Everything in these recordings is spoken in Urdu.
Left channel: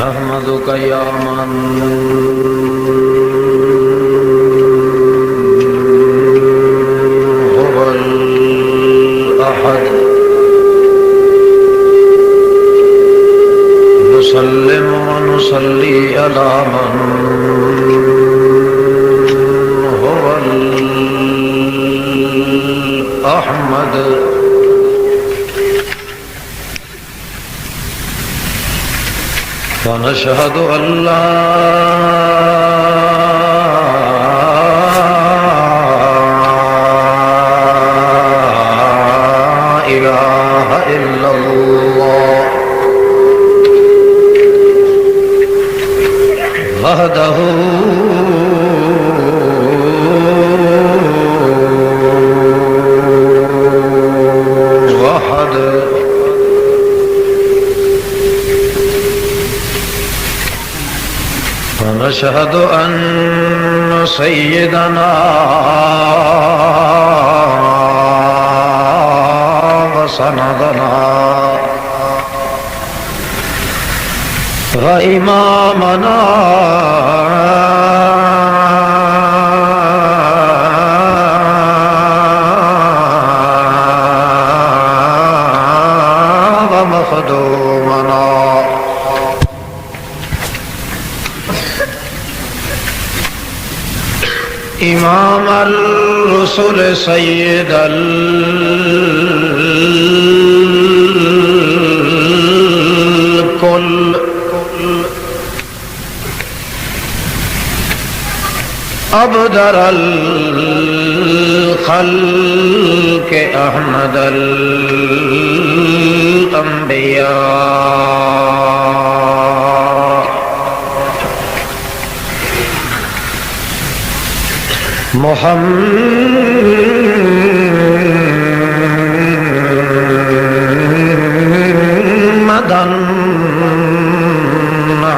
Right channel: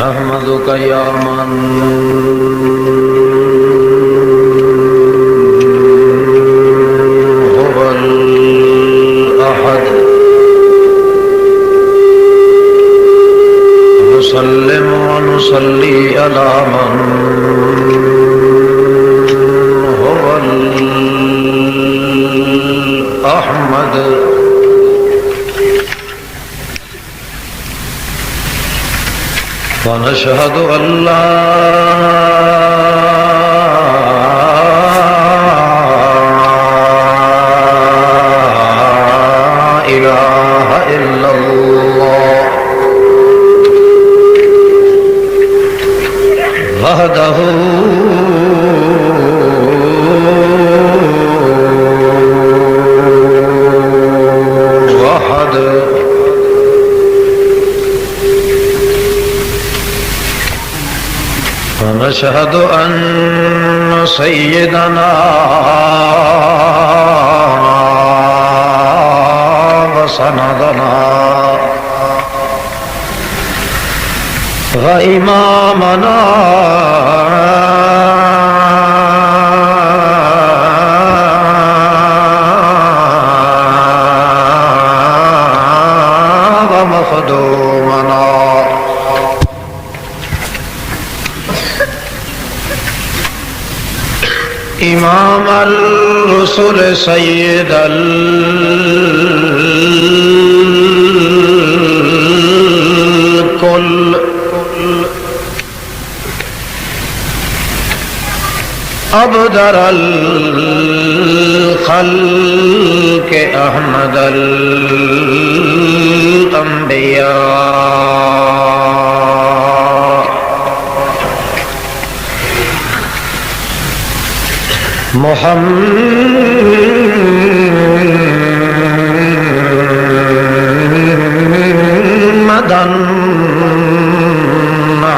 نحمدك يا من هو الأحد نسلم ونصلي على من هو الأحمد ونشهد أن لا إله إلا الله وحده ونشهد أن سيدنا وسندنا وإمامنا ومخدومنا امام الرسل سید الکل ابدر الخلق احمد الانبیاء محمدًا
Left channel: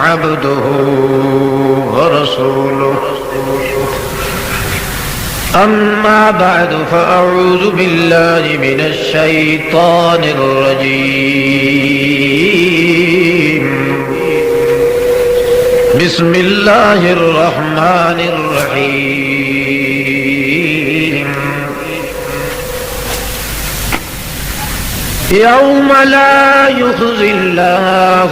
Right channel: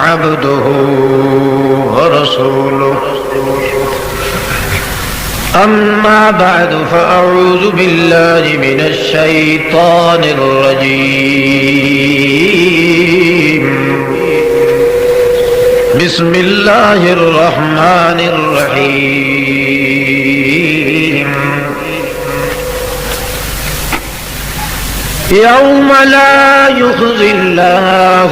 عبده ورسوله أما بعد فأعوذ بالله من الشيطان الرجيم بسم الله الرحمن الرحيم يوم لا يخزي الله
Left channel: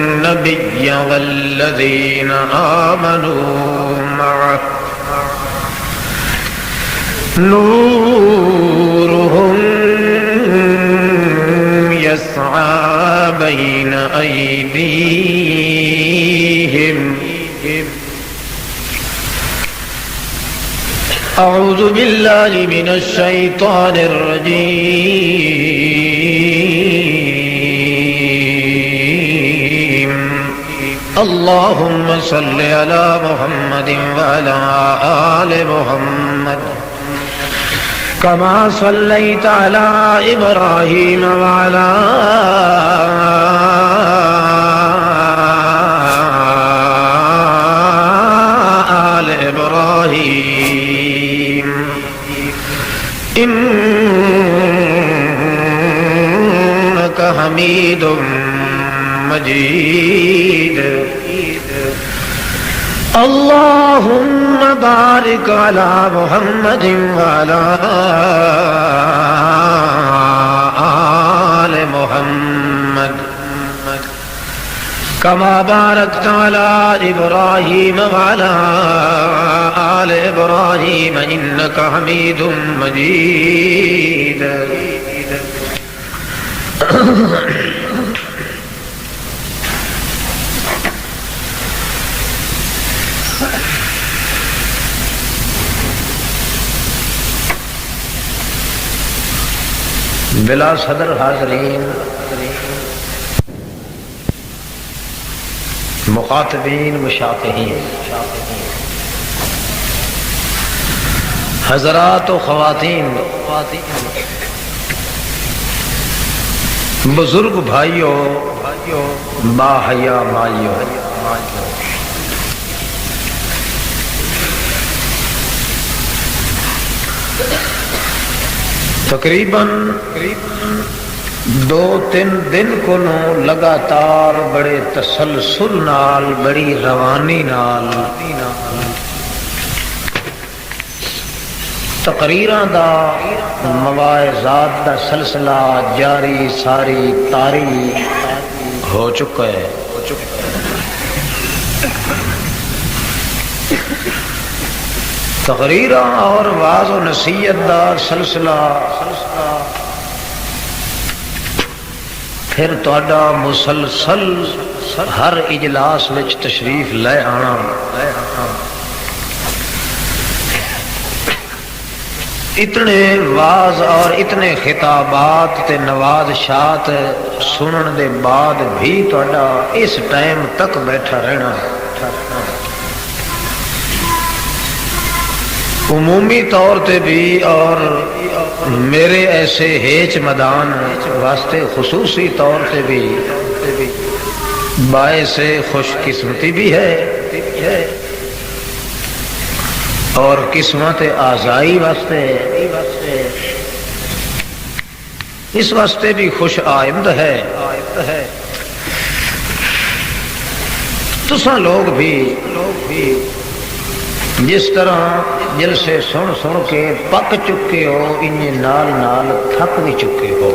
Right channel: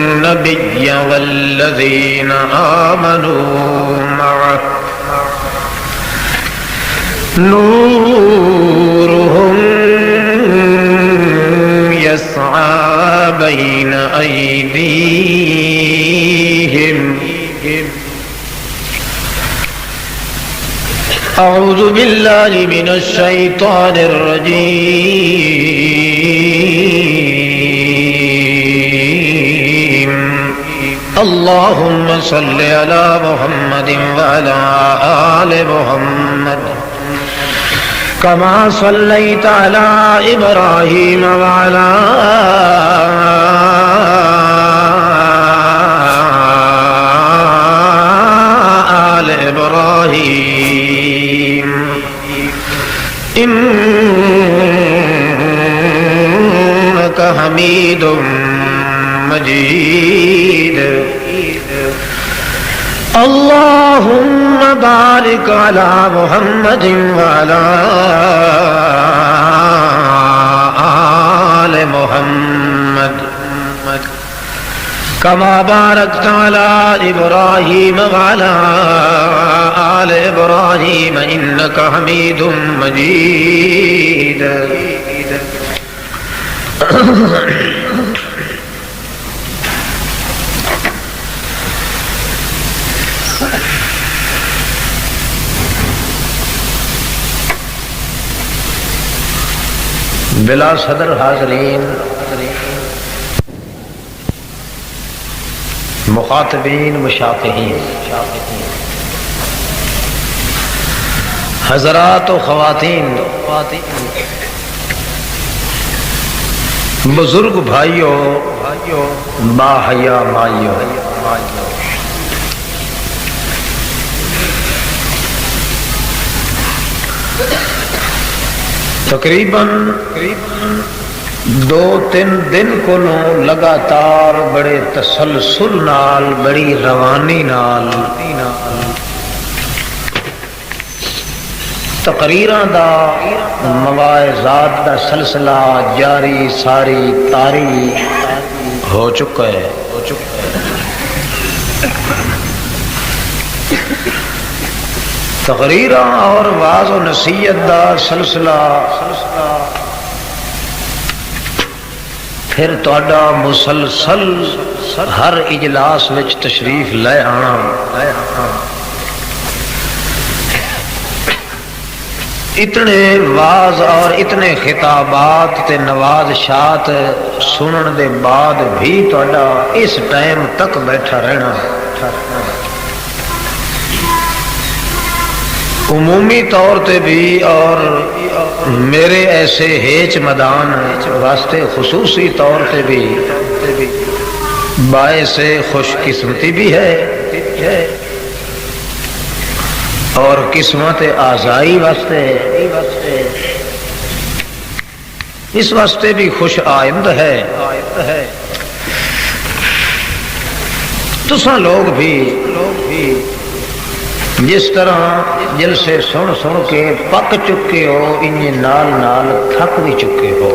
النبي والذين آمنوا معه نورهم يسعى بين أيديهم أعوذ بالله من الشيطان الرجيم اللهم صل على محمد وعلى آل محمد كما صليت على إبراهيم وعلى آل إبراهيم إنك حميد مجيد اللهم بارك على محمد وعلى آل محمد كما باركت على إبراهيم وعلى آل إبراهيم إنك حميد مجيد بلا صدر حاضرین، مخاطبین مشافہین، حضرات و خواتین، بزرگ بھائیوں، با حیا مائیوں، تقریباً دو تین دن کو لگاتار بڑے تسلسل نال بڑی روانی نال تقریراں دا مواعظات دا سلسلہ جاری ساری طاری ہو چکا ہے. تقریراں اور واعظ و نصیحت دا سلسلہ پھر تہاڈا مسلسل ہر اجلاس وچ تشریف لے آنا اتنے واعظ اور اتنے خطابات تے نوازشات سنن دے بعد بھی تہاڈا اس ٹائم تک بیٹھا رہنا عمومی طور تے بھی اور میرے ایسے ہیچ مدان واسطے خصوصی طور تے بھی باعث خوش قسمتی بھی ہے اور قسمت آزائی واسطے اس واسطے بھی خوش آئند ہے. تساں لوگ بھی جس طرح جلسے سن کے پک چکے ہو انہیں نال نال تھک بھی چکے ہو.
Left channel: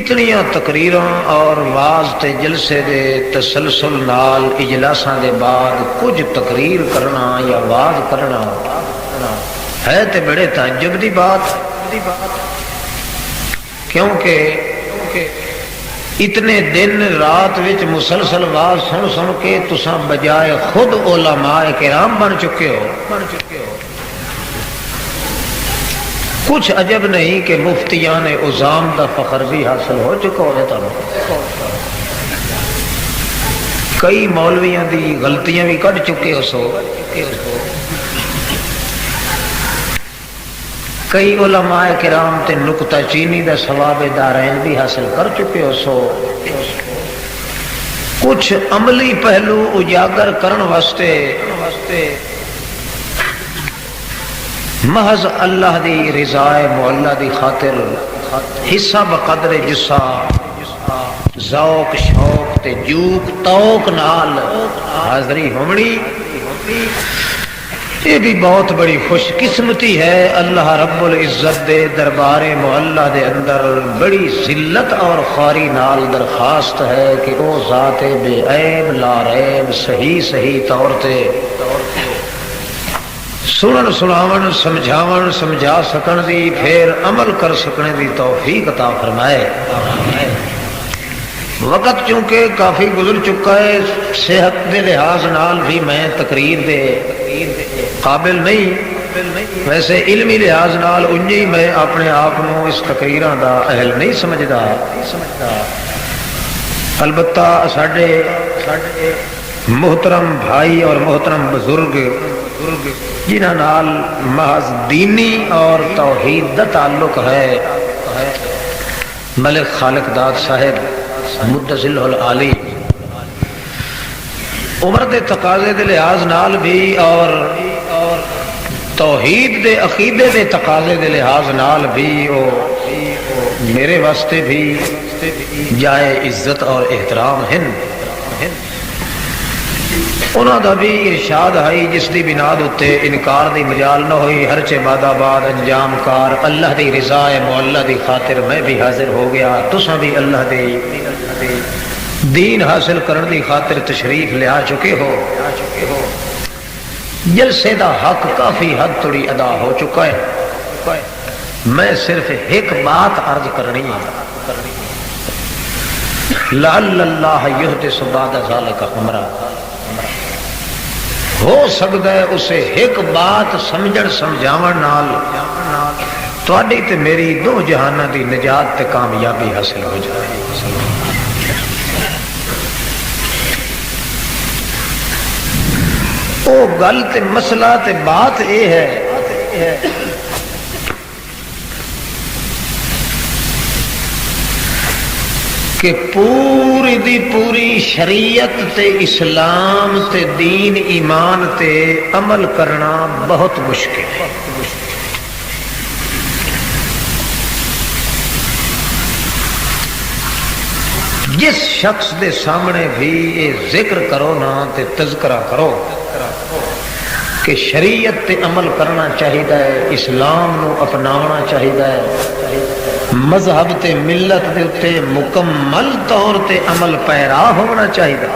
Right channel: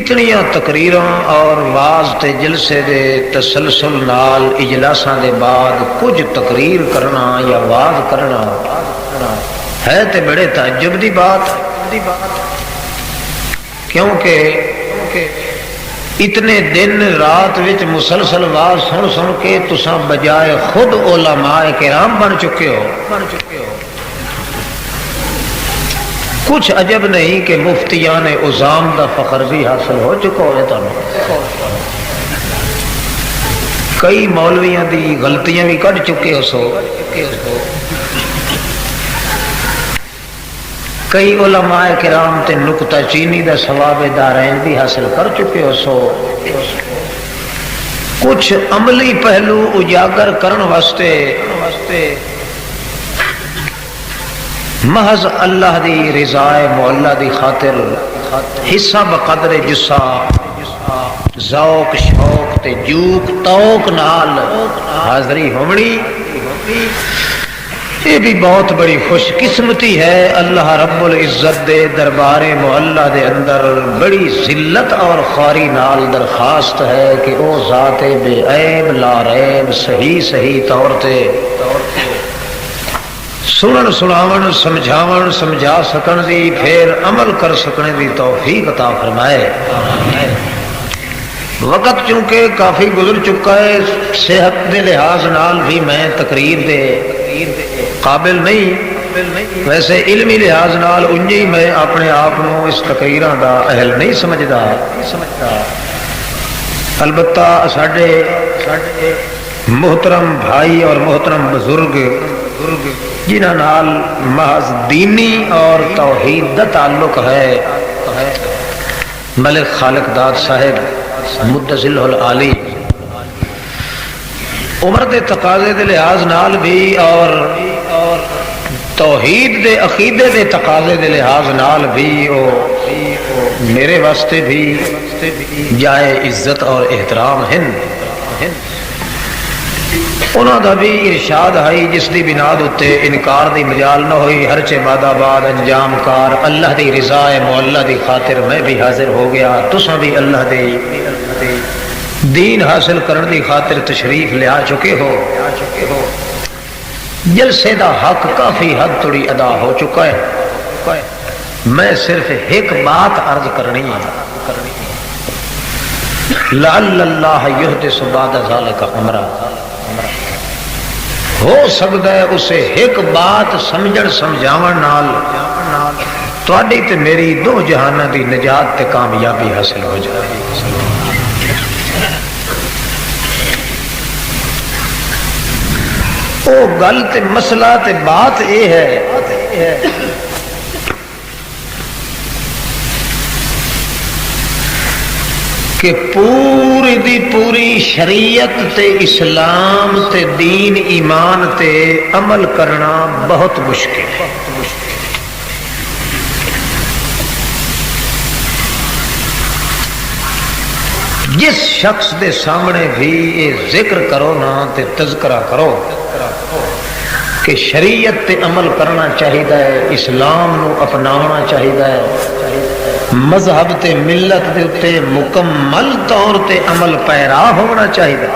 اتنیاں تقریراں اور واعظ تے جلسے دے تسلسل نال اجلاساں دے بعد کچھ تقریر کرنا یا واعظ کرنا ہے تے بڑے تعجب دی بات، کیونکہ اتنے دن رات وچ مسلسل واعظ سن کے تساں بجائے خود علماء کرام بن چکے ہو. کچھ عجب نہیں کہ مفتیان عظام دا فخر بھی حاصل ہو چکا ہے. کئی مولویاں دی غلطیاں بھی کٹ چکے ہو سو، کئی علماء کرام تے نکتہ چینی دا ثواب دارین بھی حاصل کر چکے ہو سو. کچھ عملی پہلو اجاگر کرن واسطے محض اللہ دی رضا معلہ دی خاطر حصہ بقدر جسا ذوق شوق تے جوک توق نال حاضری ہونی، یہ بھی بہت بڑی خوش قسمتی ہے. اللہ رب العزت دے دربار معلہ دے اندر بڑی ذلت اور خواری نال درخواست ہے کہ او ذات بے عیب لا ریب صحیح طور تے سنن سناون سمجھاون سمجھا سکن دی پھر عمل کر سکنے دی توفیق عطا فرمائے. وقت چونکہ کافی گزر چکا ہے، صحت دے لحاظ نال بھی میں تقریر دے قابل نہیں، ویسے علمی لحاظ نال انجی میں اپنے آپ اس تقریراں دا اہل نہیں سمجھدا. البتہ ساڈے محترم بھائی اور محترم بزرگ جنہاں نال محض دینی اور توحید دا تعلق ہے، ملک خالق داد صاحب مدثل العالی عمر دے تقاضے دے لحاظ نال بھی اور توحید دے عقیدے دے تقاضے دے لحاظ نال بھی میرے واسطے بھی جائے عزت اور احترام ہیں. انہوں دا بھی ارشاد ہے جس دی بنیاد اتے انکار دی مجال نہ ہوئی، ہر چے بعد آباد انجام کار اللہ دی رضا معلہ دی خاطر میں بھی حاضر ہو گیا. تساں بھی اللہ دی دین حاصل کرنے دی خاطر تشریف لیا چکے ہو. جلسے دا حق کافی حد توڑی ادا ہو چکا ہے. میں صرف ایک بات عرض کرنی ہے، لعل اللہ یحدث بعد ذلک امرا. ہو سکتا ہے اسے ایک بات سمجھن سمجھاون نال تواڈی تے میری دو جہاناں دی نجات تے کامیابی حاصل ہو جائے. او گل تے مسئلہ تے بات یہ ہے کہ پوری دی پوری شریعت تے اسلام تے دین ایمان تے عمل کرنا بہت مشکل. جس شخص دے سامنے بھی یہ ذکر کرو نا تے تذکرہ کرو کہ شریعت تے عمل کرنا چاہیدا ہے، اسلام نو اپناونا چاہیدا ہے، مذہب تے ملت دے تے مکمل طور تے عمل پیرا ہونا چاہیدا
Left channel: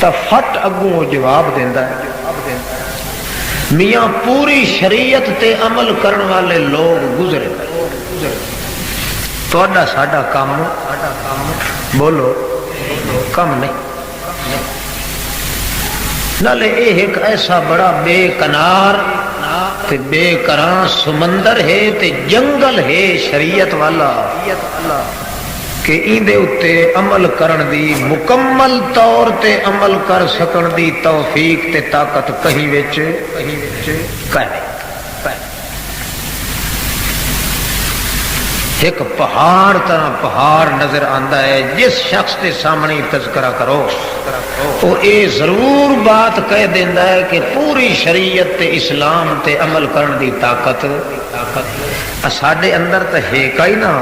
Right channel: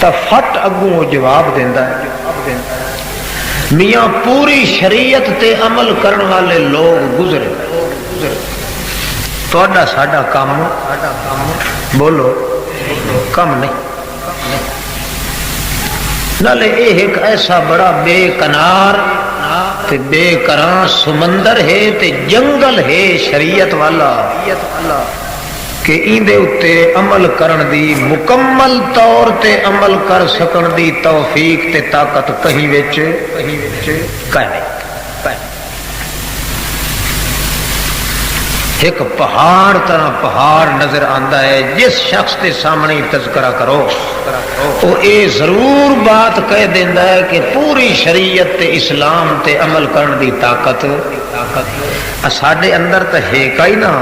تا فٹ اگوں جواب دیندا ہے میاں پوری شریعت تے عمل کرن والے لوگ گزرے، تہاڈا ساڈا کام بولو کم نہیں، نالے یہ ایک ایسا بڑا بے کنار تے بے کراں سمندر ہے تے جنگل ہے شریعت والا کہ ایندے اتے عمل کرن دی مکمل طور تے عمل کر سکن دی توفیق تے طاقت کہیں وچ ایک پہاڑ طرح پہاڑ نظر آندا ہے، جس شخص کے سامنے تذکرہ کرو وہ اے ضرور بات کہہ دیندا ہے کہ پوری شریعت تے اسلام تے عمل کرن دی طاقت ساڈے اندر تے ہے کئی نہ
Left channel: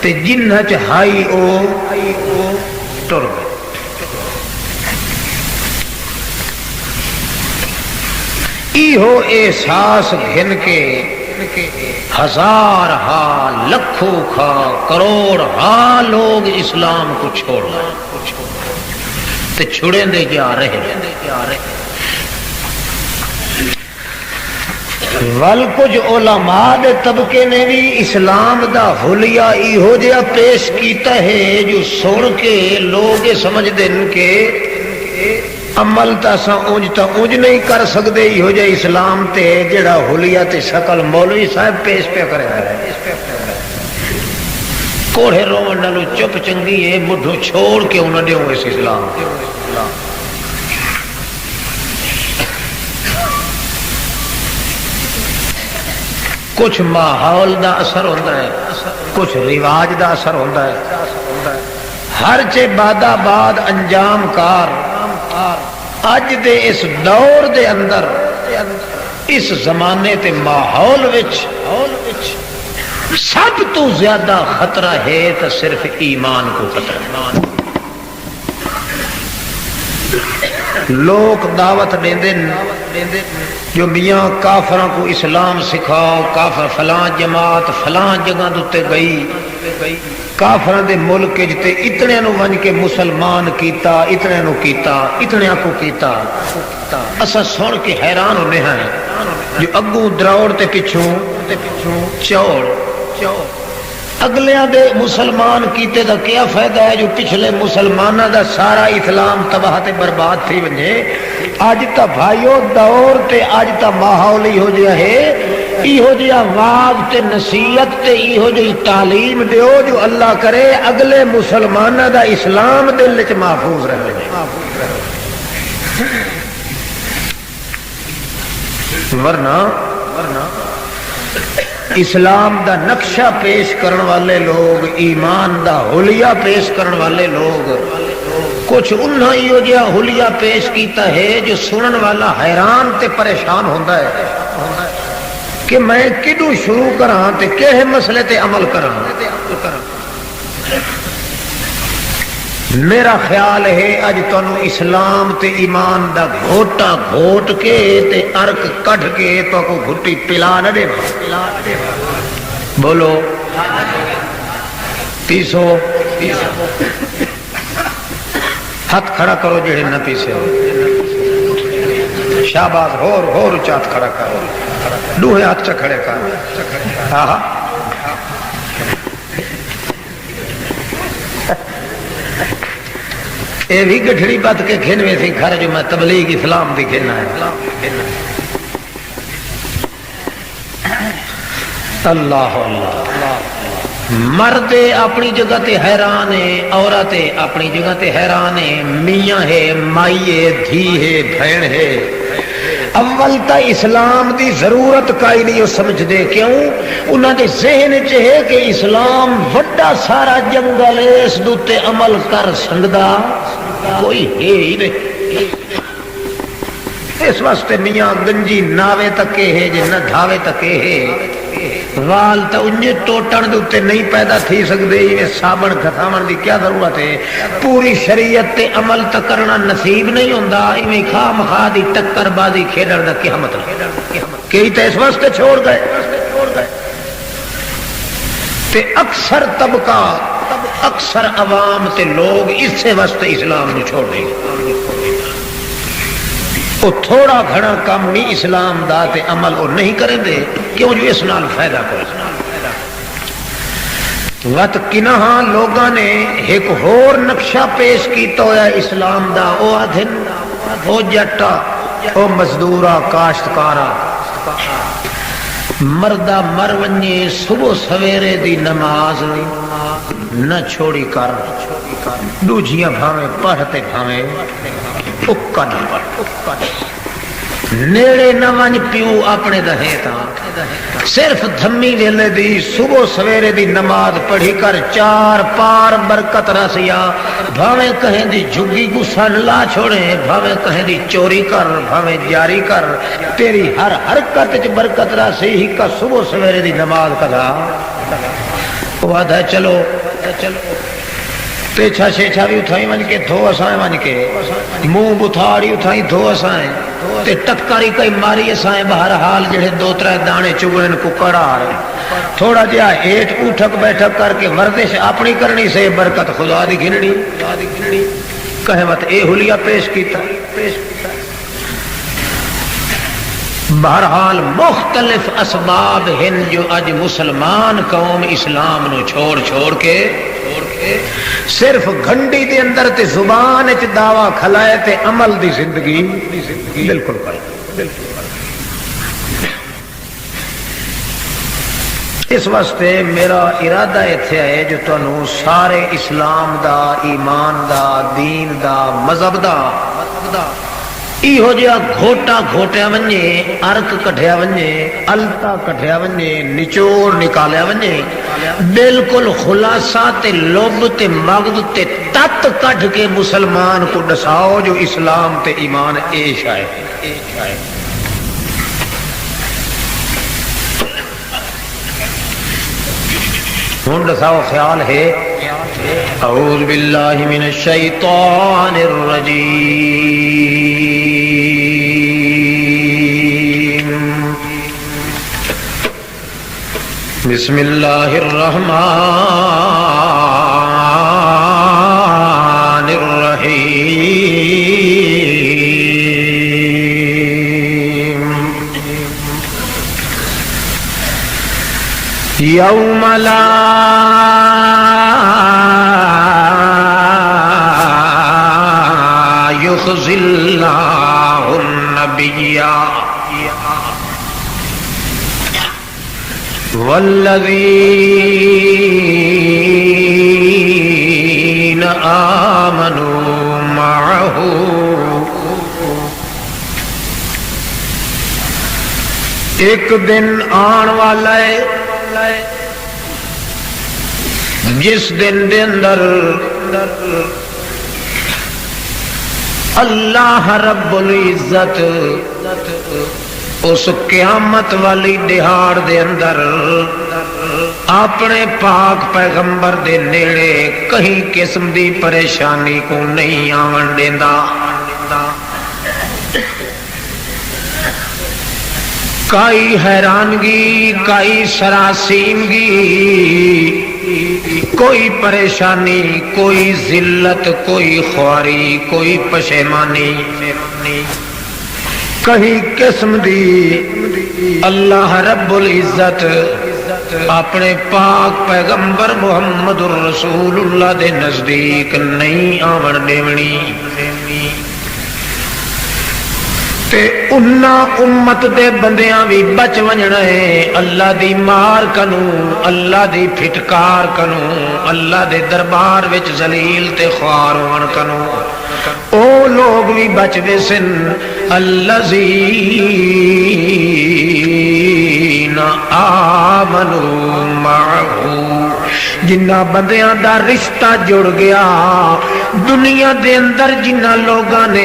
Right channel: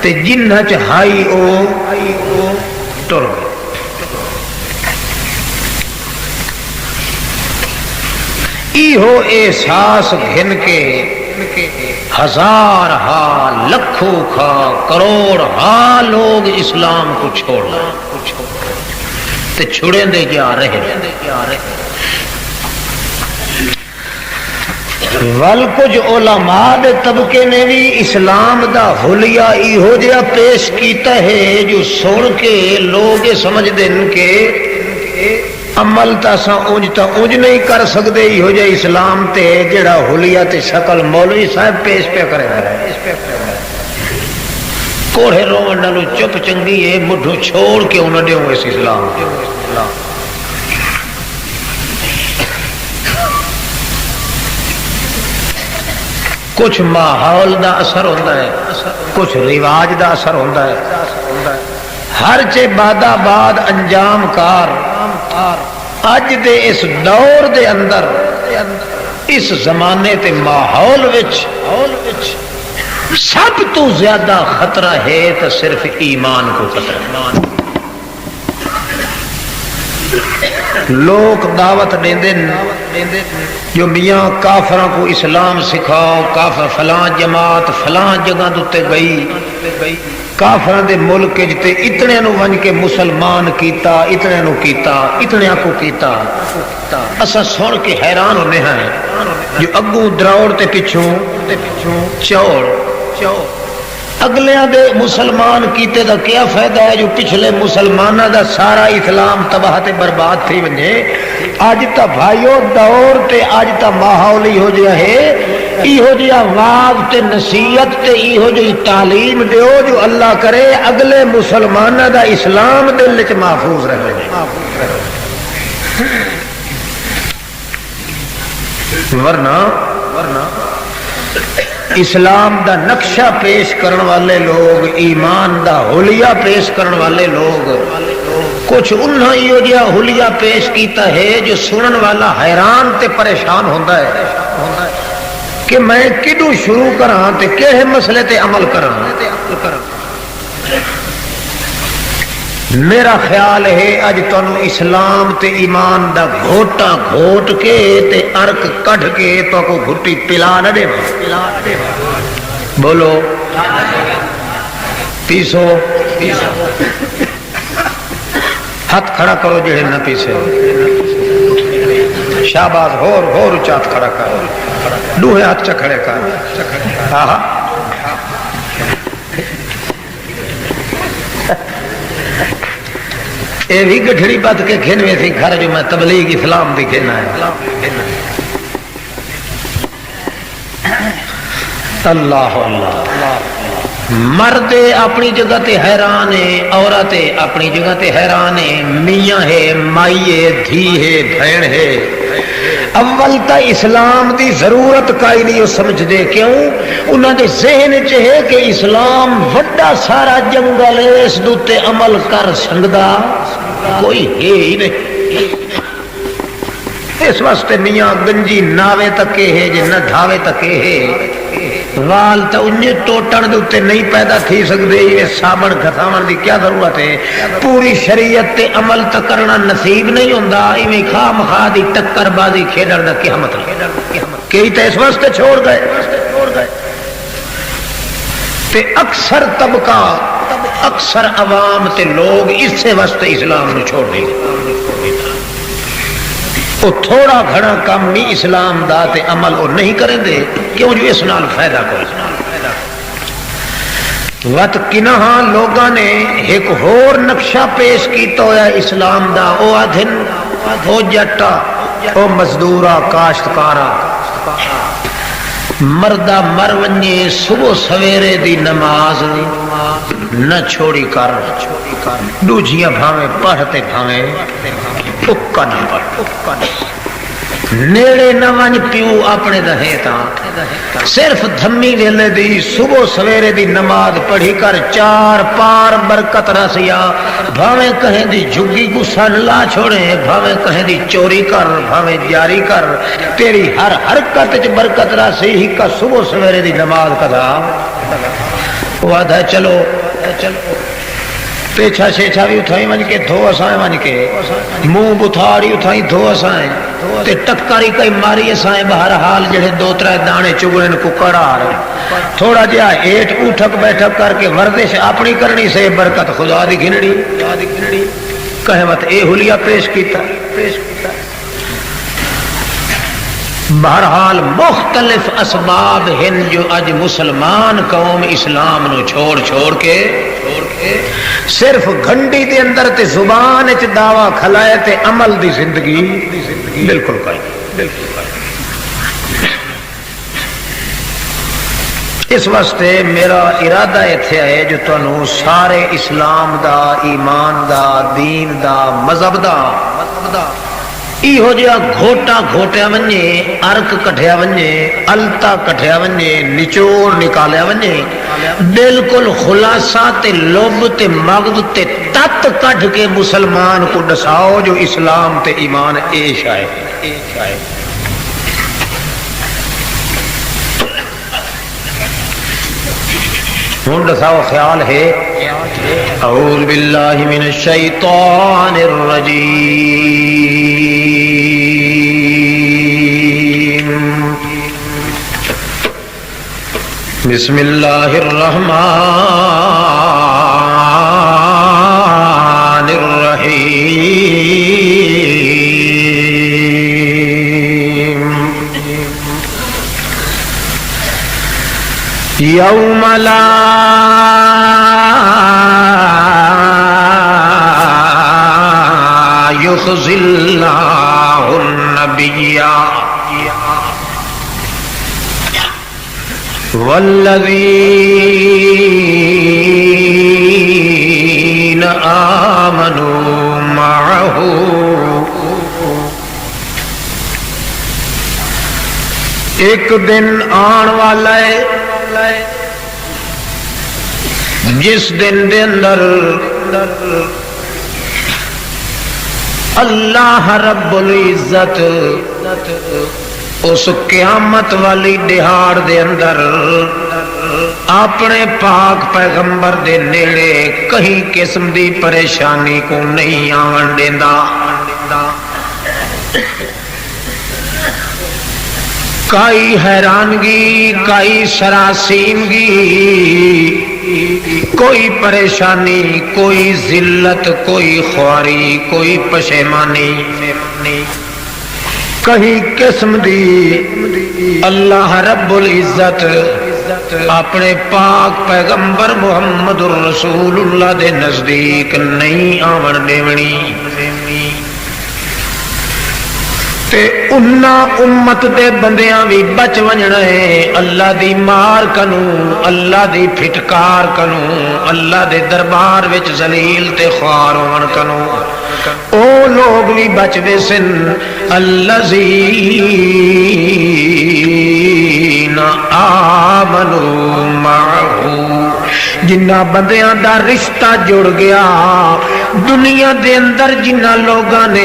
تے جنہ چ ہائی او ٹر گئے۔ ایہو احساس گھن کے ہزار ہا لکھوں کھا کروڑ ہا لوگ اسلام کو چھوڑنا تے چھڑیں دے جا رہے ول کچھ علماء دے طبقے نے بھی اسلام دا حلیہ ایہو جہا پیش کیتا ہے جو سن کے لوگ سمجھ دین کہ عمل تا اونج نہیں کر سکتے ایہو جہا اسلام تے جڑا حلیہ تے شکل مولوی صاحب پیش پہ کرے کوڑے رومن نالوں چپ چنگی ہے مڈھو چھوڑ کے انہاں دیو اس اسلام کچھ ماحول دا اثر ہوتا ہے، کچھ رواج دا اثر ہوتا ہے، ہر چے بادا بعد انجام کار اج دے اس دور دے اندر اس زمانے تے ماحول وچ سب تو زیادہ خطرہ ہے تو صرف ایمان کو خطرہ ہے۔ لوگ دعوت دیندے جو میاں کافراں کو اسلام سکھاؤ، کافر فلاں جماعت فلاں جگہ دے گئی، کافراں دے ملک جتے اتنے نو ون کے مسلمان کیتا، اتنے نو کیتا، اتنے کو کیتا، اسا سن کے حیران ہونے ہیں جو اگوں دراوڑ تے پچھوں چوڑ اگلیاں دے مسلمان کیتے دا کیا فائدہ ہے جو پچھلے مسلمانہ دا سارا اسلام تباہ تے برباد تھی ونجے۔ آج تا بھائیو دور تے آج تا ماحول ہو جا ہے ایہو جہا واز تے نصیحت تے ایہو جہی تعلیم دیو جو اللہ کرے اگلے مسلمانہ دا اسلام دل وچ محفوظ رہے۔ ورنہ اسلام دا نقشہ پیش کرن والے لوگ، ایمان دا حلیہ پیش کرن والے لوگ کچھ انہاں ہی جہا حلیہ پیش کیتا ہے جو سنن والا حیران تے پریشان ہوندا ہے کہ میں کدوں شروع کراں تے کہے مسئلے تے عمل کراں۔ میرا خیال ہے اج تانوں اسلام تے ایمان دا گھوٹا گھوٹ کے تے ارک کڈھ کے تو کو گھٹی پلا نہ دے بولو پیسو ہاتھ کھڑا کرو جڑے نہ پیسے شاباش ہور چات کھڑا کر دوہے ہاتھ چ کھڑے کر ہاں اے بھی گٹھڑی بات کے کھینے تھی گھر جو میں تبلیغ اسلام بھی کھینا ہے۔ اللہ اللہ مرد اپنی جگہ تے حیران ہے، عورت اپنی جگہ تے حیران ہے، میاں ہے، مائی ہے، دھی ہے، بہن ہے۔ اول تا اسلام دی ضرورت کائی نہیں سمجھ دے، کیوں انہاں دے ذہن چ ہے کہ اسلام وڈا سارا جنگل ہے، اس دوتے عمل کر سکدا کوئی ہے ہی نہیں۔ اس واسطے میاں گنجی ناوے تک ہے جے نہ ڈھاوے تک ہے وال تو انجے ٹوٹن دے نہیں پیدا تھی سکدے یہ صابن گھساون دی کیا ضرورت ہے پوری شریعت تے عمل تو کرنا نصیب نہیں ہوندا ایویں خواہ مخواہ دی ٹکر بازی کھیڈن دا کیا مطلب کئی تے اس واسطے چھوڑ گئے تے اکثر طبقہ اکثر عوام تے لوگ اسے واسطے اسلام نو چھوڑ دیں وہ تھوڑا گھڑا کام بھی اسلام دا تے عمل وہ نہیں کریں دے کیوں جو اس نال فائدہ کرے وقت کنہا لوگاں نے ایک ہور نقشہ پیش کیتا ہوا اسلام دا او آدھن او جٹا او مزدورا کاشتکارا مردہ مرونی صبح سویرے دی نماز نہ چھوڑی کر دوجیاں بھاویں پڑھتے بھاویں اکا نہ پڑھ نیڑے نہ ون پیو اپنے دہے تا صرف دھمی ویلے دی صبح سویرے دی نماز پڑھی کر چار پار برکت رسیا بھاویں کہیں دی جھگی گسا لا چھوڑے بھاویں کہیں دی چوری کر بھاویں جاری کر تیری ہر حرکت چ برکت رسی ہی کا صبح سویرے دی نماز کدا وعدہ چلو پیچھا شیچھا بھی اٹھائی ون کے دھو اسائیں ون کے منہ بتھاڑی اٹھائی دھو اسائیں تے ٹکاری کئی ماری اسائیں بہرحال جڑے دو ترے دانے چگڑن ککڑار تھوڑا جہا ایٹ اٹھک بیٹھک کر کے ورزش اپنی کرنی سے برکت خدا دی گھنڑی کہے مت اے حلیہ پیش کیتا بہرحال مختلف اسباب ہیں جو اج مسلمان قوم اسلام نو چھوڑ کے صرف گھنٹی کے اندر تے زبان چ دعویٰ کھلائے تے عمل دی زندگی بالکل کوئی اس واسطے میرا ارادہ ایتھے ہے جو تانوں سارے اسلام دا ایمان دا دین دا مذہب دا ایہو جہا گھوٹا گھوٹیا ونجے ارک کٹھیا ونجے التا کٹھیا ونجے نچوڑ نکالیا ونجے بالکل خلاصہ تے لب تے مغز تے تت کٹ کے مسلمان کو دساؤ جو اسلام تے ایمان ایش آئے ہوں دساؤ خیال ہے اعوذ باللہ من الشیطان الرجیم بسم اللہ الرحمن الرحیم یوم لا یخزی اللہ النبی والذین آمنوا معه ایک دن آن والا ہے جس دن دے اندر اللہ رب العزت اس قیامت والی دہاڑ دے اندر اپنے پاک پیغمبر دے نیڑے کہیں قسم دی پریشانی کو نہیں آن دیندا کئی حیرانگی کئی سراسیمگی کوئی پریشانی کوئی ذلت کوئی خواری کوئی پشیمانی کہیں قسم دی اللہ رب العزت اپنے پاک پیغمبر محمد الرسول اللہ دے نزدیک نہیں آون دیونی تے انہا امت دے بندیاں بھی بچ ونجنا ہے اللہ دی مار کنوں اللہ دی پھٹکار کنوں اللہ دے دربار وچ ذلیل تے خوار ہون کنوں او لوگ بھی بچ دے سن الذین الذین آمنوا معه جنہ بندیاں دا رشتہ جڑ گیا دنیا دے اندر جنہ لوگاں نے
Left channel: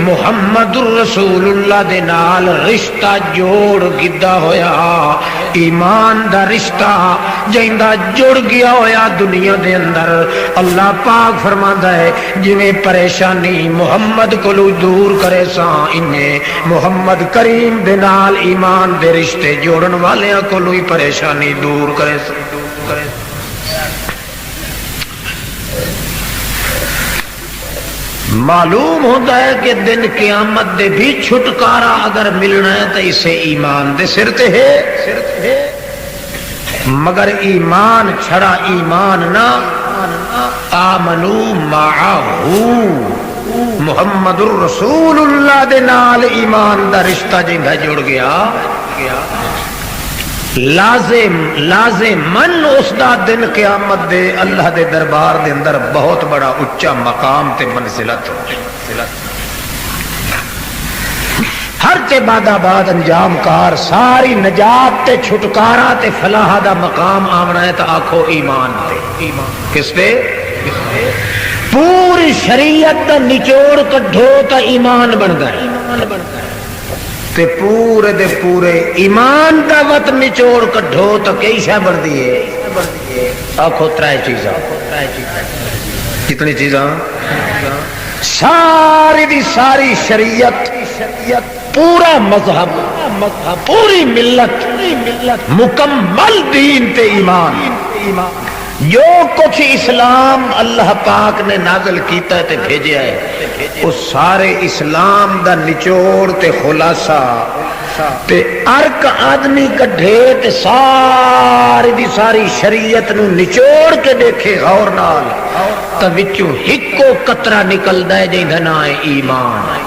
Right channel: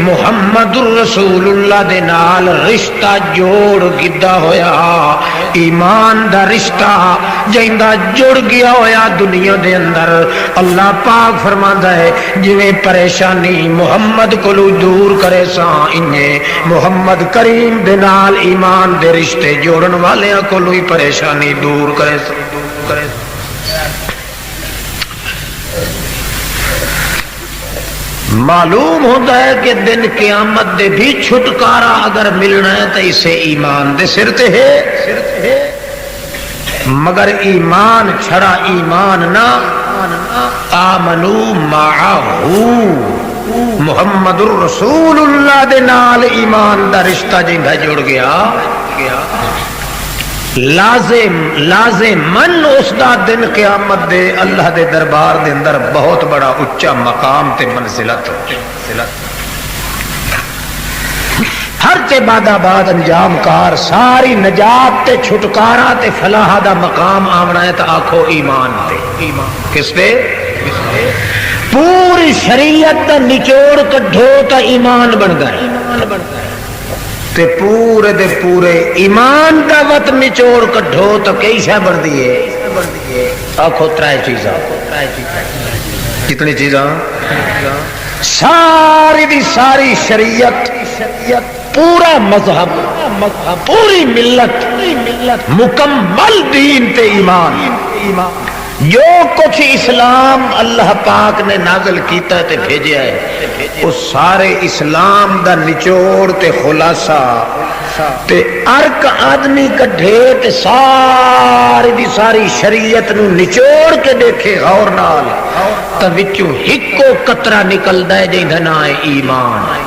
محمد رسول اللہ دے نال رشتہ جوڑ گدا ہویا ایمان دا رشتہ جیندا جڑ گیا ہویا دنیا دے اندر اللہ پاک فرماندا ہے جویں پریشانی محمد کولو دور کرے سا انہیں محمد کریم دے نال ایمان دے رشتے جوڑن والیاں کولو ہی پریشانی دور کرے سا معلوم ہوتا ہے کہ دن قیامت دے بھی چھٹکارا اگر ملنا ہے تو اسے ایمان دے سر تے ہے مگر ایمان چھڑا ایمان نہ آمنو معہو محمد الرسول اللہ دے نال ایمان دا رشتہ جنگا جڑ گیا لازم من اس دا دن قیامت دے اللہ دے دربار دے اندر بہت بڑا اچا مقام تے منزلت ہر تے بعد انجام کار ساری نجات تے چھٹکارا تے فلاح دا مقام آمنا ہے تو آکھو ایمان تے کس تے پوری شریعت دا نچوڑ کڈھو تا ایمان بن گئے تے پورے دے پورے ایمان دا وط نچوڑ کڈھو تو کئی شے بن دیئے آکھو ترائے چیزاں کتنی چیزاں ساری دی ساری شریعت پورا مذہب پوری ملت مکمل دین تے ایمان جو کچھ اسلام اللہ پاک نے نازل کیتا ہے تے بھیجیا ہے اس سارے اسلام دا نچوڑ تے خلاصہ تے ارک آدمی کڈھے تے ساری دی ساری شریعت نو نچوڑ کے دیکھے غور نال تے وچوں ہکو قطرہ نکلدا ہے جیندا نام ہے ایمان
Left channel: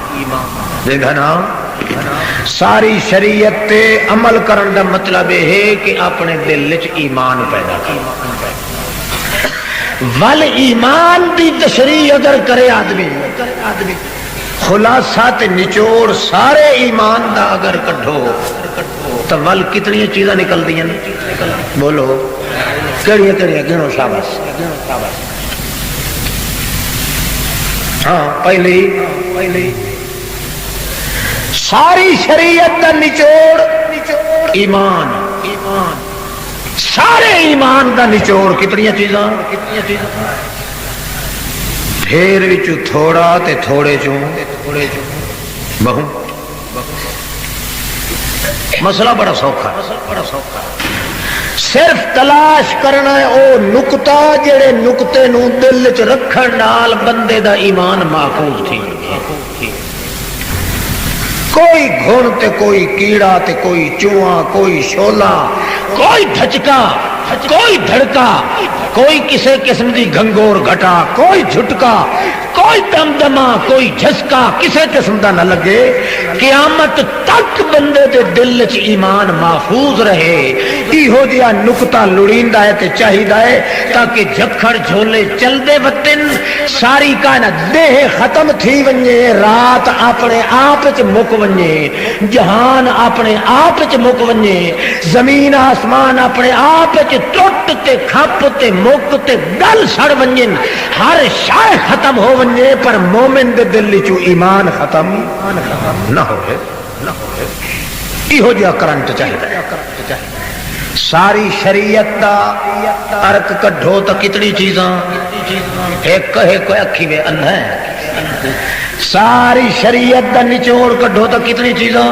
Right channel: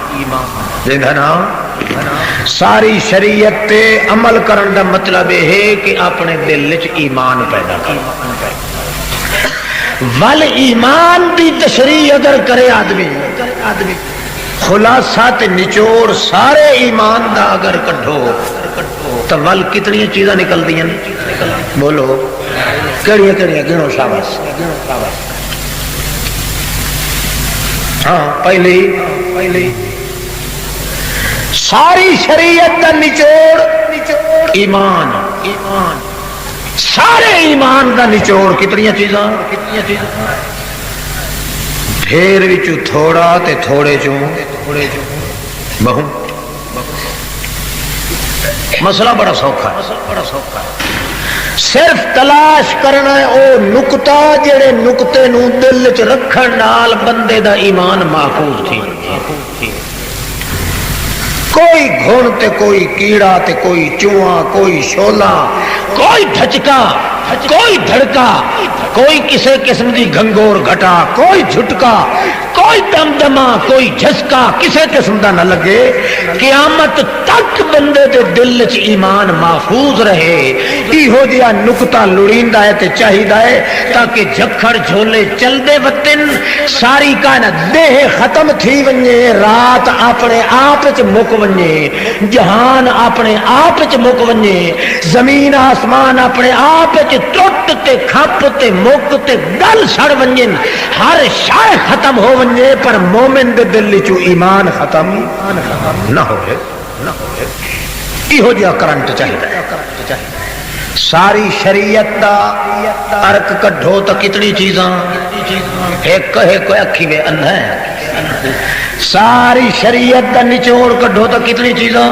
جیندا نام ساری شریعت تے عمل کرن دا مطلب یہ ہے کہ اپنے دل وچ ایمان پیدا کرنا ول ایمان دی تشریح اگر کرے آدمی خلاصہ تے نچوڑ سارے ایمان دا اگر کڈھو تو ول کتنی چیزاں نکل دیا بولو کہڑی گنو شاباش ہاں پہلی ساری شریعت دا نچوڑ ایمان سارے ایمان دا نچوڑ کتنی چیزاں پھر وچ تھوڑا تے تھوڑے چوں بہو مسئلہ بڑا سوکھا ہے صرف تلاش کرنا ہے او نقطہ جڑے نقطے نو دل چ رکھن نال بندے دا ایمان محفوظ تھی کوئی گھن تے کوئی کیڑا تے کوئی چوہا کوئی شولا کوئی دھچکا کوئی دھڑکا کوئی کسی قسم کی گھنگور گھٹا کوئی جھٹکا کوئی دمدمہ کوئی جھسکا کسی قسم کا نہ لگے قیامت تک بندے دے دل چ ایمان محفوظ رہے یہو جہا نقطہ لڑیندا ہے تے چاہیدا ہے تاکہ جھکڑ جھولے چلدے وطن ساری کائنات دیہ ختم تھی ونجے رات اپنے آپ وچ مک ونجے جہان اپنے آپ وچ مک ونجے زمین آسمان اپنے آپ وچ ٹوٹ تے کھپ تے مک تے گل سڑ ونجن ہر شے ختم ہو ونجے پر مومن دے دل وچ ایمان ختم نہ ہوئے یہو جہا کرنٹ چاہیے ساری شریعت دا ارک کڈھو تو کتنی چیزاں ایک اکھی میں اندھا ہے ساری شریعت دا نچوڑ کڈھو تو کتنی چیزاں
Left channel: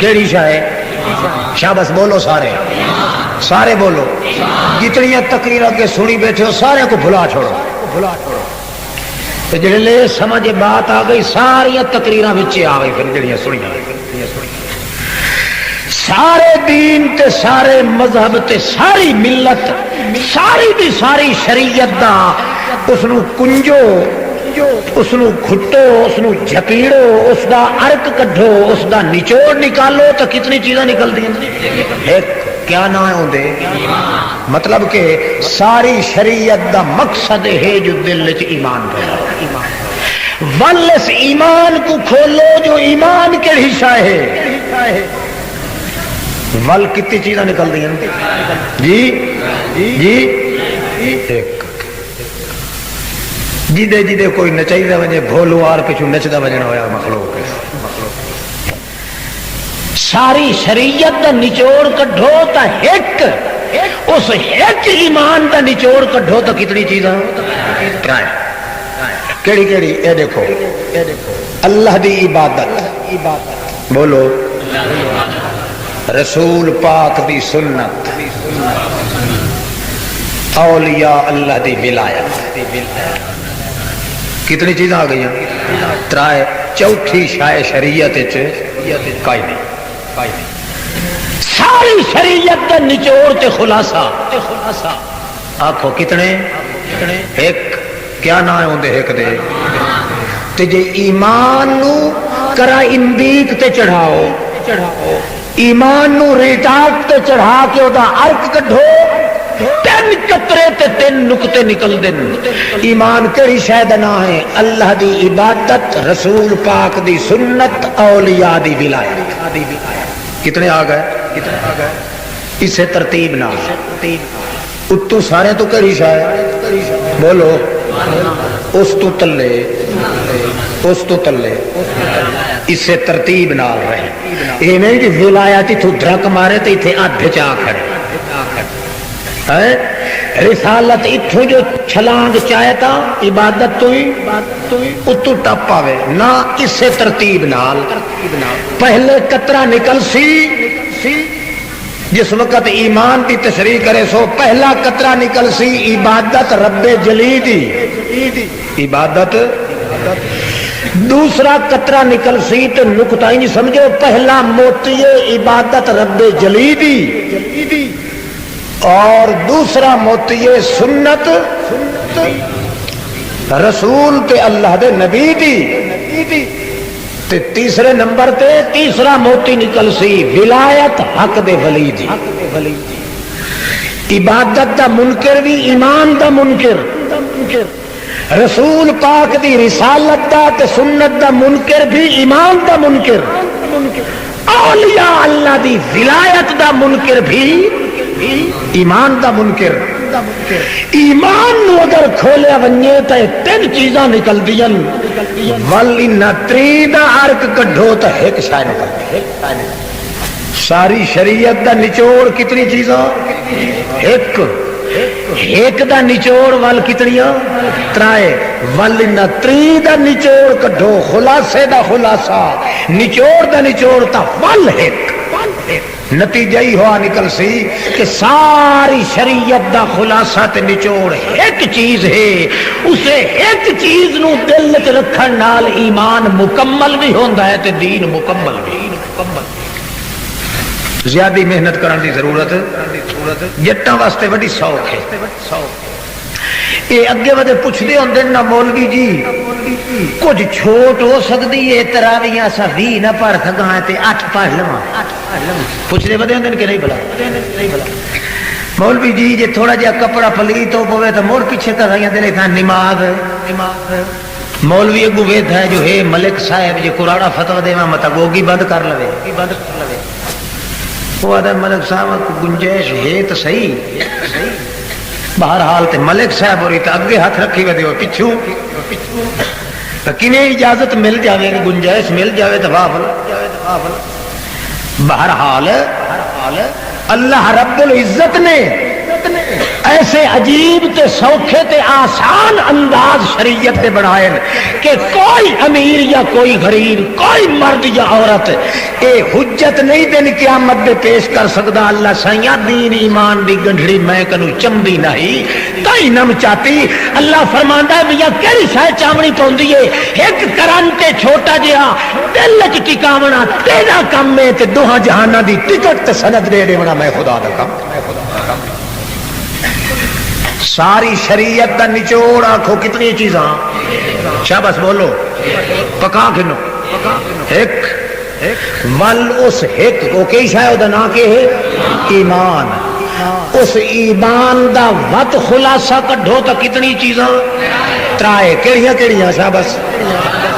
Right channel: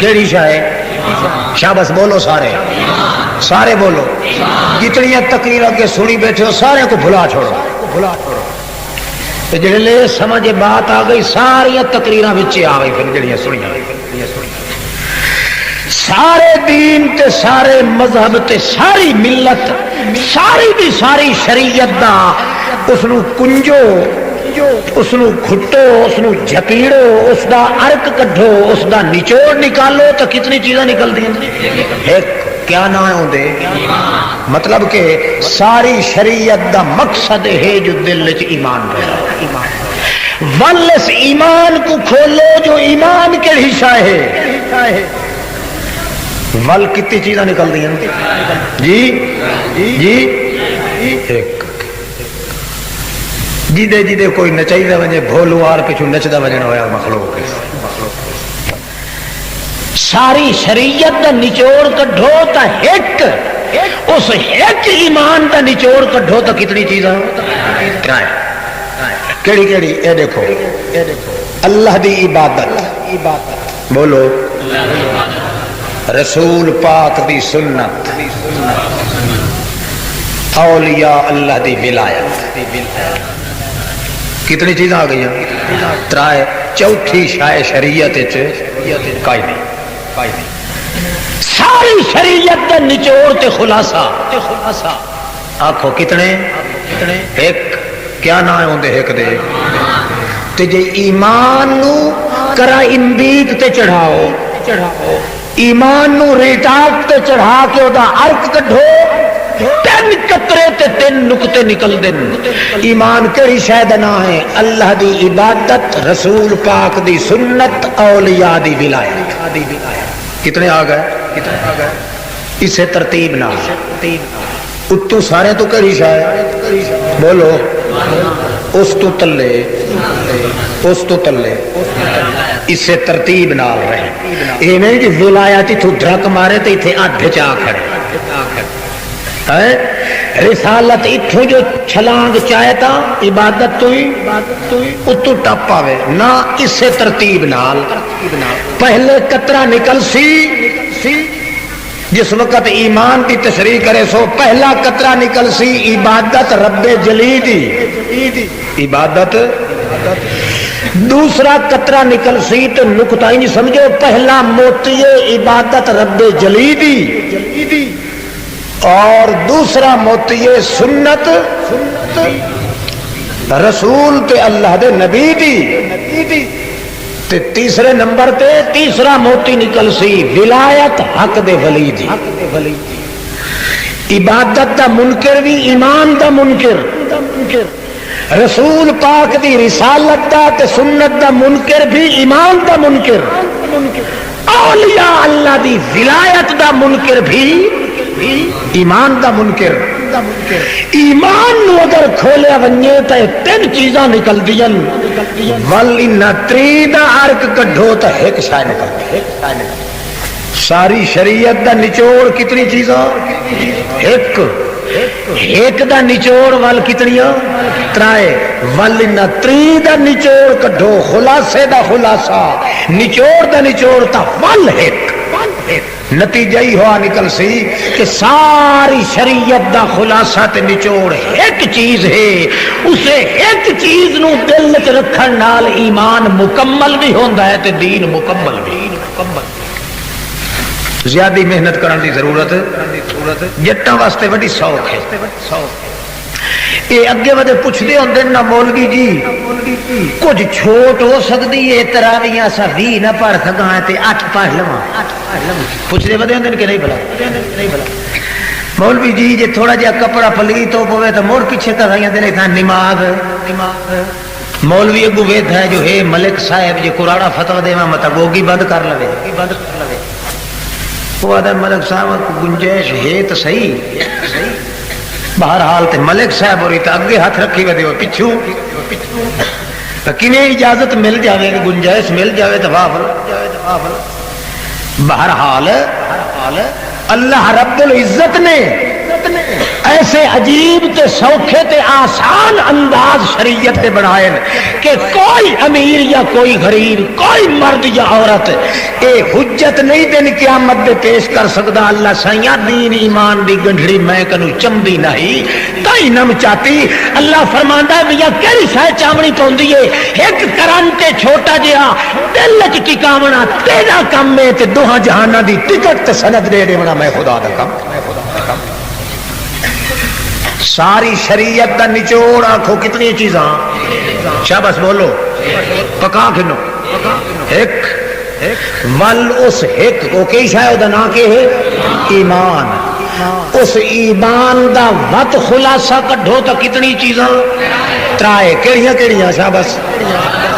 کیڑی شاید شاباش بولو سارے بولو جتنی تقریر کے سنی بیٹھے ہو سارے کو بھلا چھوڑو جلے سمجھ بات آ گئی ساری تقریراں وچ آ گئی پھر جڑیاں سنیاں سارے دین تے سارے مذہب تے ساری ملت ساری دی ساری شریعت دا اس نو کنجو اس نو کھٹو اس نو جھپیڑو اس دا ارک کڈھو اس دا نچوڑ نکالو تو کتنی چیزاں نکل دی کیا نہ ہوندے مطلب کہ ساری شریعت دا مقصد ہے جو دل وچ ایمان پیدا ولس ایمان کو کھولو جو ایمان کے حصہ ہے ول کتنی چیزاں نکل دیا جی جی جدے جدے کوئی نچائی وجے بھولو آر پچھو نچدا وجے نہ ہوا مخلوق ساری شریعت دا نچوڑ کڈھو تا ایک اس ایک ایمان دا نچوڑ کڈھو تا کتنی چیزاں ٹرائی کیڑی کیڑی اے دیکھو اللہ دی عبادت بولو رسول پاک دی سنت اولیاء اللہ دی ولایت کتنی چیزاں آ گئی ترائے چوتھی شائع شریعت کائی ساری شریعت دا نچوڑ تے خلاصہ آکھو کتنے ایک کیا نہ ہوندے ایک دے تے جے ایمان نو کرا اندیک تے چڑھاؤ ایمان نو ریٹاک تے چڑھا کے او دا عرق کڈھو تین قطرے تے تین نقطے نکل دن ایمان کیڑی شے دا نام ہے اللہ دی عبادت رسول پاک دی سنت اولیاء دی ولایت کتنے آ گئے اسے ترتیب نہ اتو سارے تو کیڑی شے بولو اس تو تلے اسے ترتیب نال رہے یہ نہیں کہ ولایت تو دھرک مارے تے ایتھے اڈھ چا کھڑے رسالت اتھو جو چھلانگ چاہے تا عبادت تو ہی اتو ٹپ آوے نہ اسے ترتیب نال پہلے قطرہ نکل سی جس وقت ایمان کی تشریح کرے سو پہلا قطرہ نکل سی عبادت رب جلی دی عبادت دوسرا قطرہ نکل سی تو نقطہ ہی نہیں سمجھو پہلا موتی عبادت رب جلی دی اور دوسرا موتی سنت رسول تے اللہ دے نبی دی تے تیسرے نمبر تے تیسرا موتی نکل سی ولایت حق دے ولی دی عبادت دا منکر بھی ایمان دا منکر رسول پاک دی رسالت دا تے سنت دا منکر بھی ایمان دا منکر اولیاء اللہ دی ولایت دا منکر بھی ایمان دا منکر ایمان نو اگر کھولیا ونجے تے تین چیزاں نکل دیاں ولی نتری دا عرق کڈھو تے ایک شے نکل ساری شریعت دا نچوڑ کتنی چیزاں ایک دا نچوڑ وال کتنیاں ترائے ولی نتری دا نچوڑ کڈھو خلاصے دا خلاصہ نچوڑ دا نچوڑ تا ول ایک نتیجہ ہی ہوا نکل سی کہ ساری شریعت دا خلاصہ تے نچوڑ ایک چیز ہے اسے ایک چیز نو دل وچ رکھن نال ایمان مکمل بھی ہوندا ہے تے دین مکمل بھی زیادہ محنت کرن دی ضرورت جٹاں واسطے بڑی سوکھ ہے یہ اگے ودے پوچھدے ہوندے نا مولوی جی کچھ چھوٹ ہو سکتی ہے تراویاں سا 20 نہ پڑھ سکاں تے 8 پڑھ لواں پوچھدے ودے ہوندے کہ نہیں بلا مولوی جی جے تھوڑا جہا کپڑا پلیت ہو پوے تو مڑ پیچھے تراویاں دے لکھاں نماز مولوی ابو وید ہے جو ہے ملک صاحب جو قرآن فتوی دیواں مطلب وہ بند کر لوے وہ آدھا ملک صاحب گنجائش ہے تو صحیح بہرحال تے ملک صاحب اور اگے ہاتھ رکھی ودے ہو پچھو کنے اجازت مل جاوے گنجائش مل جاوے تو واہ بہرحال اللہ رب العزت نے ایسے عجیب تے سوکھے تے آسان انداز شریعت دے بنائے کہ کوئی امیر یا کوئی غریب کوئی مرد یا عورت اے حجت نہیں دن قیامت دے پیش کر سکتا اللہ سائیاں دین ایمان دی گنڈھڑی میں کنو چمبی نہیں تائی نم چاہتی اللہ فرماندا ہے بیا کیڑی شے چامنی پوندی ہے ایک کرن تے چھوٹا جہا دل وچ ٹکاونا تیرا کم ہے تے دوہاں جہاناں دی ٹکٹ تے سند دے دیونا میں خدا دا کم ساری شریعت دا نچوڑ آنکھو کتنی چیزاں شاباش بولو پکا کھنو ایک ول اس ایک کو کئی شاید دا نا کے ہے ایمان اس ایمان دا وط خلاصہ کڈھو تا کتنی چیزاں ترائے کیڑیاں شاباش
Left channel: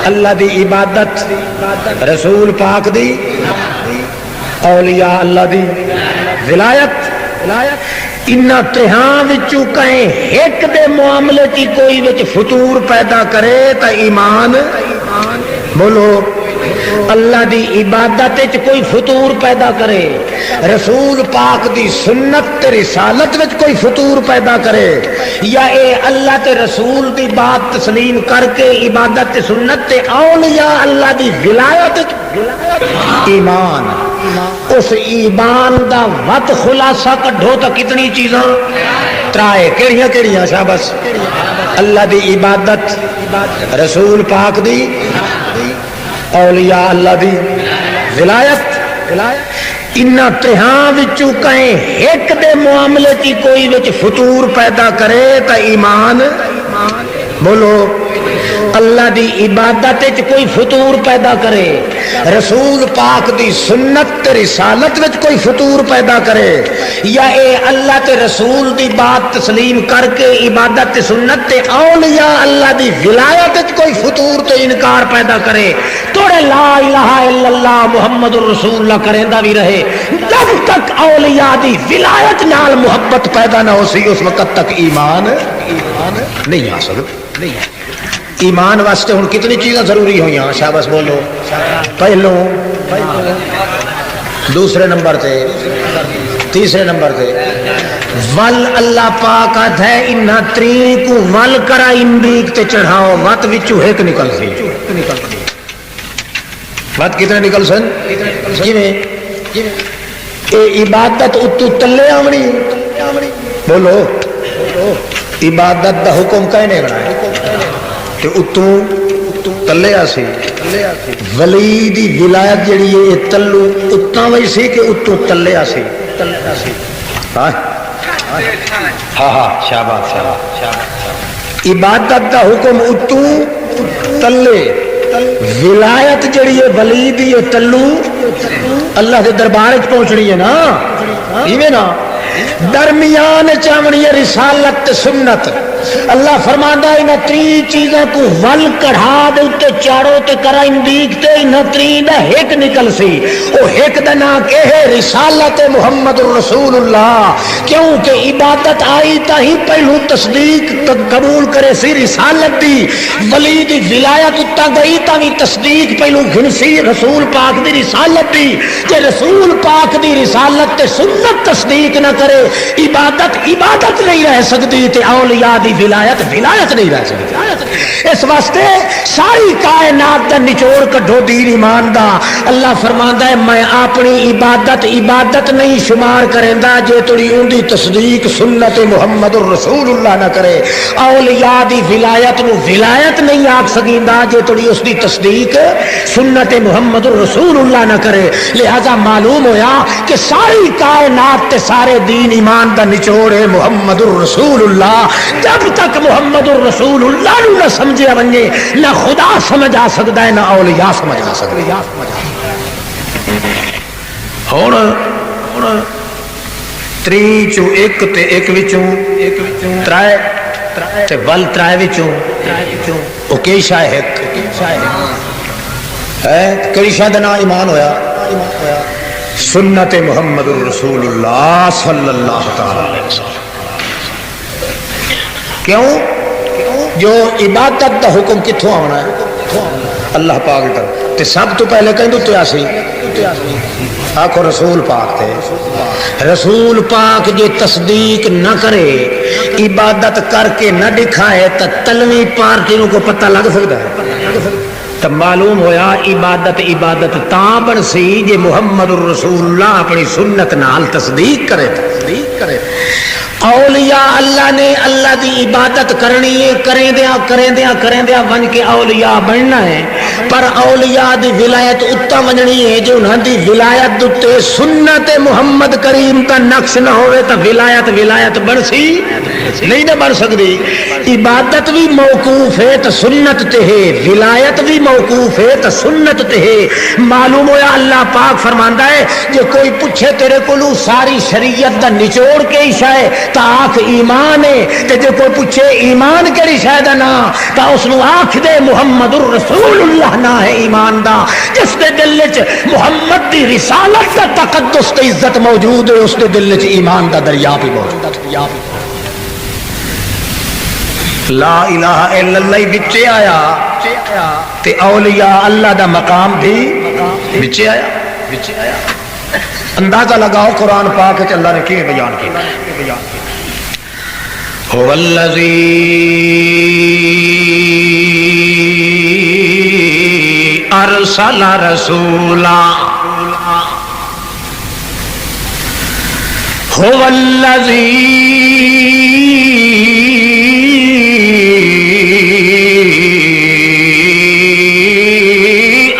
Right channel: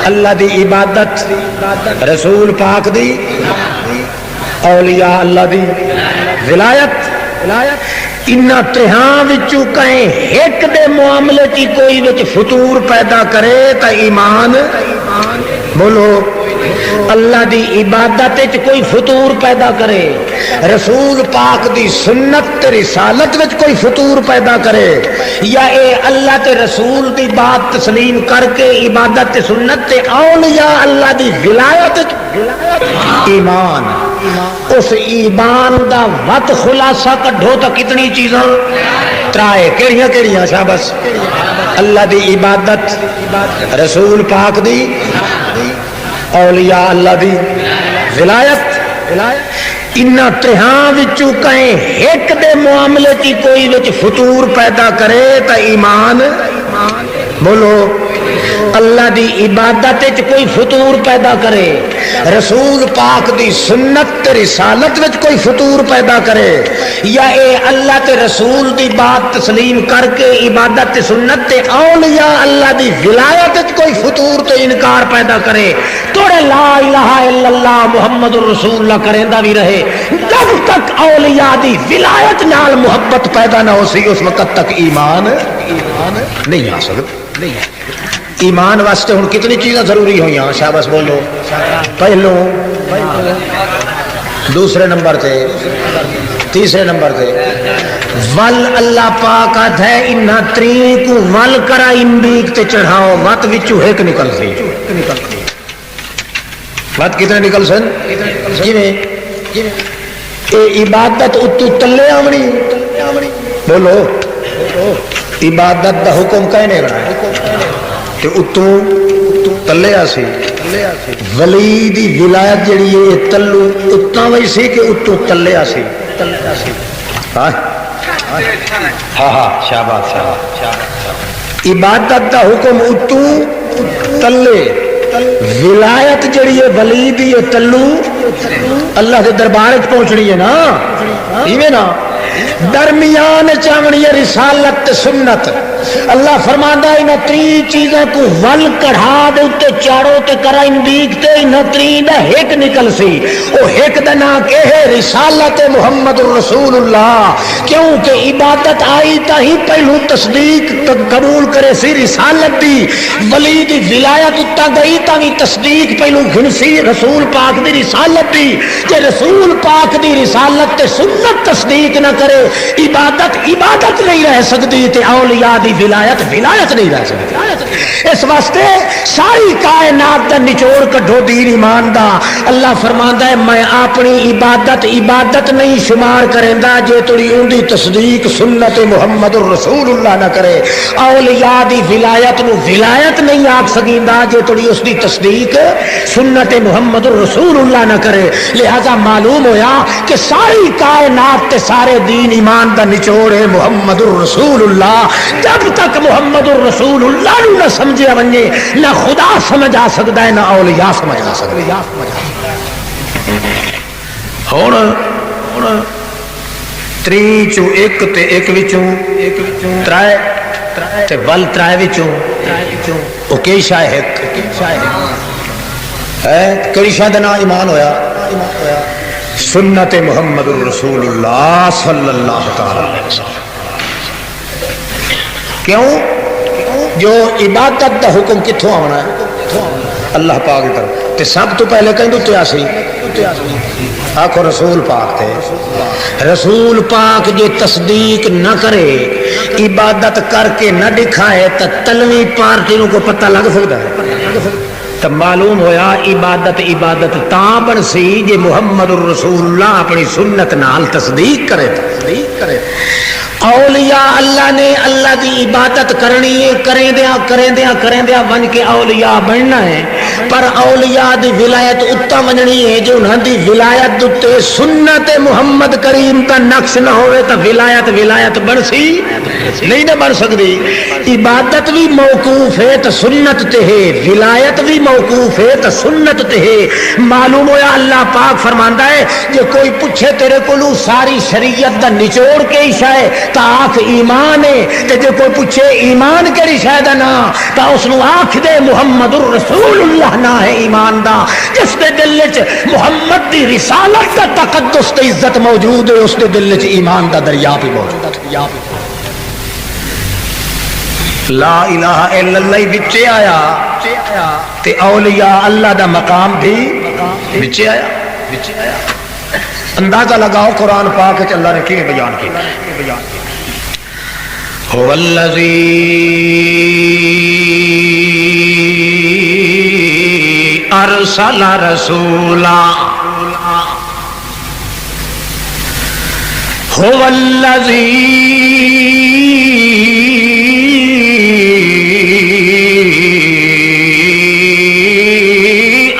اللہ دی عبادت رسول پاک دی اولیاء اللہ دی ولایت انہاں تہاں وچوں کہیں ایک دے معاملے کی کوئی وچ فطور پیدا کرے تا ایمان بولو اللہ دی عبادت وچ کوئی فطور پیدا کرے، رسول پاک دی سنت تے رسالت وچ کوئی فطور پیدا کرے، یا اے اللہ تے رسول دی بات تسلیم کر کے عبادت تے سنت تے اولیاء اللہ دی ولایت ایمان، اس ایمان دا وت خلاصہ کڈھو تا کتنی چیزاں ترائے کیڑیاں سا بس اللہ دی عبادت، رسول پاک دی، اولیاء اللہ دی ولایت انہاں تہاں وچوں کہیں ایک دے معاملے کی کوئی وچ فطور پیدا کرے تا ایمان بولو اللہ دی عبادت وچ کوئی فطور پیدا کرے، رسول پاک دی سنت تے رسالت وچ کوئی فطور پیدا کرے، یا اے اللہ تے رسول دی بات تسلیم کر کے عبادت تے سنت تے اولیاء اللہ دی ولایت وچ کوئی فطور تے انکار پیدا کرے، توڑے لا الہ الا اللہ محمد الرسول اللہ کریندا بھی رہے، جب تک اولیاء دی ولایت نال محبت پیدا نہ ہو سی اس وقت تک ایمان نہیں آ سکتا۔ ایمان واسطے ہوں کتنی چیزیں ضروری ہوئی ہیں شاباش بولو، پہلو دوسرے نمبر تے تیسرے نمبر تے ول اللہ پاک آتا ہے انہا تری کو ول کرا اندیک تے چڑھاؤ وات وچو ایک نکل سی، وات کتنے نکل سن اے عبادت اتو تلے آمنی بولو، عبادت دا حکم کہنے بنائے تے اتو تلے آسی، ولی دی ولایت جڑی ہے تلو اتنا وی سی کہ اتو تلے آسی، ہاں ہاں شاباش عبادت دا حکم اتو تلے، ولایت جڑی ہے ولی دی تلو اللہ کے دربار پہنچنی ہے نا، ایویں نا درمیان چاونی ہے رسالت سنت، اللہ فرماندا ہے انہاں تری چیزاں کو ول کڑھا دے تے چاروں تے کرا اندیک تے انہاں تری دا ایک نکل سی، او ایک دا نام کہ ہے رسالت محمد رسول اللہ، کیونکہ عبادت آئی تا ہی پہلو تصدیق قبول کرے سی رسالت دی، ولی دی ولایت اتا گئی تا بھی تصدیق پہلو گھنسی رسول پاک دی رسالت دی، کہ رسول پاک دی رسالت تے سنت تصدیق نہ کرے عبادت نہیں رہ سکتی تے اولیاء دی ولایت نہیں رہ سکتی۔ اس واسطے ساری کائنات دا نچوڑ کڈھو دین ایمان دا، اللہ فرماندا ہے میں اپنی عبادت نہیں شمار کریندا جے تڑی اون دی تصدیق سنت محمد الرسول اللہ نہ کرے، اولیاء دی ولایت نو ولایت نہیں آکھ سکیندا جے تڑی اس دی تصدیق سنت محمد الرسول اللہ نہ کرے، لہذا معلوم ہویا کہ ساری کائنات تے سارے دین ایمان دا نچوڑ ہے محمد الرسول اللہ، جب تک محمد الرسول اللہ نو نہ سمجھیا ونجے نہ خدا سمجھ آ سکتا ہے نہ اولیاء سمجھ آ سکتا ہے۔ ہن تری چوں ایک تے ایک وچوں ترائے تے ول ترائے وچوں او کی شاہد ہے کئی شاہد نا ایمان ہویا سنت محمد الرسول اللہ صلی اللہ تعالی علیہ وسلم، کیوں جو عبادت دا حکم کتھوں آنا ہے اللہ پاک کی طرف تے سب تو پہلے کہیں تو تیاسی آخو رسول پاک تھے، رسول پاک جو تصدیق نہ کرے عبادت کر کے نہ دکھائے تو تلوی پارٹیوں کو پتہ لگ سکتا ہے، تو معلوم ہویا عبادت تاں بن سی جے محمد الرسول اللہ اپنی سنت نال تصدیق کرے۔ اولیاء اللہ نے اللہ دی عبادت کرنی ہے، کریں دیا ون کے اولیاء بننا ہے، پر اولیاء دی ولایت اتا ونجنی ہے جو انہاں دی ولایت دتے سنت محمد کریم کا نقش نہ ہوئے تو ولایت بن سی نہیں نہ بن سکتی۔ عبادت بھی موقوف ہے تو سنت تے ہے، ولایت بھی موقوف ہے تو سنت تے ہے۔ معلوم ہویا اللہ پاک فرماندا ہے کہ کوئی پوچھے تیرے کولو ساری شریعت دا نچوڑ کے شے تا آکھ ایمان ہے، تے جو کوئی پوچھے ایمان کیڑی شے دا نا تا اس نو آکھ دے محمد الرسول اللہ اللہ نہ ہے ایمان دا جس دے دل وچ محمد دی رسالت دا تقدس تے عزت موجود ہے اس دے دل وچ ایمان دا دریا بھی موجود ہے لا الہ الا اللہ بچے آیا تے اولیاء اللہ دا مقام بھی بچے آیا اندازہ لگاؤ قرآن پاک وچ اللہ نے کیویں بیان کیا هو الذی ارسل رسولا هو الذی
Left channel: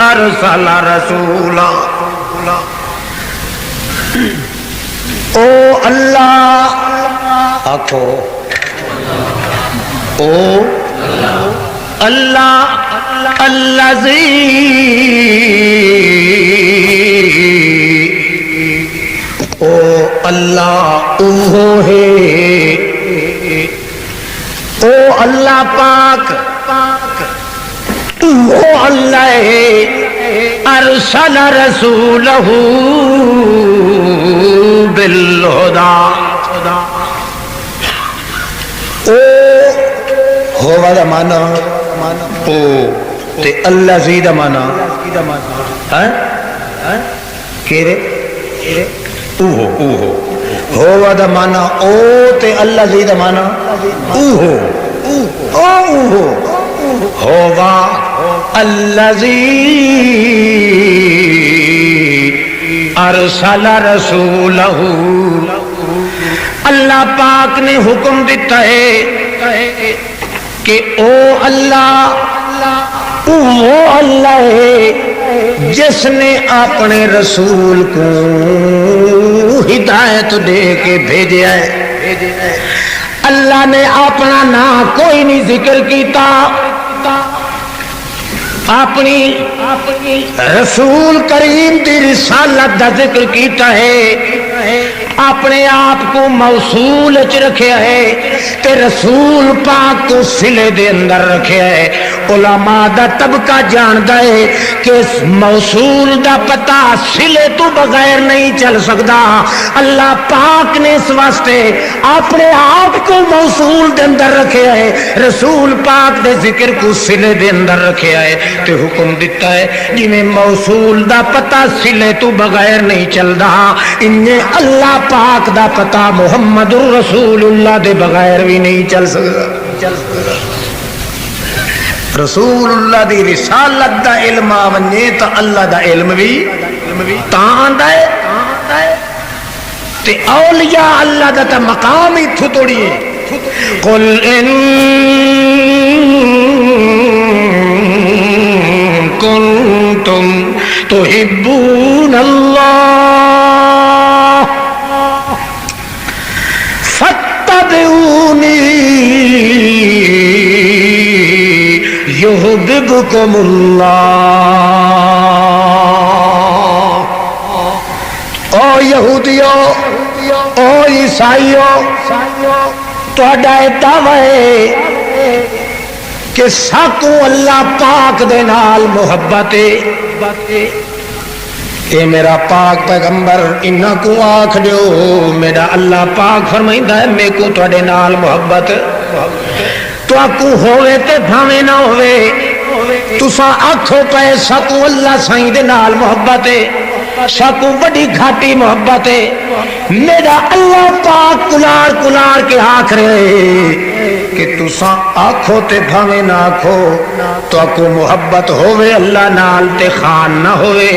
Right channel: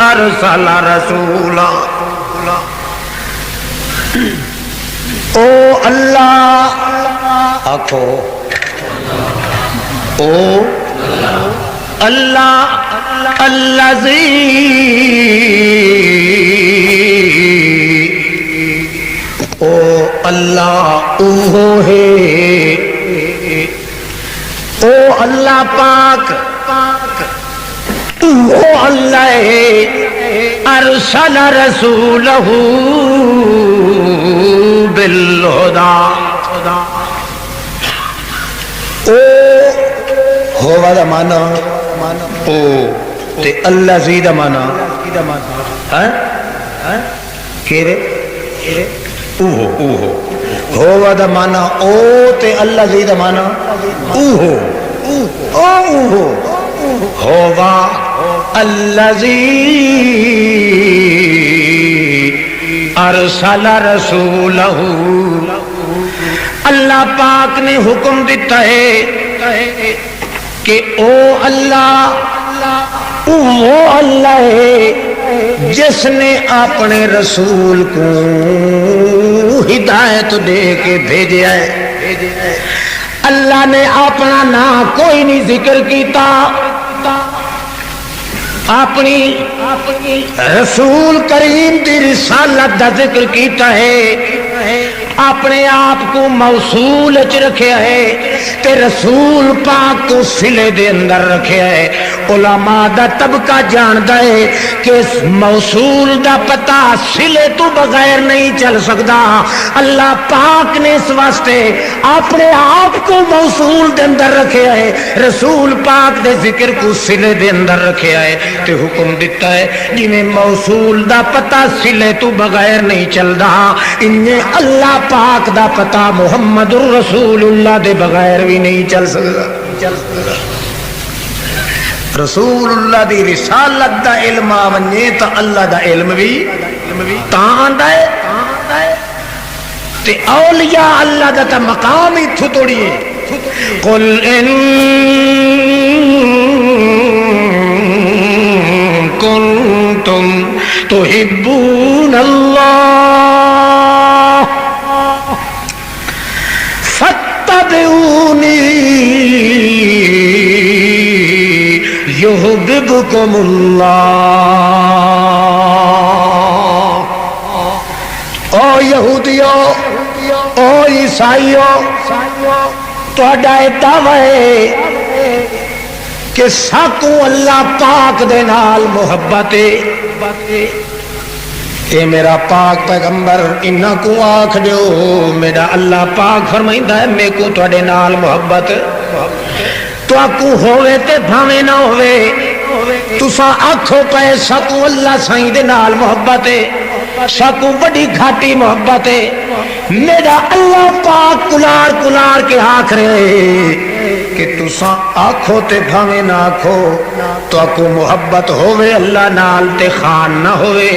ارسل رسولا او اللہ آکھو او اللہ الذی او اللہ اوہ ہے او اللہ پاک اوہ اللہ ہے ارسل رسولہ بالہدی او ہوا دا مانا او تے اللہ زی دا مانا کیرے اوہو ہوا دا مانا او تے اللہ زی دا مانا اوہو اوہو ہوا اللہ زی ارسل رسولہ اللہ پاک نے حکم دیتا ہے کہ او اللہ وہ اللہ ہے جس نے اپنے رسول کو ہدایت دے کے بھیجا ہے اللہ نے اپنا نام کوئی نہیں ذکر کیتا اپنی رسول کریم دی رسالت دا ذکر کیتا ہے اپنے آپ کو موصول چ رکھیا ہے تے رسول پاک کو سلے دے اندر رکھیا ہے علماء دا طبقہ جاندا ہے کہ موصول دا پتہ سلے تو بغیر نہیں چل سکتا اللہ پاک نے اس واسطے اپنے آپ کو موصول دے اندر رکھیا ہے رسول پاک دے ذکر کو سلے دے اندر رکھیا ہے تے حکم دیتا ہے جنہیں موصول دا پتہ سلے تو بغیر نہیں چلدا انہیں اللہ پاک دا پتہ محمد رسول اللہ دے بغیر بھی نہیں چل سکتا رسول اللہ دی رسالت دا علم آونے تا اللہ دا علم بھی تاں آندا ہے تے اولیاء اللہ دا تا مقام ہی تھوڑی ہے قل ان کنتم تحبون اللہ فاتبعونی یحببکم اللہ او یہودیو او عیسائیو تہاڈا دعوی ہے کہ ساکو اللہ پاک دے نال محبت ہے اے میرا پاک پیغمبر انہاں کو آکھ دیو میرا اللہ پاک فرمائندا ہے میں کو تواڈے نال محبت تو آکو ہوئے تے بھاوے نہ ہوئے تساں آکھو پے ساکو اللہ سائیں دے نال محبت ہے ساکو بڑی گھاٹی محبت ہے میرا اللہ پاک کلار کلار کے آکھ رہے کہ تساں آکھو تے بھاوے نہ آکھو تو آکو محبت ہوئے اللہ نال تے خان نہ ہوئے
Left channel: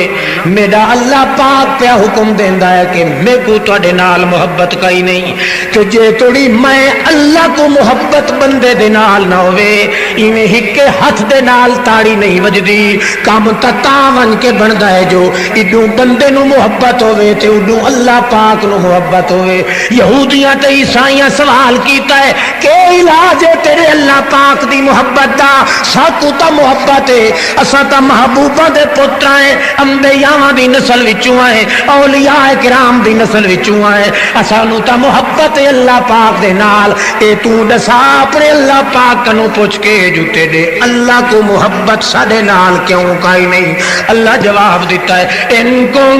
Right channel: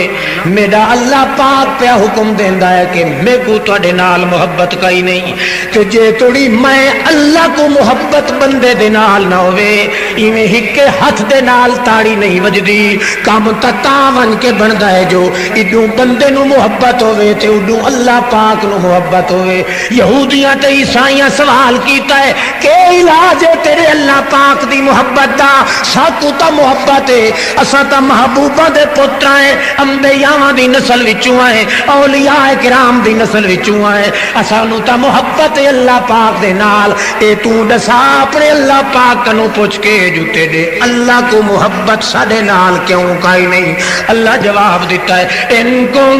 میرا اللہ پاک پہ حکم دیندا ہے کہ میں کو تواڈے نال محبت کئی نہیں کہ جے توڑی میں اللہ کو محبت بندے دے نال نہ ہوئے ایویں ہکے ہاتھ دے نال تاڑی نہیں وجدی کام تا ون کے بندا ہے جو ایڈوں بندے نو محبت ہوئے تے اڈوں اللہ پاک نو محبت ہوئے یہودیاں تے عیسائیاں سوال کیتا ہے کہ علاج ہے تیرے اللہ پاک دی محبت دا. ساتو تا محبت ہے، اساں تا محبوباں دے پتر ہیں، انبیاء دی نسل وچوں ہیں، اولیاء کرام دی نسل وچوں ہیں. اسانو تا محبت ہے اللہ پاک دے نال. اے تو دسا اپنے اللہ پاک کنوں پوچھ کے جوتے دے اللہ کو محبت ساڈے نال کیوں کائی نہیں؟ اللہ جواب دیتا ہے ان تم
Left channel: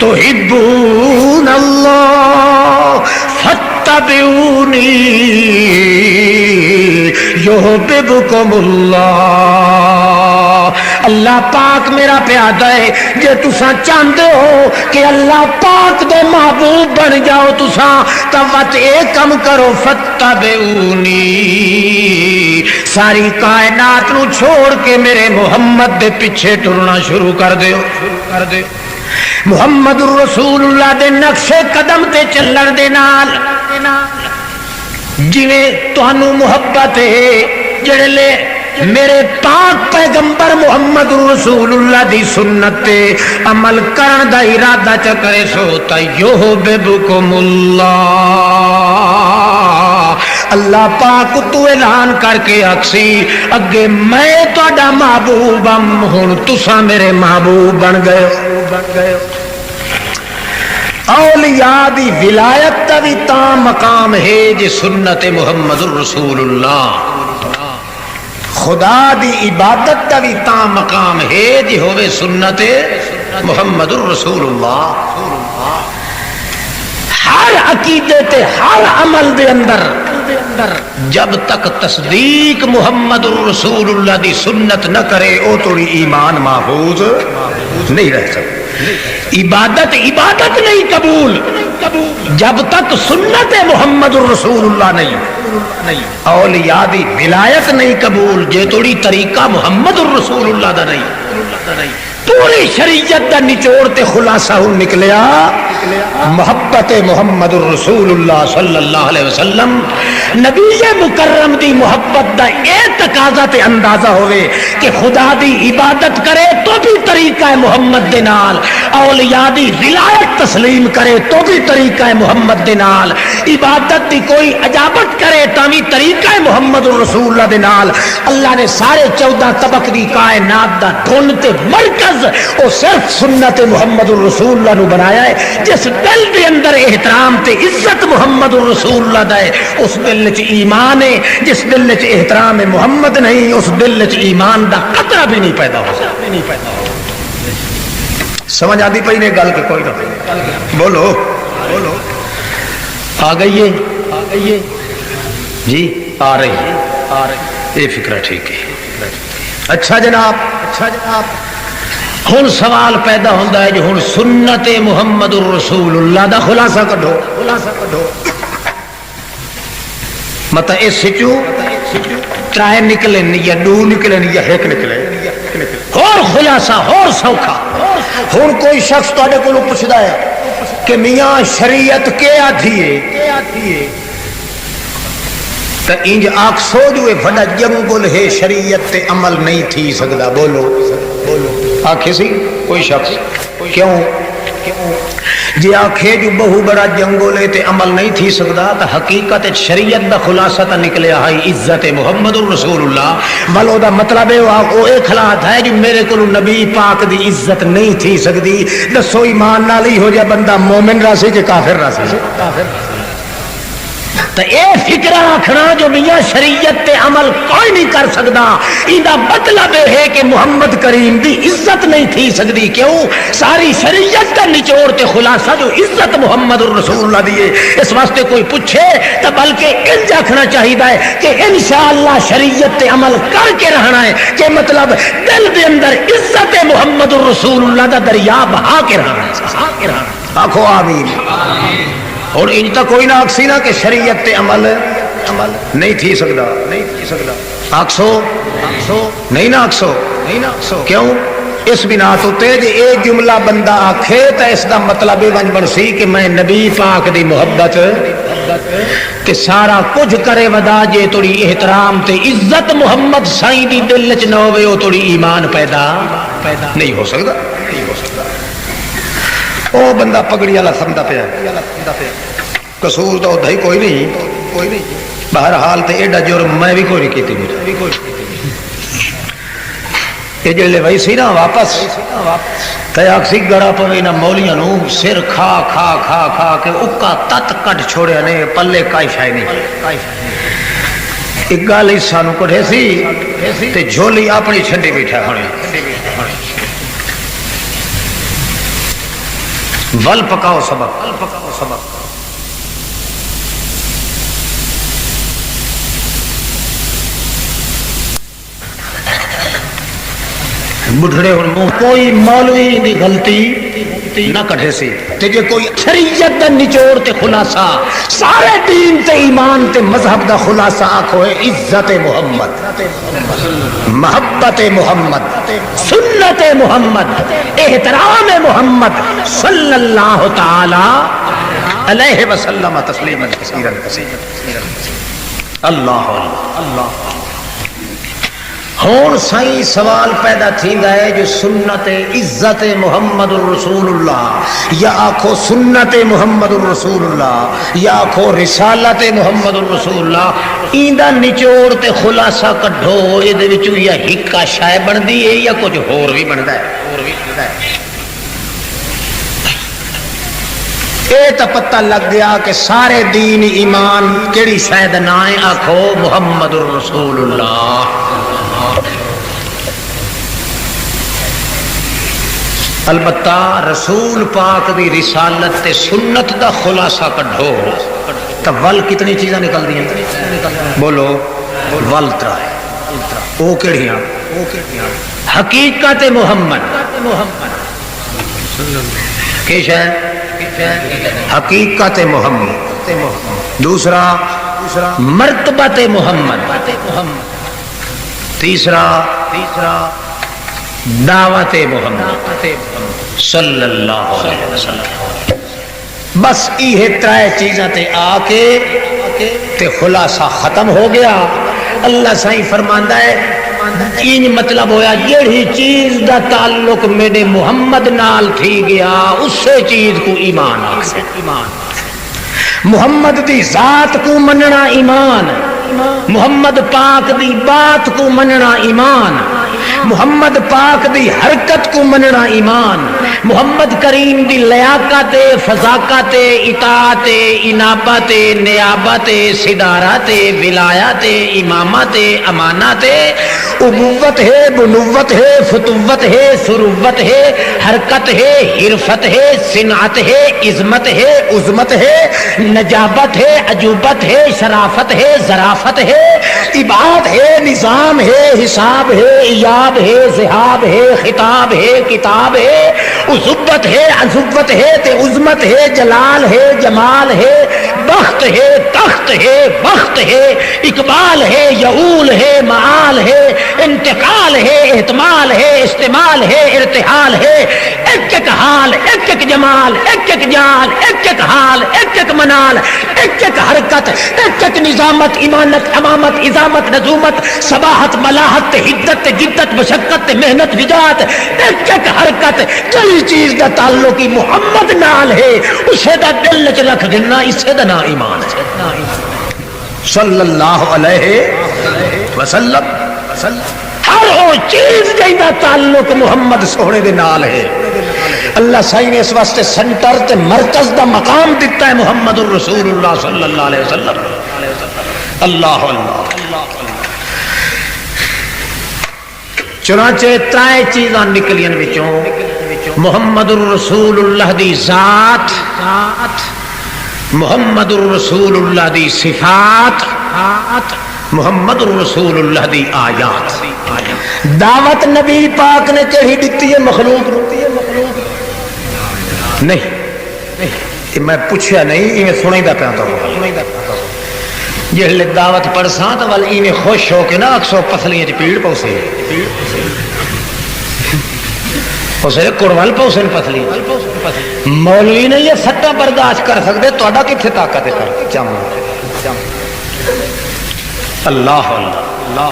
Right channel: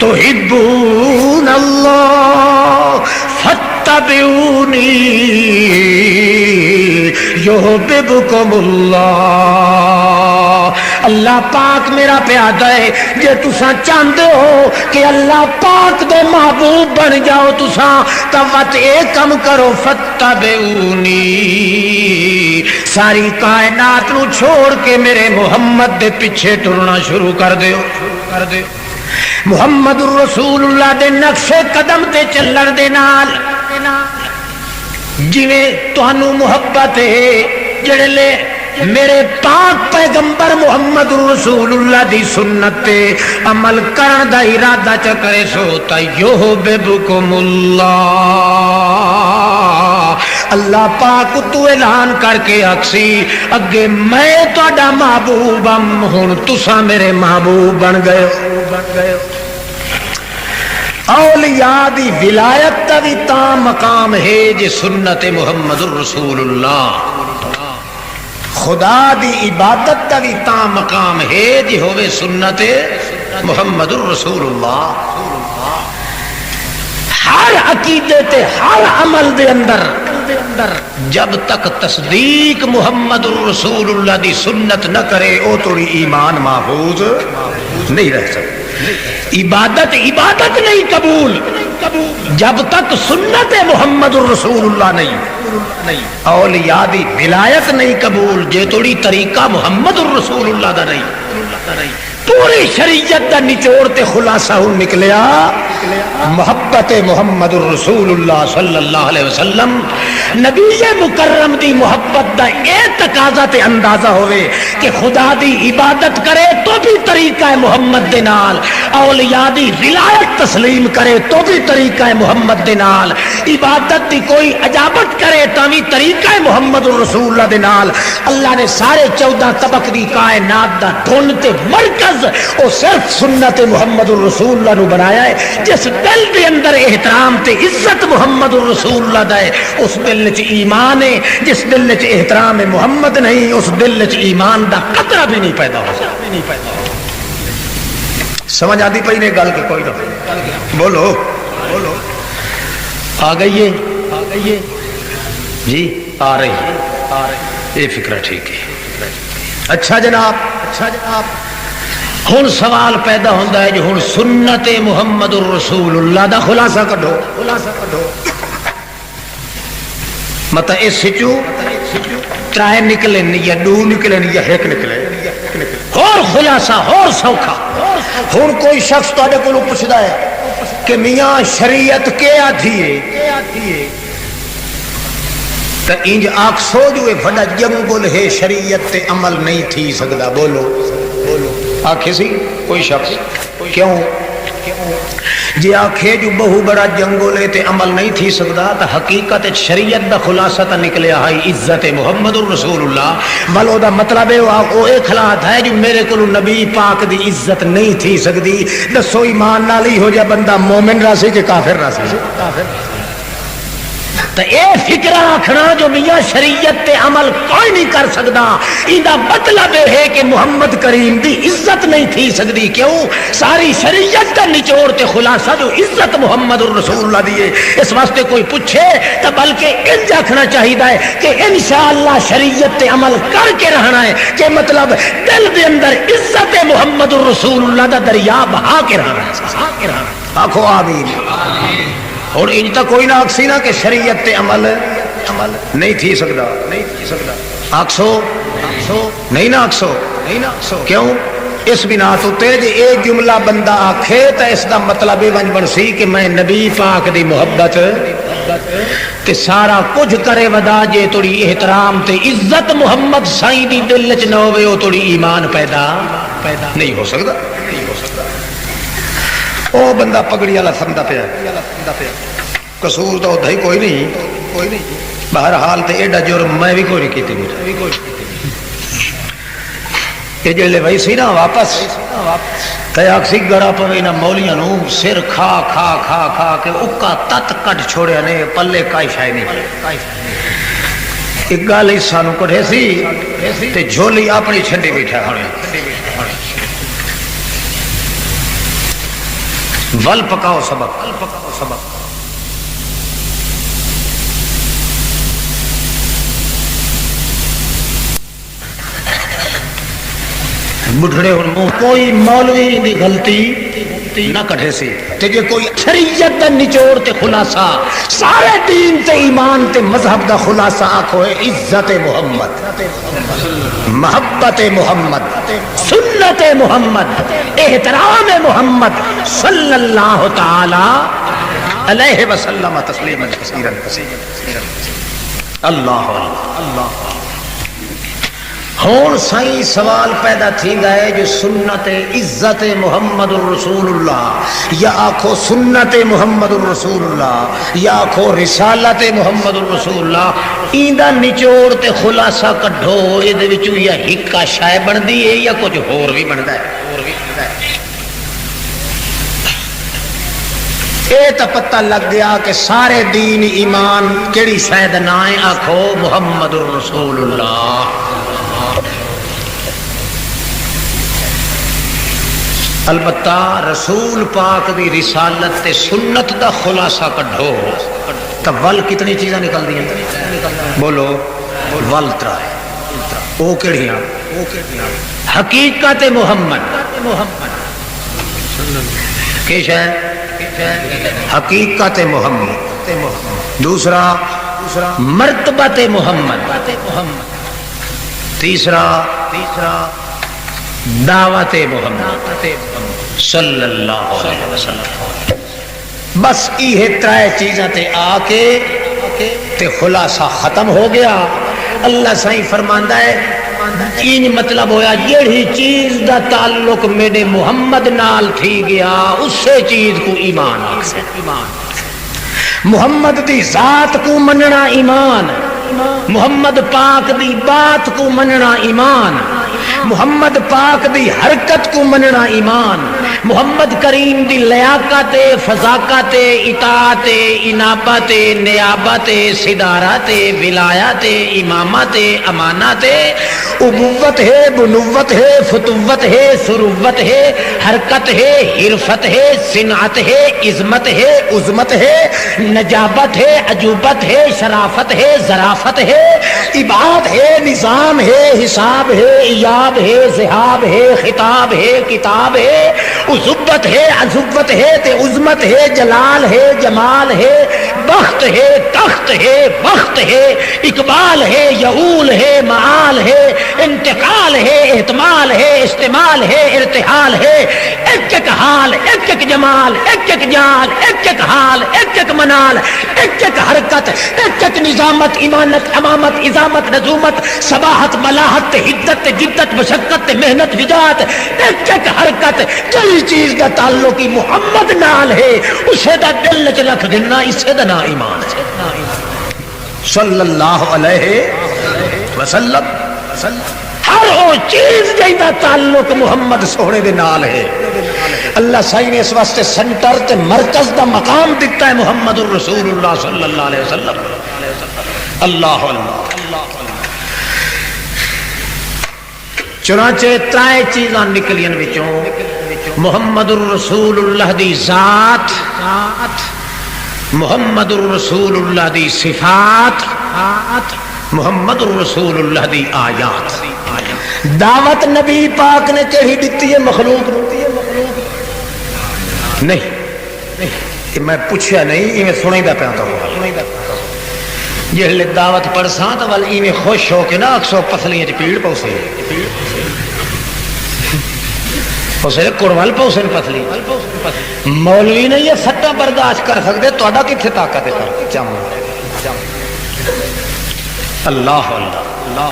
تحبون اللہ فاتبعونی یحببکم اللہ. اللہ پاک میرا پیادہ ہے جے تساں چاہتے ہو کہ اللہ پاک دے محبوب بن جاؤ تساں تا وت اے کم کرو فاتبعونی، ساری کائنات نو چھوڑ کے میرے محمد دے پیچھے ٹرنا شروع کر دیو. محمد رسول اللہ دے نقش قدم تے چلن دے نال جویں تانوں محبت ہے، جڑے لے میرے پاک پیغمبر محمد رسول اللہ دی سنت تے عمل کرن دا ارادہ چ کرے سو تا یحببکم اللہ. اللہ پاک تو اعلان کر کے آکسی اگے میں تہاڈا محبوب ہم، ہن تساں میرے محبوب بن گئے. اولیاء دی ولایت دا بھی تا مقام ہے جی سنت محمد رسول اللہ. خدا دی عبادت دا بھی تا مقام ہے جی ہوئے سنت محمد رسول اللہ. ہر عقیدے تے ہر عمل دے اندر جب تک تصدیق محمد رسول اللہ دی سنت نہ کرے او تو ایمان محفوظ نہیں رہ سکتا. عبادت نہیں قبول جب تک سنت محمد رسول اللہ نہیں. اولیاء دی ولایت نہیں قبول جے توڑی طریقہ محمد رسول اللہ دا نہیں. پوری شریعت دا نچوڑ تے خلاصہ نکلیا محبت محمد رسول اللہ صلی اللہ علیہ وسلم. نبی مکرم دی محبت دا اے تقاضا تے اندازہ ہوئے کہ خدا دی عبادت کرے تو بھی طریقہ محمد دے نال، اولیاء دی ولایت تسلیم کرے تو بھی طریقہ محمد دے نال، عبادت دی کوئی عجابت کرے تو بھی طریقہ محمد رسول اللہ دے نال. اللہ نے سارے 14 طبق دی کائنات دا دھن تے مرکز او صرف سنت محمد رسول اللہ نو بنایا ہے. جس دل دے اندر احترام تے عزت محمد رسول اللہ دا ہے اس دل وچ ایمان ہے. جس دل وچ احترام محمد نہیں اس دل وچ ایمان دا قطرہ بھی نہیں پیدا ہو سکتا. سمجھ آتی پئی نے گل کہ کوئی نہ بولو آ گئی ہے جی آ رہی ہے یہ فکر ٹھیک ہے. اچھا جناب ہن سوال پیدا ہوتا ہے جو ہن سنت محمد رسول اللہ دا خلاصہ کڈو. مطلب اس سچو ترائے نکلے یا دو نکلے یا ایک نکلے اور خلاصہ اور سوکھا. ہن کوئی شخص تہاڈے کولوں پوچھدا ہے کہ میاں شریعت کے آدھی ہے تو انج آکسو جو بڑا جنگل ہے شریعت تے عمل نہیں تھی سکتا. بولو آخے سی کوئی شخص کیوں جی آخے جو بہو بڑا جنگل ہے تے عمل نہیں تھی سکتا تو حقیقت شریعت دا خلاصہ تا نکلیا ہے عزت محمد رسول اللہ. ملو دا مطلب ہے وہ ایک حالات ہے جو میرے کو نبی پاک دی عزت نہیں تھی سکتی. دسو ایمان نال ہی ہو جا بندہ مومن راسی جے کافر راسی تو اے فکر رکھنا جو میاں شریعت تے عمل کوئی نہیں کر سکتا ایندا مطلب ہے کہ محمد کریم دی عزت نہیں تھی سکتی. کیوں؟ ساری شریعت کا نچوڑ تے خلاصہ جو عزت محمد رسول اللہ دی ہے. اس واسطے کوئی پوچھے تو بلکہ انج آکھنا چاہیے کہ انشاءاللہ شریعت تے عمل کر کے رہنا ہے کہ مطلب دل دے اندر عزت محمد رسول اللہ دا دریا بہا کے رہنا ہے. آکھو آمین. اور ان تک کوئی نہ آکسی نہ کہ شریعت تے عمل نہیں تھی سکتا. آکسو نہیں نہ آکسو کیوں؟ اس بنا تو جے اے جملہ بندہ آکھے تو اس دا مطلب یہ بن سی کہ میں نبی پاک دی محبت کہ سارا کچھ کرے ودا جے توڑی احترام تے عزت محمد سائیں دی دل وچ نہ ہوے او توڑی ایمان پیدا نہیں ہو سکتا. وہ بندہ پگڑی والا سمجھا پیا قصور تو ادھا ہی کوئی نہیں بہرحال تے ایڈا جرم میں بھی کوئی نہیں کیتی کہ جلے بھائی سی نا واپس تے اکسی گڑا پوے نہ مولیاں نو سر کھا کھا کھا کھا کے اکا تت کٹ چھوڑیا نے پلے کائی شائی نہیں ایک گل سانو کٹھے سی تے جھولی اپنی چھڈی بیٹھا ہن ول پکاؤ سبق بڑھڑے ہوں کوئی مولوی دی غلطی نہ کٹھے سی تے جے کوئی شریعت دا نچوڑ تے خلاصہ سارے دین تے ایمان تے مذہب دا خلاصہ آکھو ہے عزت محمد محبت محمد سنت محمد احترام محمد صلی اللہ تعالی علیہ وسلم تسلیما کثیرا اللہ اللہ ہون سائیں سوال پیدا تھیندا ہے جو سنت عزت محمد الرسول اللہ یا آکھو سنت محمد الرسول اللہ یا آکھو رسالت محمد الرسول اللہ ایندا نچوڑ تے خلاصہ کڈھو اے دے وچوں یا ہکا شے بندی ہے یا کچھ ہور بھی بندا ہے اے تا پتہ لگ گیا کہ سارے دین ایمان کیڑی شے دا نام ہے آکھو محمد الرسول اللہ البتہ رسول پاک دی رسالت تے سنت دا خلاصہ کڈھو تو ول کتنی چیزاں نکل دی ہیں بولو ول ترا او کیڑیاں حقیقت محمد کیش ہے حقیقت محمد دوسرا مرتبت محمد تیسرا دعوت محمد صلی اللہ علیہ وسلم بس یہ ترائے چیزاں تے آ کے تے خلاصہ ختم ہو گیا اللہ سائیں فرماندا ہے این مطلب ہویا جیڑی چیز دا تعلق میرے محمد نال تھی گیا اسے چیز کو ایمان آکھے محمد دی ذات کو مننا ایمان محمد پاک دی بات کو مننا ایمان محمد پاک دی حرکت کو مننا ایمان محمد کریم دی لیاقت فضاقت اطاعت انابت نیابت صدارت ولایت امامت امانت ابوت ہے بنوت ہے فتوت ہے ثروت ہے حرکت ہے حرفت ہے صنعت ہے عظمت ہے عظمت ہے نجابت ہے عجوبت ہے شرافت ہے ظرافت ہے عبادت ہے نظام ہے حساب ہے ایاب ہے ذہاب ہے خطاب ہے کتاب ہے عزبت ہے عزبت ہے تے عظمت ہے جلال ہے جمال ہے بخت ہے تخت ہے وقت ہے اقبال ہے یعول ہے معال ہے انتقال ہے احتمال ہے استعمال ہے ارتحال ہے ایک ایک حال ایک ایک جمال ایک ایک جان ایک ایک حال ایک ایک منال ایک ایک حرکت ایک ایک نظامت امانت امامت عظامت نظومت صباحت ملاحت حدت جدت مشقت محنت نجات ایک ایک حرکت جل چیز کا تعلق محمد نال ہے اسے دا دل چ رکھ دینا اسے دا نام ایمان ہے صلی اللہ علیہ وسلم ہر وہ چیز کا تعلق محمد سونے دے نال ہے اللہ سائی نے اس واسطے سنٹر تے مرکز دا مقام دیتا ہے محمد الرسول اللہ صلی اللہ علیہ وسلم اللہ اللہ چنانچہ ترائے چیزاں نکلیاں وچوں محمد الرسول اللہ دی ذات محمد الرسول اللہ دی صفات محمد الرسول اللہ دی آیات دعوت نبی پاک نے کہی دیتی ہے مخلوق نہیں میں پوچھا نہیں میں سنیں دا پہنتا ہوں جہلے دعوت پڑھساں تو والی میں خوش ہو کے نا اکسو پسلیاں پیڑ پوسے اسے کڑول پوسے پسلی مولوی نے یہ سٹا برداشت کر سکتے تھوڑا کتنے طاقت ہے چم اللہ اللہ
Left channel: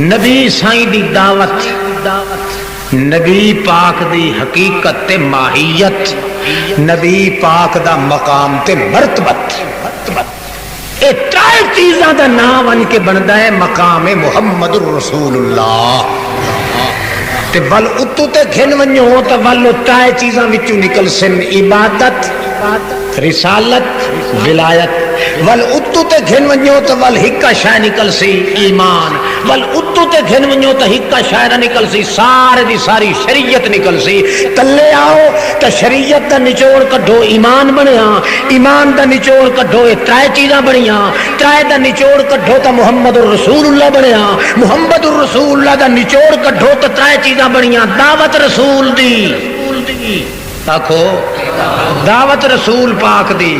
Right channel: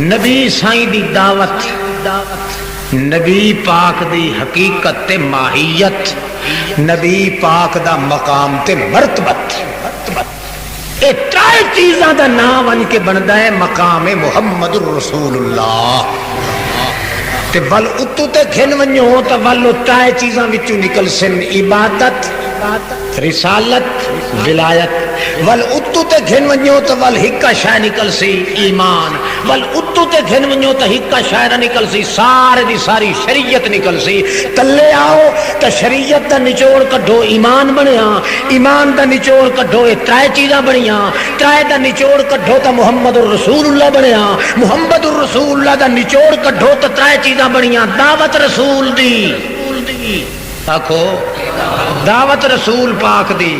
نبی سائیں دی دعوت نبی پاک دی حقیقت تے ماہیت، نبی پاک دا مقام تے مرتبت، اے ترائے چیزاں دا نام ان کے بندا ہے مقام محمد الرسول اللہ۔ تے ول اتو تے گھن ونجو تے ول ترائے چیزاں وچوں نکل سن عبادت، رسالت، ولایت۔ ول اتو تے گھن ونجو تے ول ہکا شے نکل سی ایمان، ول اتو تے گھن ونجو تے ہکا شے نہ نکل سی سارے دی ساری شریعت نکل سی۔ تلے آؤ تے شریعت دا نچوڑ کڈو ایمان بنیا، ایمان دا نچوڑ کڈو اے ترائے چیزاں بنیاں، ترائے دا نچوڑ کڈو تے محمد الرسول اللہ بنیا، محمد الرسول اللہ دا نچوڑ کڈو تے ترائے چیزاں بنیاں، دعوت رسول دی، آکھو دعوت رسول پاک دی،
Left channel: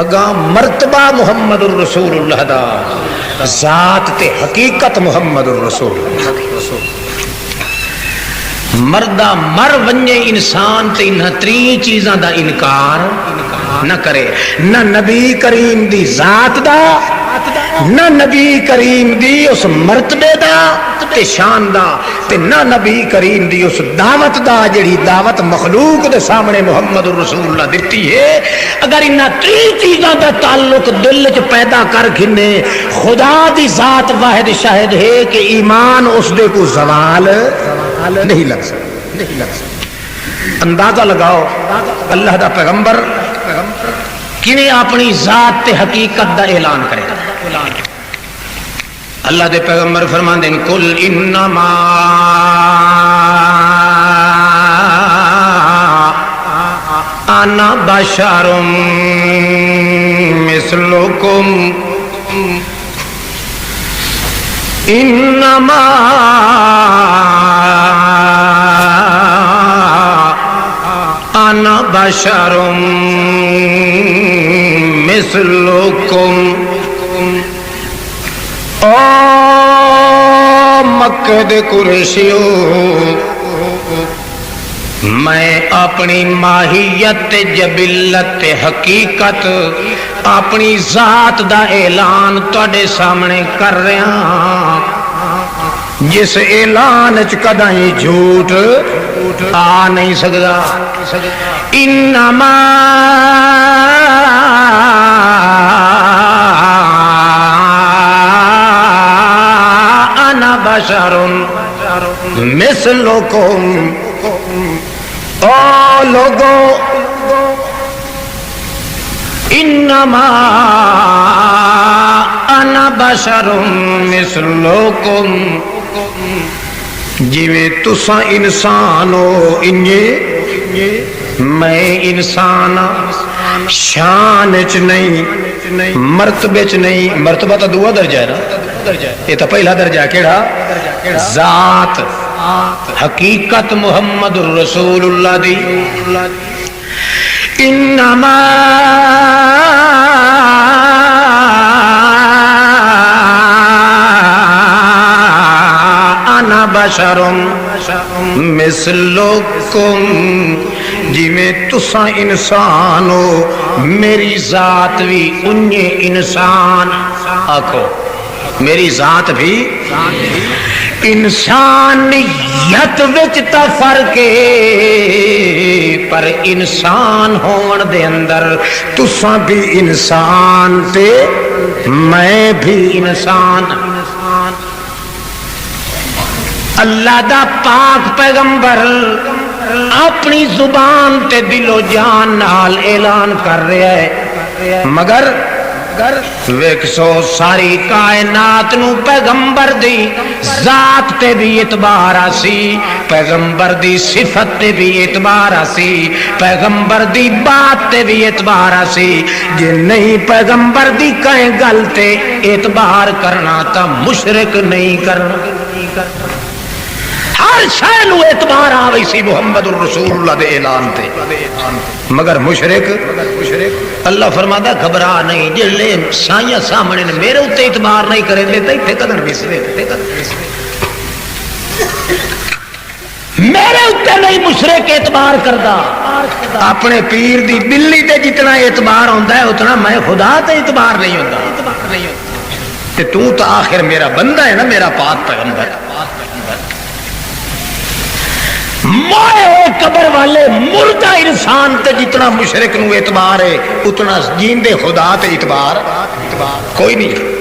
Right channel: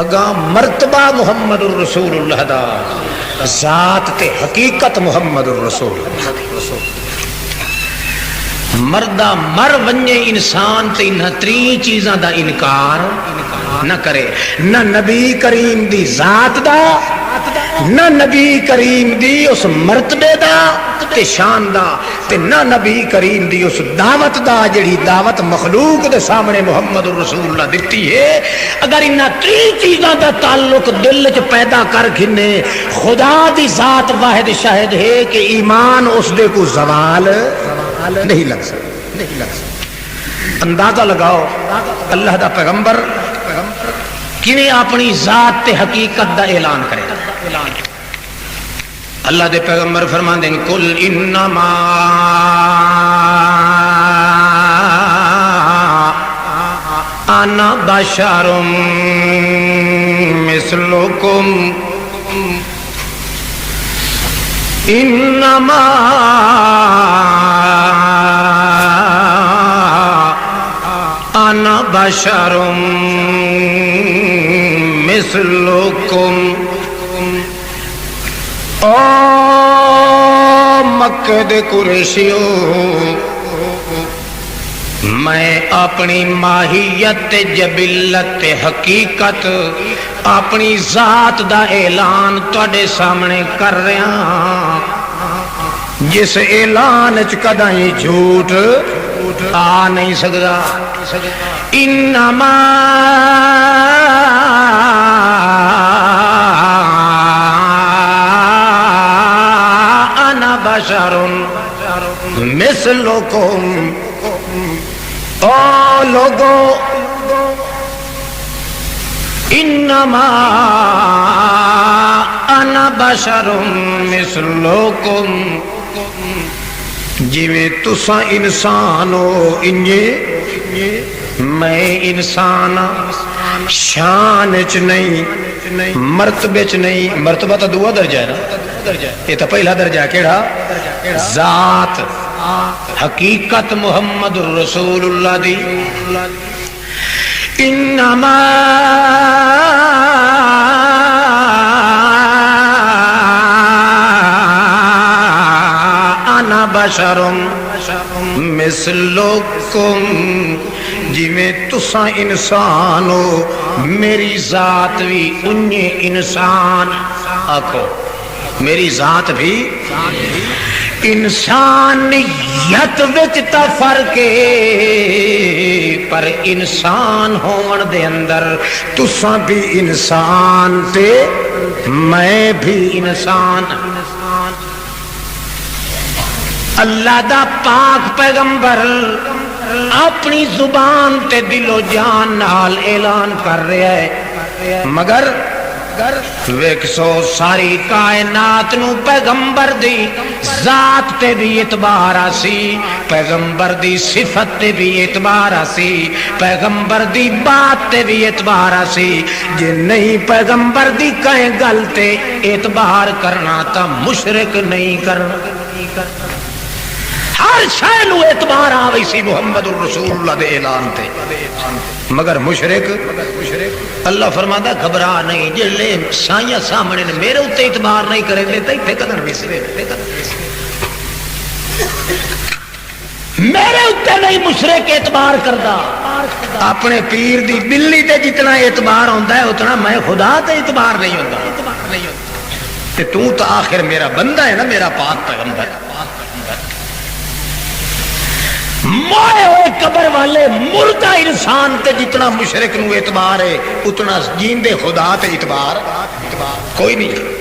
اگاں مرتبہ محمد الرسول اللہ دا، ذات تے حقیقت محمد الرسول اللہ۔ مردہ مر ونجے انسان تے انہاں تری چیزاں دا انکار نہ کرے، نہ نبی کریم دی ذات دا، نہ نبی کریم دی اس مرتبے دا تے شان دا، تے نہ نبی کریم دی اس دعوت دا جڑی دعوت مخلوق دے سامنے محمد الرسول اللہ دیتی ہے۔ اگر انہاں تین چیزاں دا تعلق دل وچ پیدا کر گھنے، خدا دی ذات واحد شاہد ہے کہ ایمان اس دے کو زوال نہیں لگ سکتا۔ اندازہ لگاؤ اللہ دا پیغمبر کنے اپنی ذات تے حقیقت دا اعلان کرے؟ اللہ دے پیغمبر فرماندے ہیں قل انما انا بشر مثلکم انما انا بشر مثلکم۔ او مکہ دے قریشیو، میں اپنی ماہیت جبلت حقیقت اپنی ذات دا اعلان تواڈے سامنے کر رہا ہاں، جس اعلان وچ کدی جھوٹ آ نہیں سکدا۔ انما انا بشر مثلکم، او لوگو انما انا بشر مثلکم، جویں تساں انسان ہو انجے میں انسان، شان چ نہیں، مرتبے چ نہیں، مرتبہ تو دو درجہ ہے نا، یہ تو پہلا درجہ کیڑا؟ ذات حقیقت محمد الرسول اللہ دی۔ انما انا بشر مثلکم، جویں تساں انسان ہو میری ذات بھی انہیں انسان، آکھو میری ذات بھی انسانیت وچ تا فرق ہے، پر انسان ہون دے اندر تساں بھی انسان تے میں بھی انسان۔ اللہ دا پاک پیغمبر اپنی زبان تے دل و جان نال اعلان کر رہا ہے، مگر ویکھو ساری کائنات نو پیغمبر دی ذات تے بھی اعتبار آسی، پیغمبر دی صفت تے بھی اعتبار آسی، پیغمبر دی بات تے بھی اعتبار آسی۔ جے نہیں پیغمبر دی کہیں گل تے اعتبار کرنا تا مشرک نہیں کرنا، ہر شے نو اعتبار آوی سی محمد الرسول اللہ دے اعلان تے، مگر مشرک اللہ فرماتا گھبرا نہیں، جلے سائیاں سامنے میرے اتنے اعتبار نہیں کریں گے تو اتنے قدر بسرے، میرے اتنے نہیں مشرک اعتبار کردا، اپنے پیر دی بلی تے جتنا اعتبار ہوتا ہے اتنا میں خدا تے اعتبار نہیں ہوتا، تے تو آخر میرا بندہ ہے نا، میرا پاک پیغمبر۔ موئے ہوئے قبر والے مردہ انسان تے جتنا مشرک نو اعتبار ہے اتنا جیندے خدا تے اعتبار کوئی نہیں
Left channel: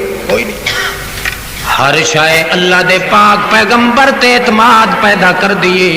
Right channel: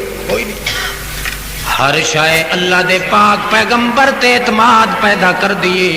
ہر شے اللہ دے پاک پیغمبر تے اعتماد پیدا کر دیے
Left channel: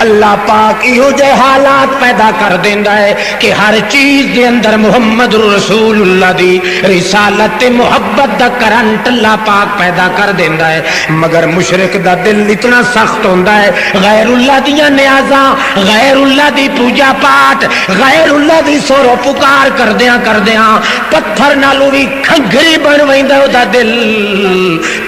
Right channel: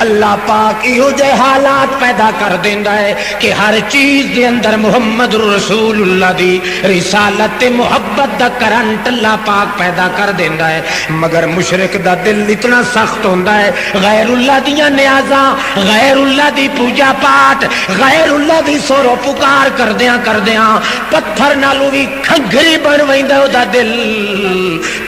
اللہ پاک ایہو جے حالات پیدا کر دیندا ہے کہ ہر چیز دے اندر محمد رسول اللہ دی رسالت تے محبت دا کرنٹ اللہ پاک پیدا کر دیندا ہے مگر مشرک دا دل اتنا سخت ہوندا ہے غیر اللہ دیاں نیازاں غیر اللہ دی پوجا پاٹ غیر اللہ دی سورو پکار کردیاں پتھر نالوں وی کھنگری بن ویندا او دا دل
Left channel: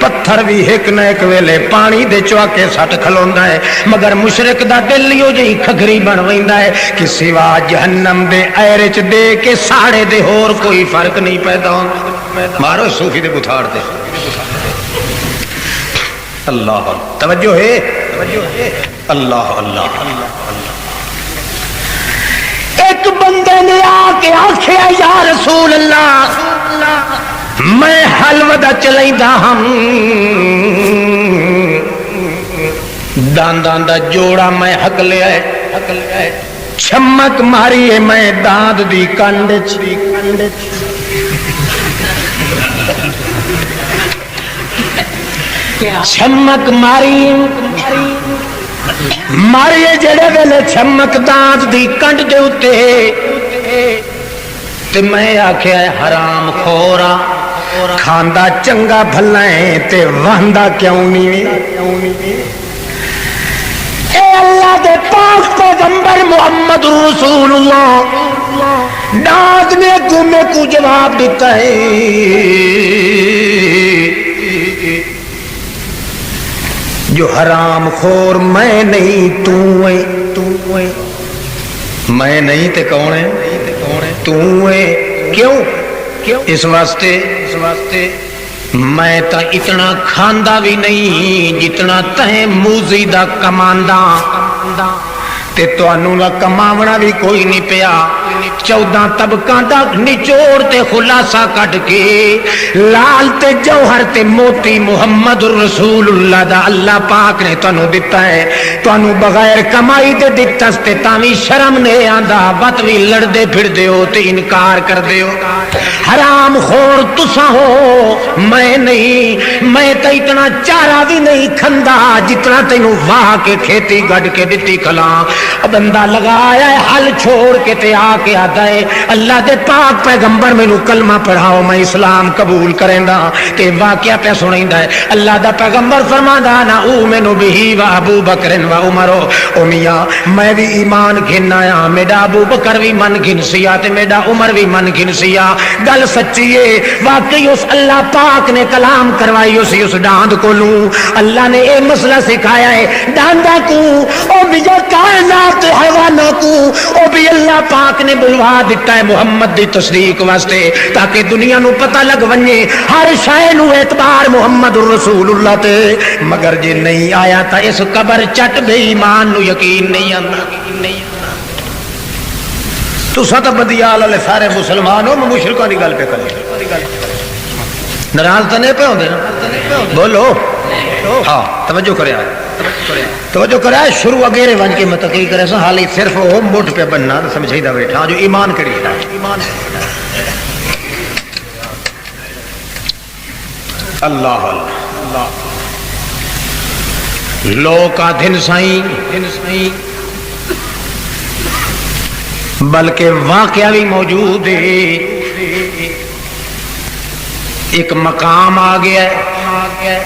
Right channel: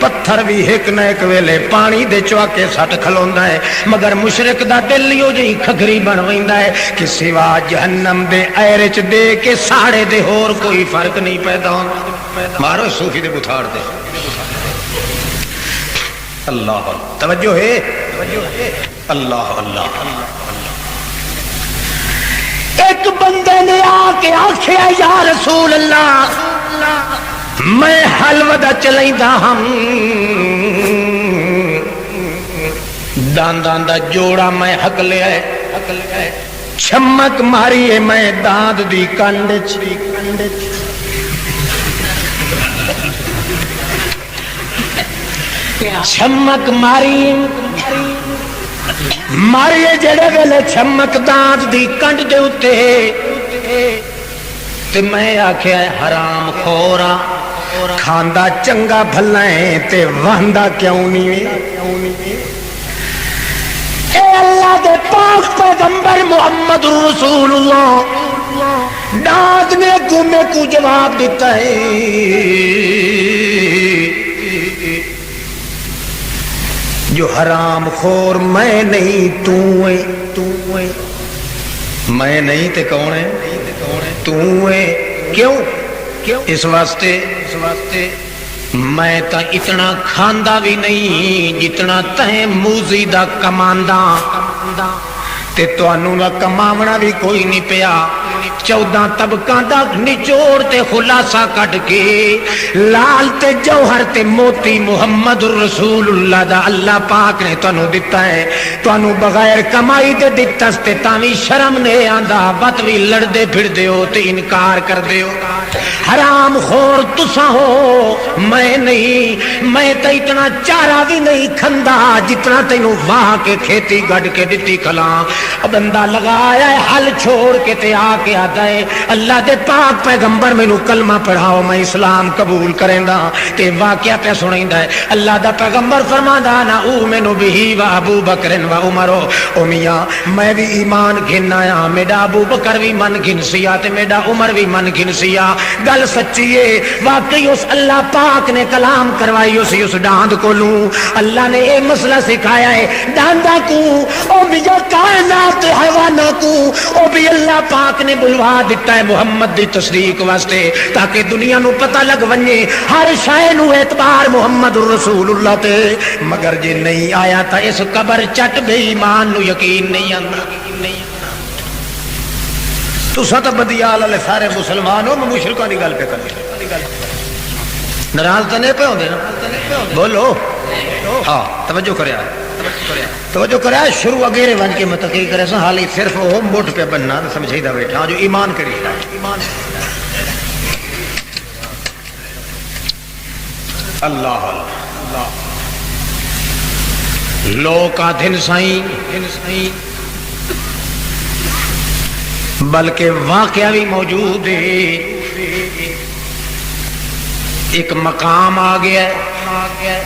پتھر بھی ایک نہ ایک ویلے پانی دے چواکے سٹ کھلوندا ہے مگر مشرک دا دل یو جی کھگری بن ویندا ہے کہ سوا جہنم دے ایرے چ دے کے ساڑے دے ہور کوئی فرق نہیں پیدا ہوندا مارو صوفی دے بتھاڑ دے اللہ توجہ ہے اللہ اللہ ایک بندے نے آ کے آکھیا یا رسول اللہ میں حلوہ دا چلائیدا ہم داندان دا جوڑا میں حق لیا ہے چھمک ماری ہے میں داند دی کنڈ چھمک ماری جڑے ویلے چھمک داند دی کنڈ دے اتے تے میں آکھیا ہے حرام خورا کھاندا چنگا بھلا ہے تے وہندا کیوں نہیں اے اللہ دے پاک پیغمبر محمد رسول اللہ ڈانٹ نے تمہیں کو جواب دیتا ہے جو حرام خور میں نہیں تو ہے میں نہیں تے کون ہے تو ہے کیوں اس واسطے میں تا اتنا کھاندا بھی نہیں جتنا تہیں موزی دا کماندا تے توانوں دا کماونا بھی کوئی نہیں پیا 14 طبقاں دا نچوڑ تے خلاصہ کٹ کے لال تے جوہر تے موتی محمد رسول اللہ دا اللہ پاک نے تانوں دتا ہے تانوں بغیر کمائی دے دتس تے تاوی شرم نہیں آندا بت وی لڑدے پھردے ہو تے انکار کردے ہو حرام خور تساں ہو میں نہیں میں تے اتنا چارہ بھی نہیں کھندا جتنا تینوں واہ کے کھیتی گڈ کے دتی کھلاں بندہ لگایا ہے حل چھوڑ کے تے آ کے آتا ہے اللہ دے پاک پیغمبر مینوں کلمہ پڑھاؤ میں اسلام قبول کریندا تے واقعہ پہ سنیندا ہے اللہ دا پیغمبر فرماندا نا اومن بہ و ابو بکر و عمر او میاں میں بھی ایمان گھن آیا میرا ابو بکر بھی من گھن سیا تے میرا عمر بھی من گھن سیا گل سچی ہے واقعی اس اللہ پاک نے کلام کروائی اس ڈاند کولوں اللہ نے اے مسئلہ سکھایا ہے ڈاندا کو او بھی کائنات حیوانات کو او بھی اللہ پاک نے بلوا دیتا ہے محمد دی تصدیق واسطے تاکہ دنیا نو پتہ لگ ونجے ہر شے نو اعتبار محمد رسول اللہ تے مگر جے نہیں آیا تا اس قبر چٹ بے ایمان نو یقین نہیں آنا تو سات بدیال والے سارے مسلمان ہو مشرکاں دی گل پہ کرے ناراض تے نہیں پے ہوندے نا بولو ہاں توجہ کرے شروع اگیرے ون کے میں تقریر کرے سا حالی صرف وہ موٹ پہ بننا سمجھائی دا بیٹھا جو ایمان کڑی ہے اللہ اللہ لوکا دھن سائیں بلکہ واقعہ بھی موجود ہے ایک مقام آ گیا ہے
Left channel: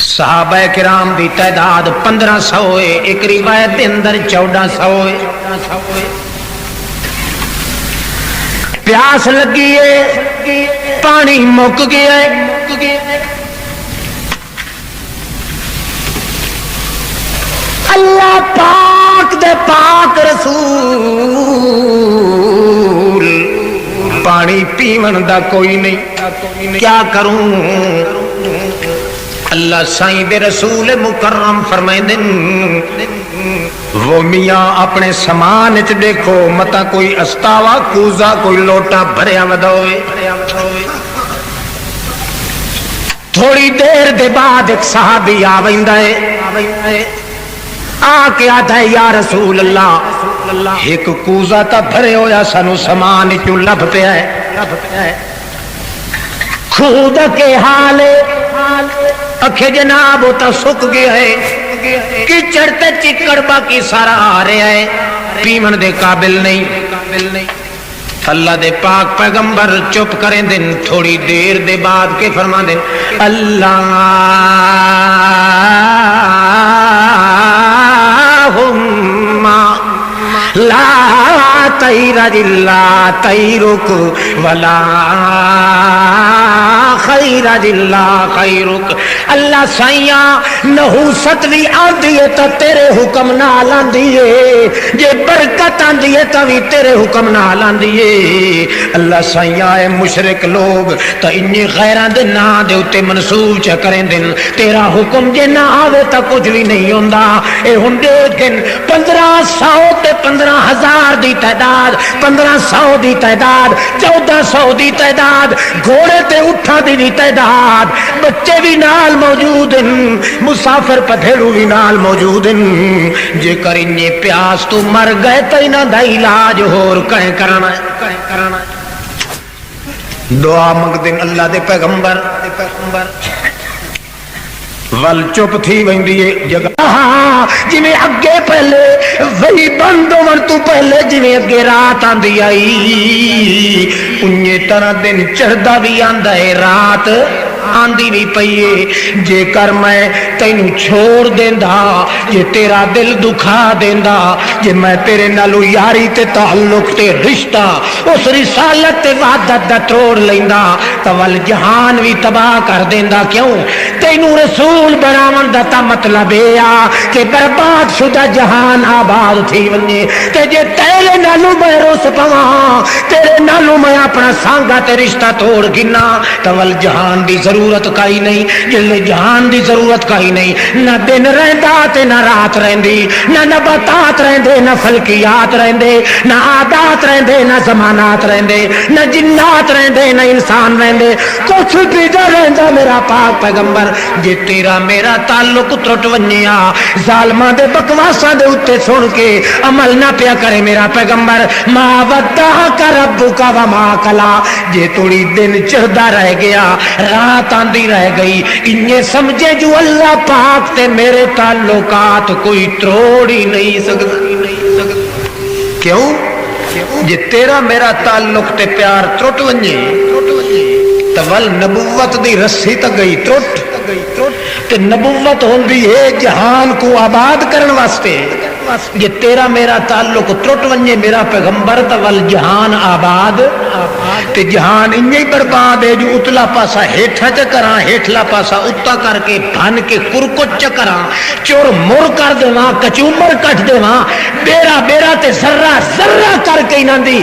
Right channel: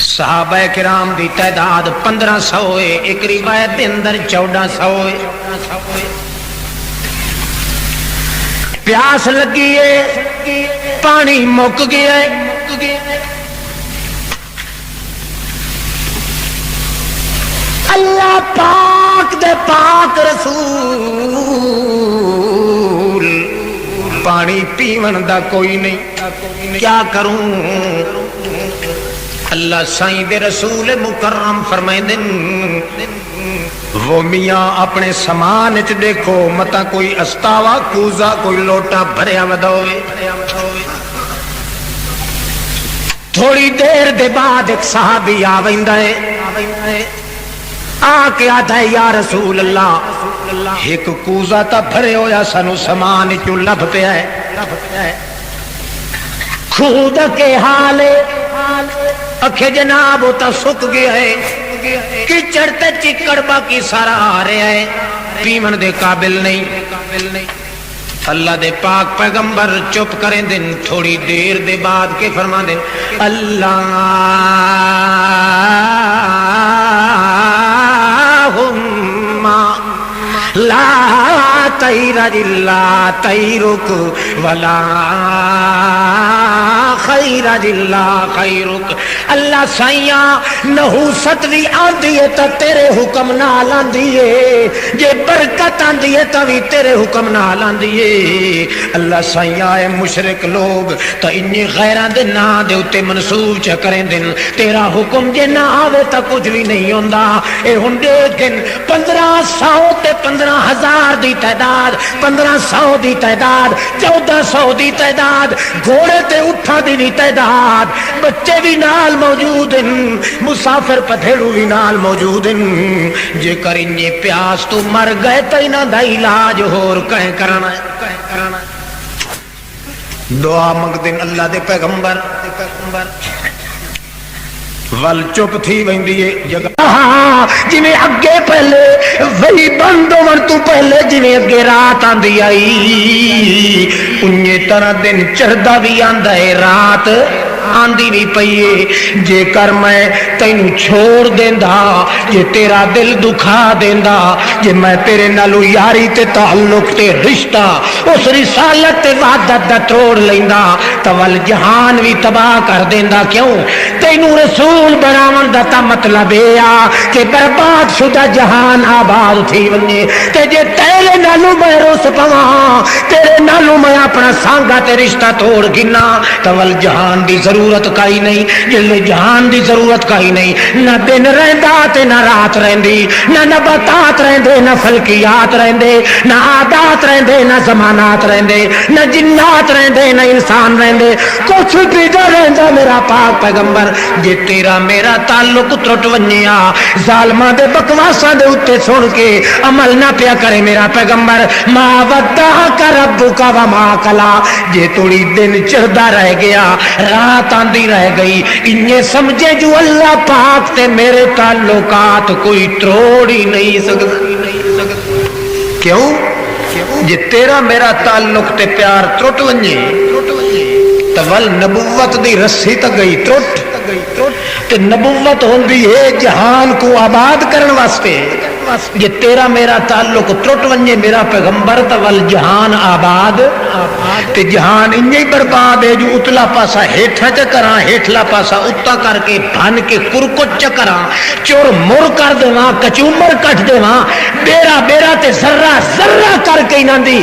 صحابہ کرام دی تعداد 1500 ہے ایک روایت دے اندر 1400 ہے پیاس لگی ہے پانی مک گیا ہے اللہ پاک دے پاک رسول پانی پیون دا کوئی نہیں کیا کروں اللہ سائیں دے رسول مکرم فرمائیں وہ میاں اپنے سامان چ دیکھو متا کوئی استاوا کوزا کوئی لوٹا بھریا ودوے تھوڑی دیر دے بعد ایک صحابی آ ویندا ہے آ کے آتا ہے یا رسول اللہ ایک کوزا تا بھرے ہویا سانو سامان چوں لب پیا ہے خود کے حال اکھے جناب وہ تو سک گیا ہے کچڑ تے چکڑ باقی سارا آ رہا ہے پیمن دے قابل نہیں اللہ دے پاک پیغمبر چپ کریں دن تھوڑی دیر دے بعد کے فرما دیں اللہم لا طیر الا طیرک ولا خیر الا خیرک اللہ سائیاں نحوست بھی آندی ہے تا تیرے حکم نال آندی ہے جے برکت آندی ہے تا بھی تیرے حکم نال آندی ہے اللہ سائیاں اے مشرک لوگ تا انی غیران دے نا دے اتے منصوب چا کریں دن تیرا حکم جے نہ آوے تا کچھ بھی نہیں ہوندا اے ہندے گن 1500 تے 15,000 دی تعداد 1500 دی تعداد 1400 دی تعداد گھوڑے تے اٹھا دی تعداد بچے بھی نال موجود ہیں مسافر پٹھیڑو بھی نال موجود ہیں جے کر انہیں پیاس تو مر گئے تو انہاں دا علاج ہور کہیں کرنا ہے دعا منگ دن اللہ دے پیغمبر ول چپ تھی ویندی ہے جگہ جنہیں اگے پہلے وہی بند ہون تو پہلے جنہیں اگے رات آندی آئی انہیں طرح دن چڑھدا بھی آندا ہے رات آندی بھی پئیے جے کر میں تینوں چھوڑ دیندا جے تیرا دل دکھا دیندا جے میں تیرے نالو یاری تے تعلق تے رشتہ اس رسالت تے وحدت دا توڑ لیندا تول جہان بھی تباہ کر دیندا کیوں تینوں رسول بناون دا تا مطلب اے آ کہ برباد شدہ جہان آباد تھی ونجے تے جے تیرے نالو میں روس پواں تیرے نالو میں اپنا سانگا تے رشتہ توڑ گنا تول جہان دی ضرورت کائی نہیں جس میں جہان دی ضرورت کائی نہیں نہ دن رہندا تے نہ رات رہندی نہ نباتات رہندے نہ فلکیات رہندے نہ عادات رہندے نہ زمانات رہندے نہ جنات رہندے نہ انسان رہندے کچھ بھی نہ رہندا میرا پاک پیغمبر جے تیرا میرا تعلق ٹوٹ ونجیا ظالماں دے بکواساں دے اوتے سن کے عمل نہ پیا کرے میرا پیغمبر ما ودعک ربک وما قلا جے تھوڑی دن چڑھدا رہ گیا رات آندی رہ گئی انہیں سمجھے جو اللہ پاک تے میرے تعلقات کوئی توڑ ہی نہیں سکتا کیوں جے تیرا میرا تعلق تے پیار ٹوٹ ونجے تو ول نبوت دی رسی تک گئی ٹوٹ تے نبوت ہوندی ہے جہان کو آباد کرن واسطے جے تیرا میرا تعلق ٹوٹ ونجے میرا پیغمبر تو ول جہان آباد تے جہان انہیں برباد ہے جو اتلا پاسا ہیٹھا چکراں ہیٹھلا پاسا اتا کر کے بھن کے کرکٹ چکراں چور مر کر دیواں کچومر کٹ دیواں بیرا بیرا تے ذرہ ذرہ کر کے انہاں دی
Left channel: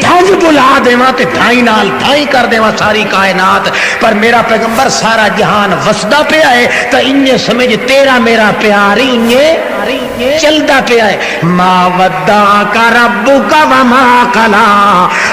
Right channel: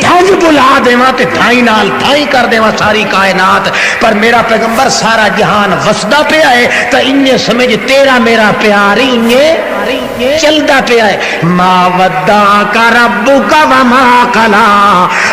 دھنج بلا دیواں تے دھائی نال دھائی کر دیواں ساری کائنات پر میرا پیغمبر سارا جہان وسدا پیا ہے تو انہیں سمجھ تیرا میرا پیار ہی انہیں چلتا پیا ہے ما ودعک ربک وما قلا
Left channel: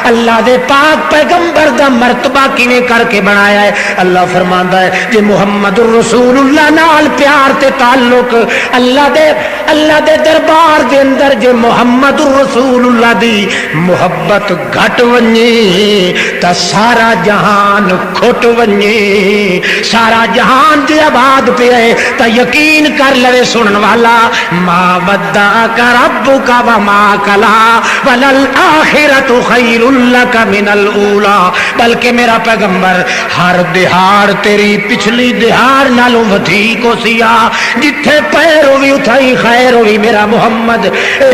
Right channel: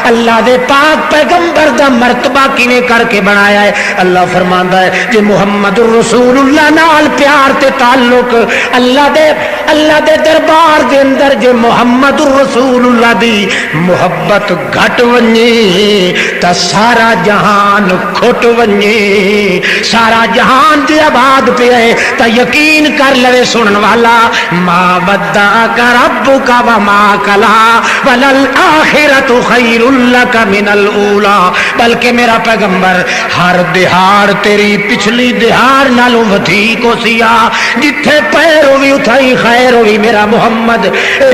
اللہ دے پاک پیغمبر دا مرتبہ کیویں کر کے بنایا ہے اللہ فرماندا ہے کہ محمد رسول اللہ نال پیار تے تعلق اللہ دے دربار دے اندر جے محمد رسول اللہ دی محبت گھٹ ونجے تا سارا جہان کھٹ ونجے سارا جہان جے آباد پیا ہے تا یقین کر لے سنن والا ما ودعک ربک وما قلا وللآخرۃ خیر لک من الاولی بلکہ میرا پیغمبر ہر دہاڑ تیری پچھلی دہاڑ نالوں ودھیک ہوسیا جتھے پیر ہوئی اتھائی خیر ہوئی میرا محمد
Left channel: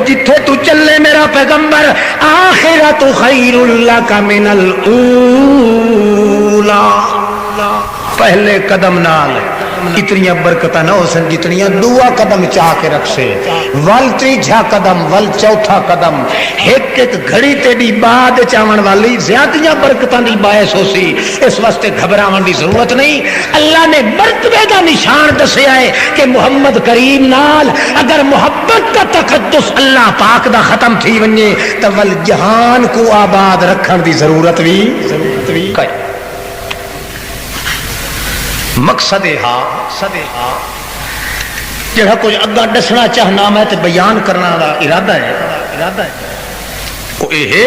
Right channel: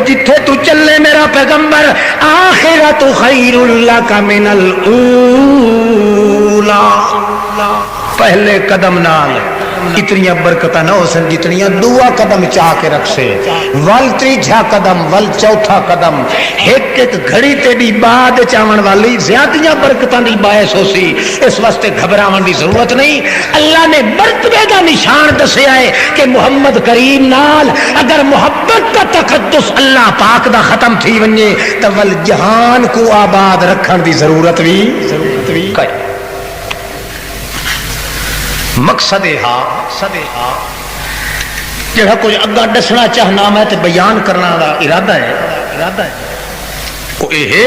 جتھے تو چلے میرا پیغمبر آخرۃ خیر لک من الاولی پہلے قدم نال اتنی برکتاں نہ ہو سن جتنی دعا قدم چاہ کے رکھ سے ول تیجا قدم ول چوتھا قدم ایک ایک گھڑی تے دی بعد چاون والی زیادتیاں برکتاں دی باعث ہو سی اس واسطے گھبراون دی ضرورت نہیں اللہ نے مرتبے دا نشان دسیا ہے کہ محمد کریم نال اگر محبت کا تقدس اللہ پاک دا ختم تھی ونجے تو ول جہان کو آباد رکھن دی ضرورت بھی مقصد جہاں کچھ اگا دسنا چاہنا میں تے بیان کرنا دا ارادہ ہے وہ یہ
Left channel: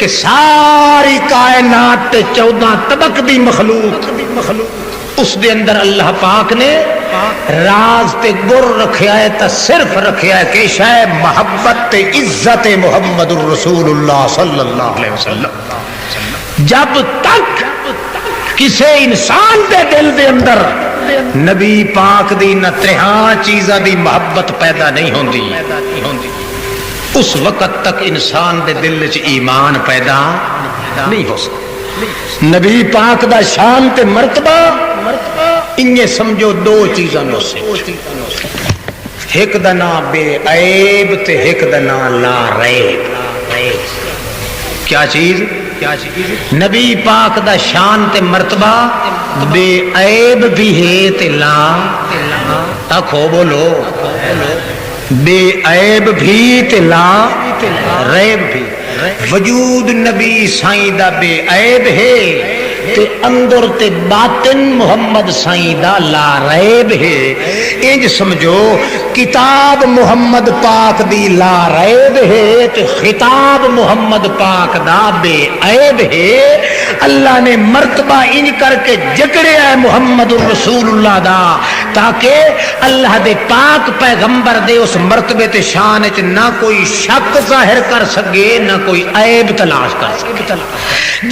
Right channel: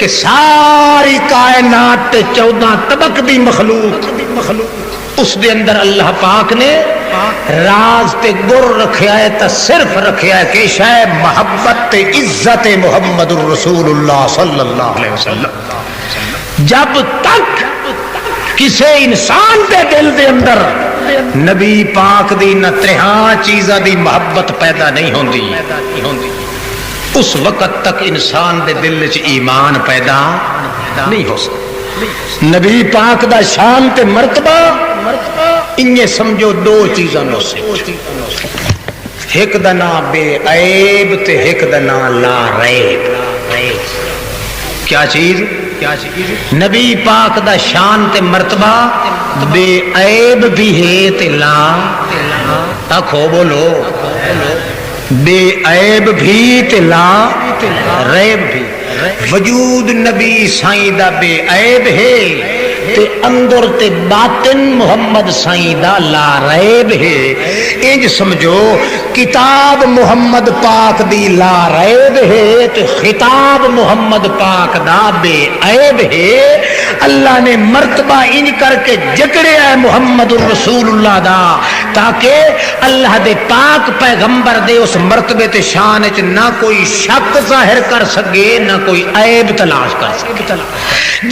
کہ ساری کائنات تے 14 طبق دی مخلوق اس دے اندر اللہ پاک نے راز تے گر رکھیا ہے تا صرف رکھیا ہے کہ شاید محبت تے عزت محمد الرسول اللہ صلی اللہ علیہ وسلم جب تک کسی انسان دے دل دے اندر نبی پاک دی نہ تریہاں چیزاں دی محبت پیدا نہیں ہوندی اس وقت تک انسان دے دل وچ ایمان پیدا نہیں ہو سکتا نبی پاک دا شان تے مرتبہ انہیں سمجھو 2 چیزاں نو سے ایک دا نام بے عیب تے ایک دا نام لا ریب کیا چیز نبی پاک دا شان تے مرتبہ بے عیب بھی ہے تے لا آکھو بولو بے عیب بھی تے لا ریب بھی وجود نبی سائیں دا بے عیب ہے تے اندر تے باطن محمد سائیں دا لا ریب ہے انج سمجھو کتاب محمد پاک دی لا ریب ہے تے خطاب محمد پاک دا بے عیب ہے اللہ نے مرتبہ ان کر کے جکڑیا ہے محمد الرسول اللہ دا تاکہ اللہ دے پاک پیغمبر دے اس مرتبے تے شان وچ نہ کوئی شک ظاہر کر سکے نہ کوئی عیب تلاش کر سکے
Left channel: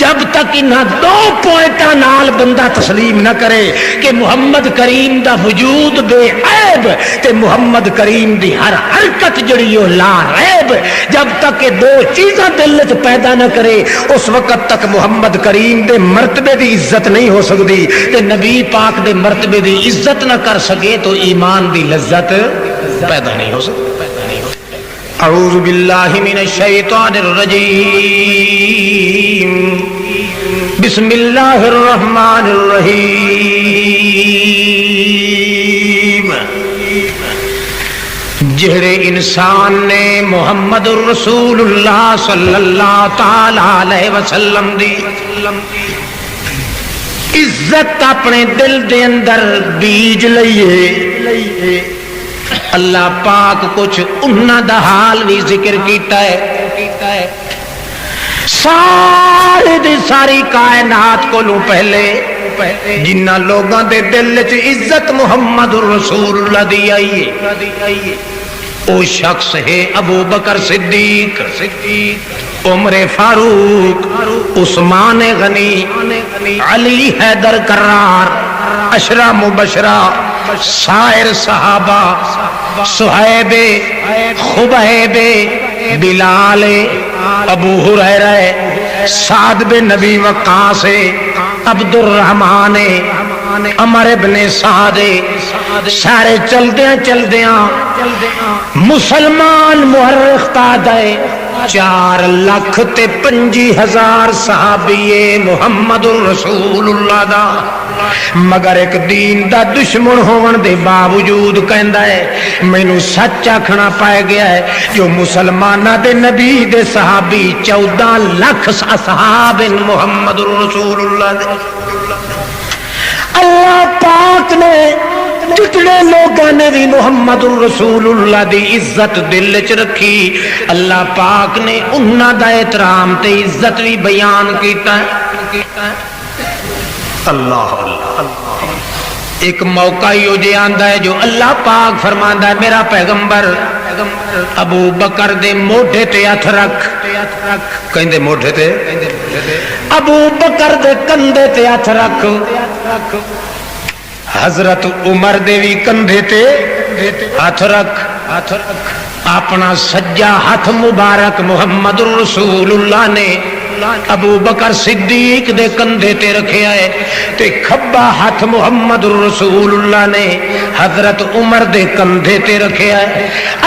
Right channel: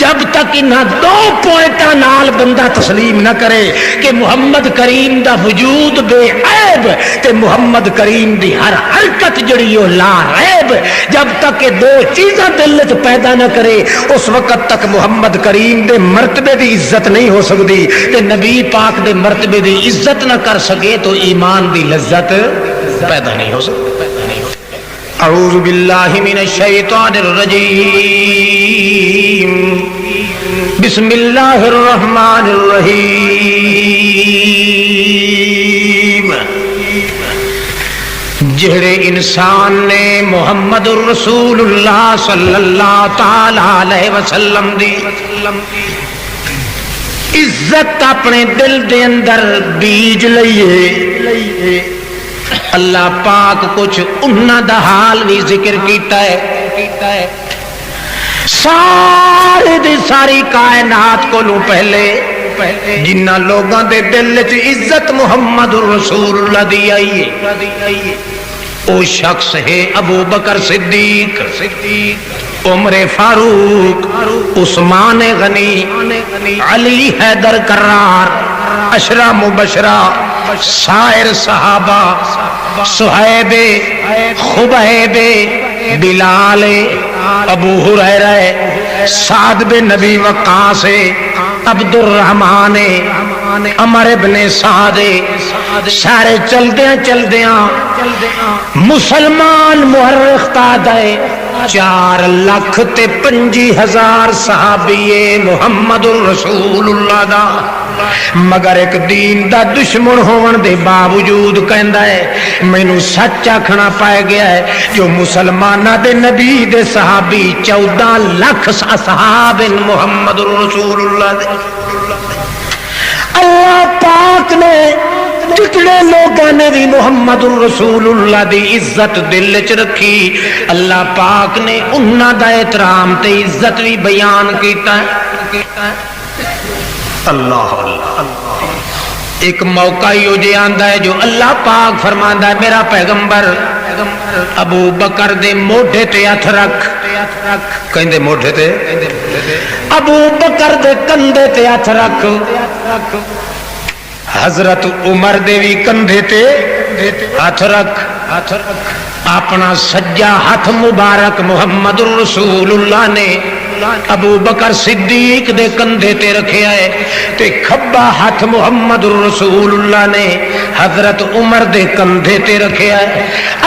جب تک انہاں 2 پوائنٹاں نال بندہ تسلیم نہ کرے کہ محمد کریم دا وجود بے عیب تے محمد کریم دی ہر حرکت جڑی او لا عیب جب تک یہ 2 چیزاں دل وچ پیدا نہ کرے اس وقت تک محمد کریم دے مرتبے دی عزت نہیں ہو سکتی تے نبی پاک دے مرتبے دی عزت نہ کر سکے تو ایمان دی لذت پیدا نہیں ہو سکتی اعوذ باللہ من الشیطان الرجیم بسم اللہ الرحمن الرحیم جہرے انسان نے محمد الرسول اللہ صلی اللہ تعالی علیہ وسلم دی عزت اپنے دل دے اندر بیج لئیے اللہ پاک کچھ انہاں دا حال بھی ذکر کیتا ہے ساری دی ساری کائنات کو لوں پہلے جنہ لوگاں دے دل وچ عزت محمد الرسول اللہ دی آئی او شخص ہے ابو بکر صدیق عمر فاروق عثمان غنی علی حیدر کرار اشرا مبشرہ سائر صحابہ صہیب خبیب بلال ابو ہریرہ سعد بن نبی وقاص عبد الرحمن عمر ابن سعد سارے چلدیاں مسلمان محرخ تاجائے 4,25,000 صحابی محمد الرسول اللہ دا مگر ایک دین دا دشمن ہون دے باوجود کہندا ہے مینوں سچ آکھنا پائے گیا ہے جو مسلماناں دے نبی دے صحابی 14 لاکھ اصحاب محمد الرسول اللہ دے اللہ پاک نے جتنے لوگوں نے بھی محمد الرسول اللہ دی عزت دل وچ رکھی اللہ پاک نے انہاں دا احترام تے عزت بھی بیان کیتا ہے اللہ ایک موقع ہی جے آندا ہے جو اللہ پاک فرماندا ہے میرا پیغمبر ابو بکر دے موڈھے تے ہاتھ رکھ کہندے موڈھے تے ابو بکر دے کندھے تے ہاتھ رکھ حضرت عمر دے بھی کندھے تے ہاتھ رکھ اپنا سجا ہاتھ مبارک محمد رسول اللہ نے ابو بکر صدیق دے کندھے تے رکھیا ہے تے کھبا ہاتھ محمد رسول اللہ نے حضرت عمر دے کندھے تے رکھیا ہے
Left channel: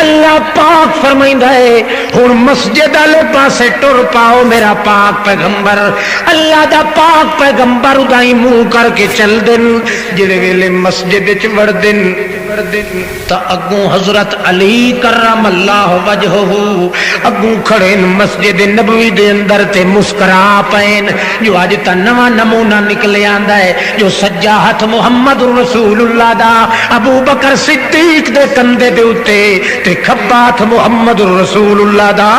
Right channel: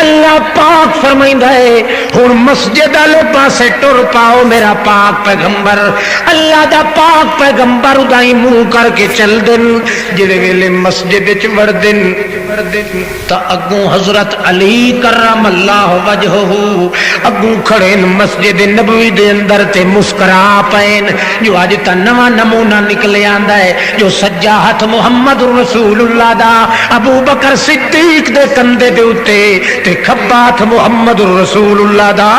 اللہ پاک فرمائندا ہے ہن مسجد والے پاسے ٹر پاؤ میرا پاک پیغمبر اللہ دا پاک پیغمبر اودائی منہ کر کے چل دن جڑے ویلے مسجد وچ وڑ دن تا اگوں حضرت علی کرم اللہ وجہہ اگوں کھڑے مسجد نبوی دے اندر تے مسکرا پین جو اج تا نواں نمونہ نکل آندا ہے جو سجا ہاتھ محمد رسول اللہ دا ابو بکر صدیق دے کندھے دے اوتے تے کھبا ہاتھ محمد رسول اللہ دا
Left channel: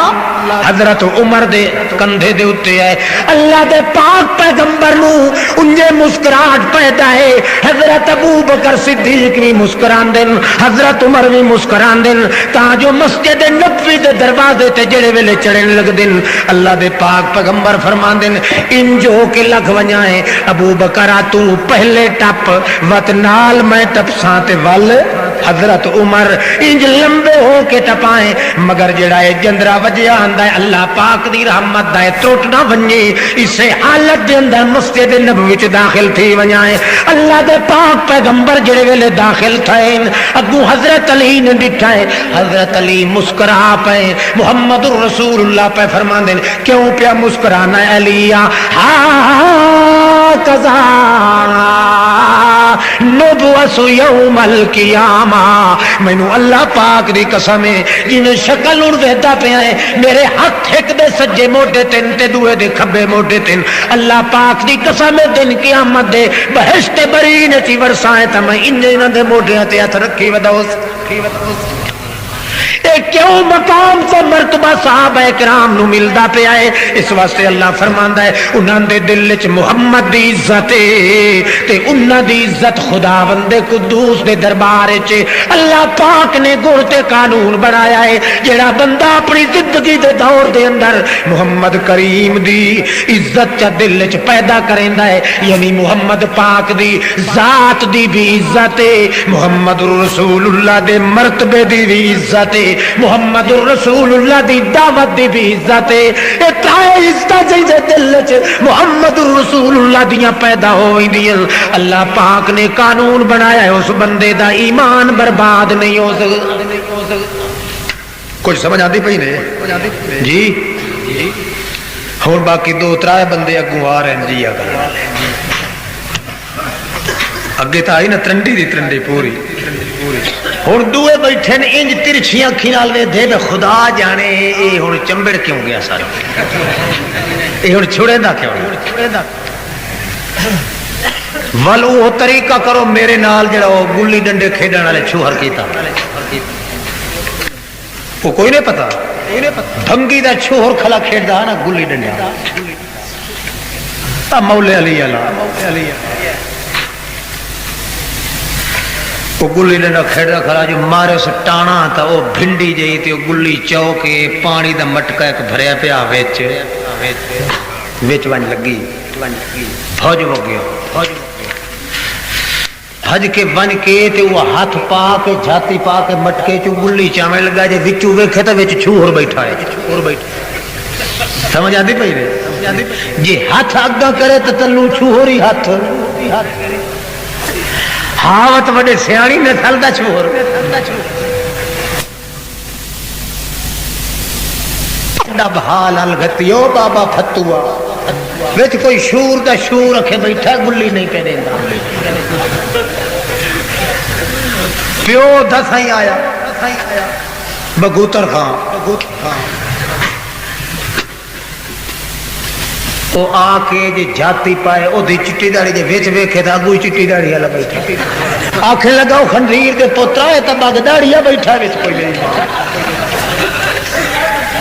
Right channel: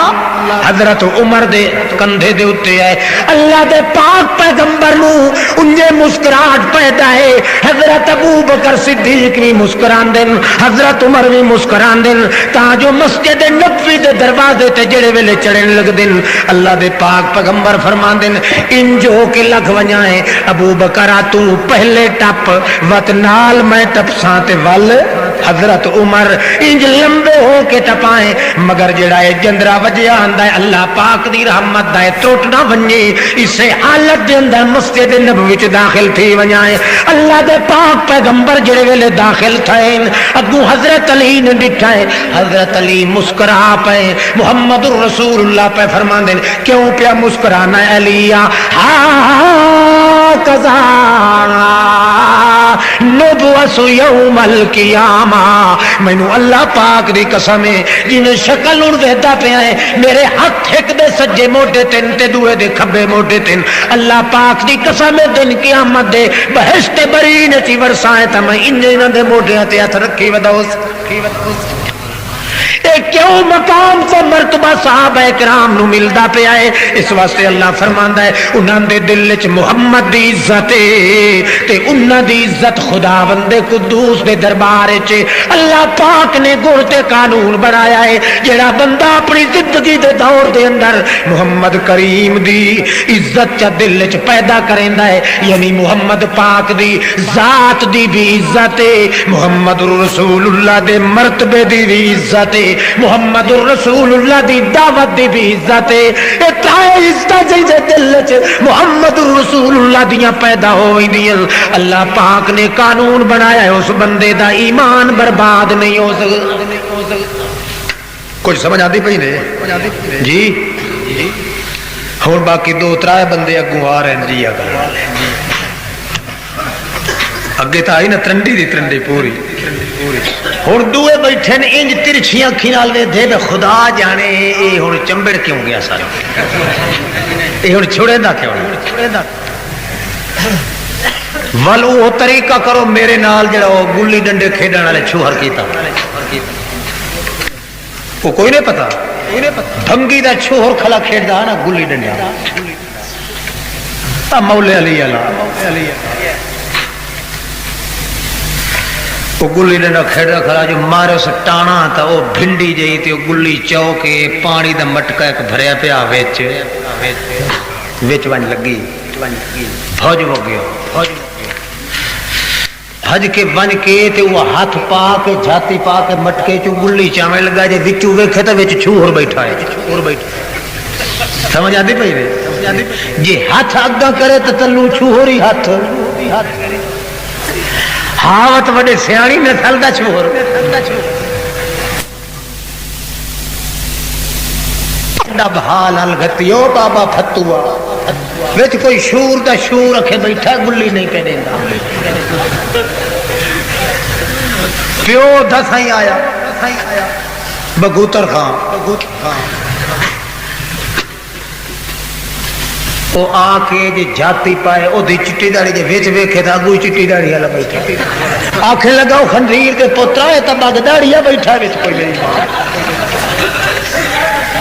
حضرت عمر دے کندھے دے اوتے ہے اللہ دے پاک پیغمبر نو انجے مسکراہٹ پیدا ہے حضرت ابو بکر صدیق بھی مسکراندے حضرت عمر بھی مسکراندے تا جو مسجد نبوی دے دروازے تے جڑے ویلے چڑھن لگ دن اللہ دے پاک پیغمبر فرماندے ان جو کے لگ ونجا ہے ابو بکر تو پہلے ٹپ وت نال میں ٹپساں تے ول حضرت عمر انج لمبے ہو کے ٹپائیں مگر جڑا ہے جندرا وجیا آندا ہے اللہ پاک دی رحمت دا ٹوٹ نہ ونجے اسے حالت دے اندر مسجد نبوی تے داخل تھی ونجائے اللہ دے پاک پیغمبر جڑے ویلے داخل تھے اگوں حضرت علی نے دکھا ہے حضرت علی مسکرا پے محمد رسول اللہ پہ فرماندے کیوں پیا مسکرانا ہے علی کذا نبوس یوم القیامہ مینوں اللہ پاک دی قسم ہے جویں شکل ہن ویکھدا پیا ہے میرے ہاتھ ایک دے سجے موڈے تن تے دوے دے کھبے موڈے تن اللہ پاک دی قسم ہے دن قیامت دے بہشت بری نے تی ورساں تے میں انہاں دے موڈیاں تے ہاتھ رکھی ودوس کیوں مقام سے مرتبہ صحابہ کرام نو ملدا پیا ہے اس واسطے اللہ فرماندا ہے انہاں دے دل وچ محمد دی عزت ہے تے انہاں دی عزت خداوند قدوس دے دربار وچ اللہ پاک نے گڑ تے قانون بنایا ہے جڑا بندہ اپنی زندگی دے دور دے اندر محمد کریم دی عزت چا دل وچ پیدا کریندا ہے یعنی محمد پاک دی ذات دی بھی عزت ہے محمد رسول اللہ دے مرتبے دی بھی عزت ہے محمد رسول اللہ دی دعوت دی بھی عزت ہے اے تائے عزت جے دل وچ محمد رسول اللہ دیاں پیدا ہوئیاں اللہ پاک نے قانون بنایا ہے اس بندے دا ایمان برباد نہیں ہو سکتا کچھ سمجھ آتی پئی نے جی ہن باقی دو ترائے بندے اگوں آ رہے ہیں اگے تو آئی نا ترنڈی دی ترنڈی پوری ہوں دوے بیٹھے نے انج ترچھی اکھی نال ویکھدے تے خدا جانے یہ ہوں چمبڑ کیوں گیا سارا یہ ہوں چھڑے دا کیوں ول وہ طریقہ کرو میرے نال جڑا وہ گلی ڈنڈے کھیڈن والے چھوہر کیتا وہ کوئی نہیں پتا بھنگی دا چھوہر کھلا کھیڈدا نا گلی ڈنڈا مولا علی اللہ وہ گلی ڈنڈا کھیڈا کھڑا جو مارے سٹانا تا وہ بھنڈی جئی تے گلی چوکے پانی دا مٹکا ایک بھریا پیا وچ ون لگی فوج ہو گیا حج کے ون کے تے وہ ہاتھ پا کے جھاتی پا کے مٹکے چ گلی چاویں لگا جے وچوں ویکھے تے وچ چھوہر بیٹھا ہے سمجھ آندی پئی جی ہاتھ اگا کرے تے تنوں چھوہر ہی ہاتھ ہاوت وڈے سیاڑی میں تھلدا چھوہر ڈب حال الگتیو بابا فتوا وچ کوئی شور دا شور رکھے بیٹھا گلی نہیں پہ دیندا پیو دسائی آیا بگوتر خان وہ آ کے جی جاتی پائے وہ چٹی داڑی کے ویچ ویکھے تھا اگو چٹی داڑی والا بیٹھا آخر لگا وہ خنزیر کے پوترا ہے تو بگ داڑیا بیٹھا ویچ کوئی نہیں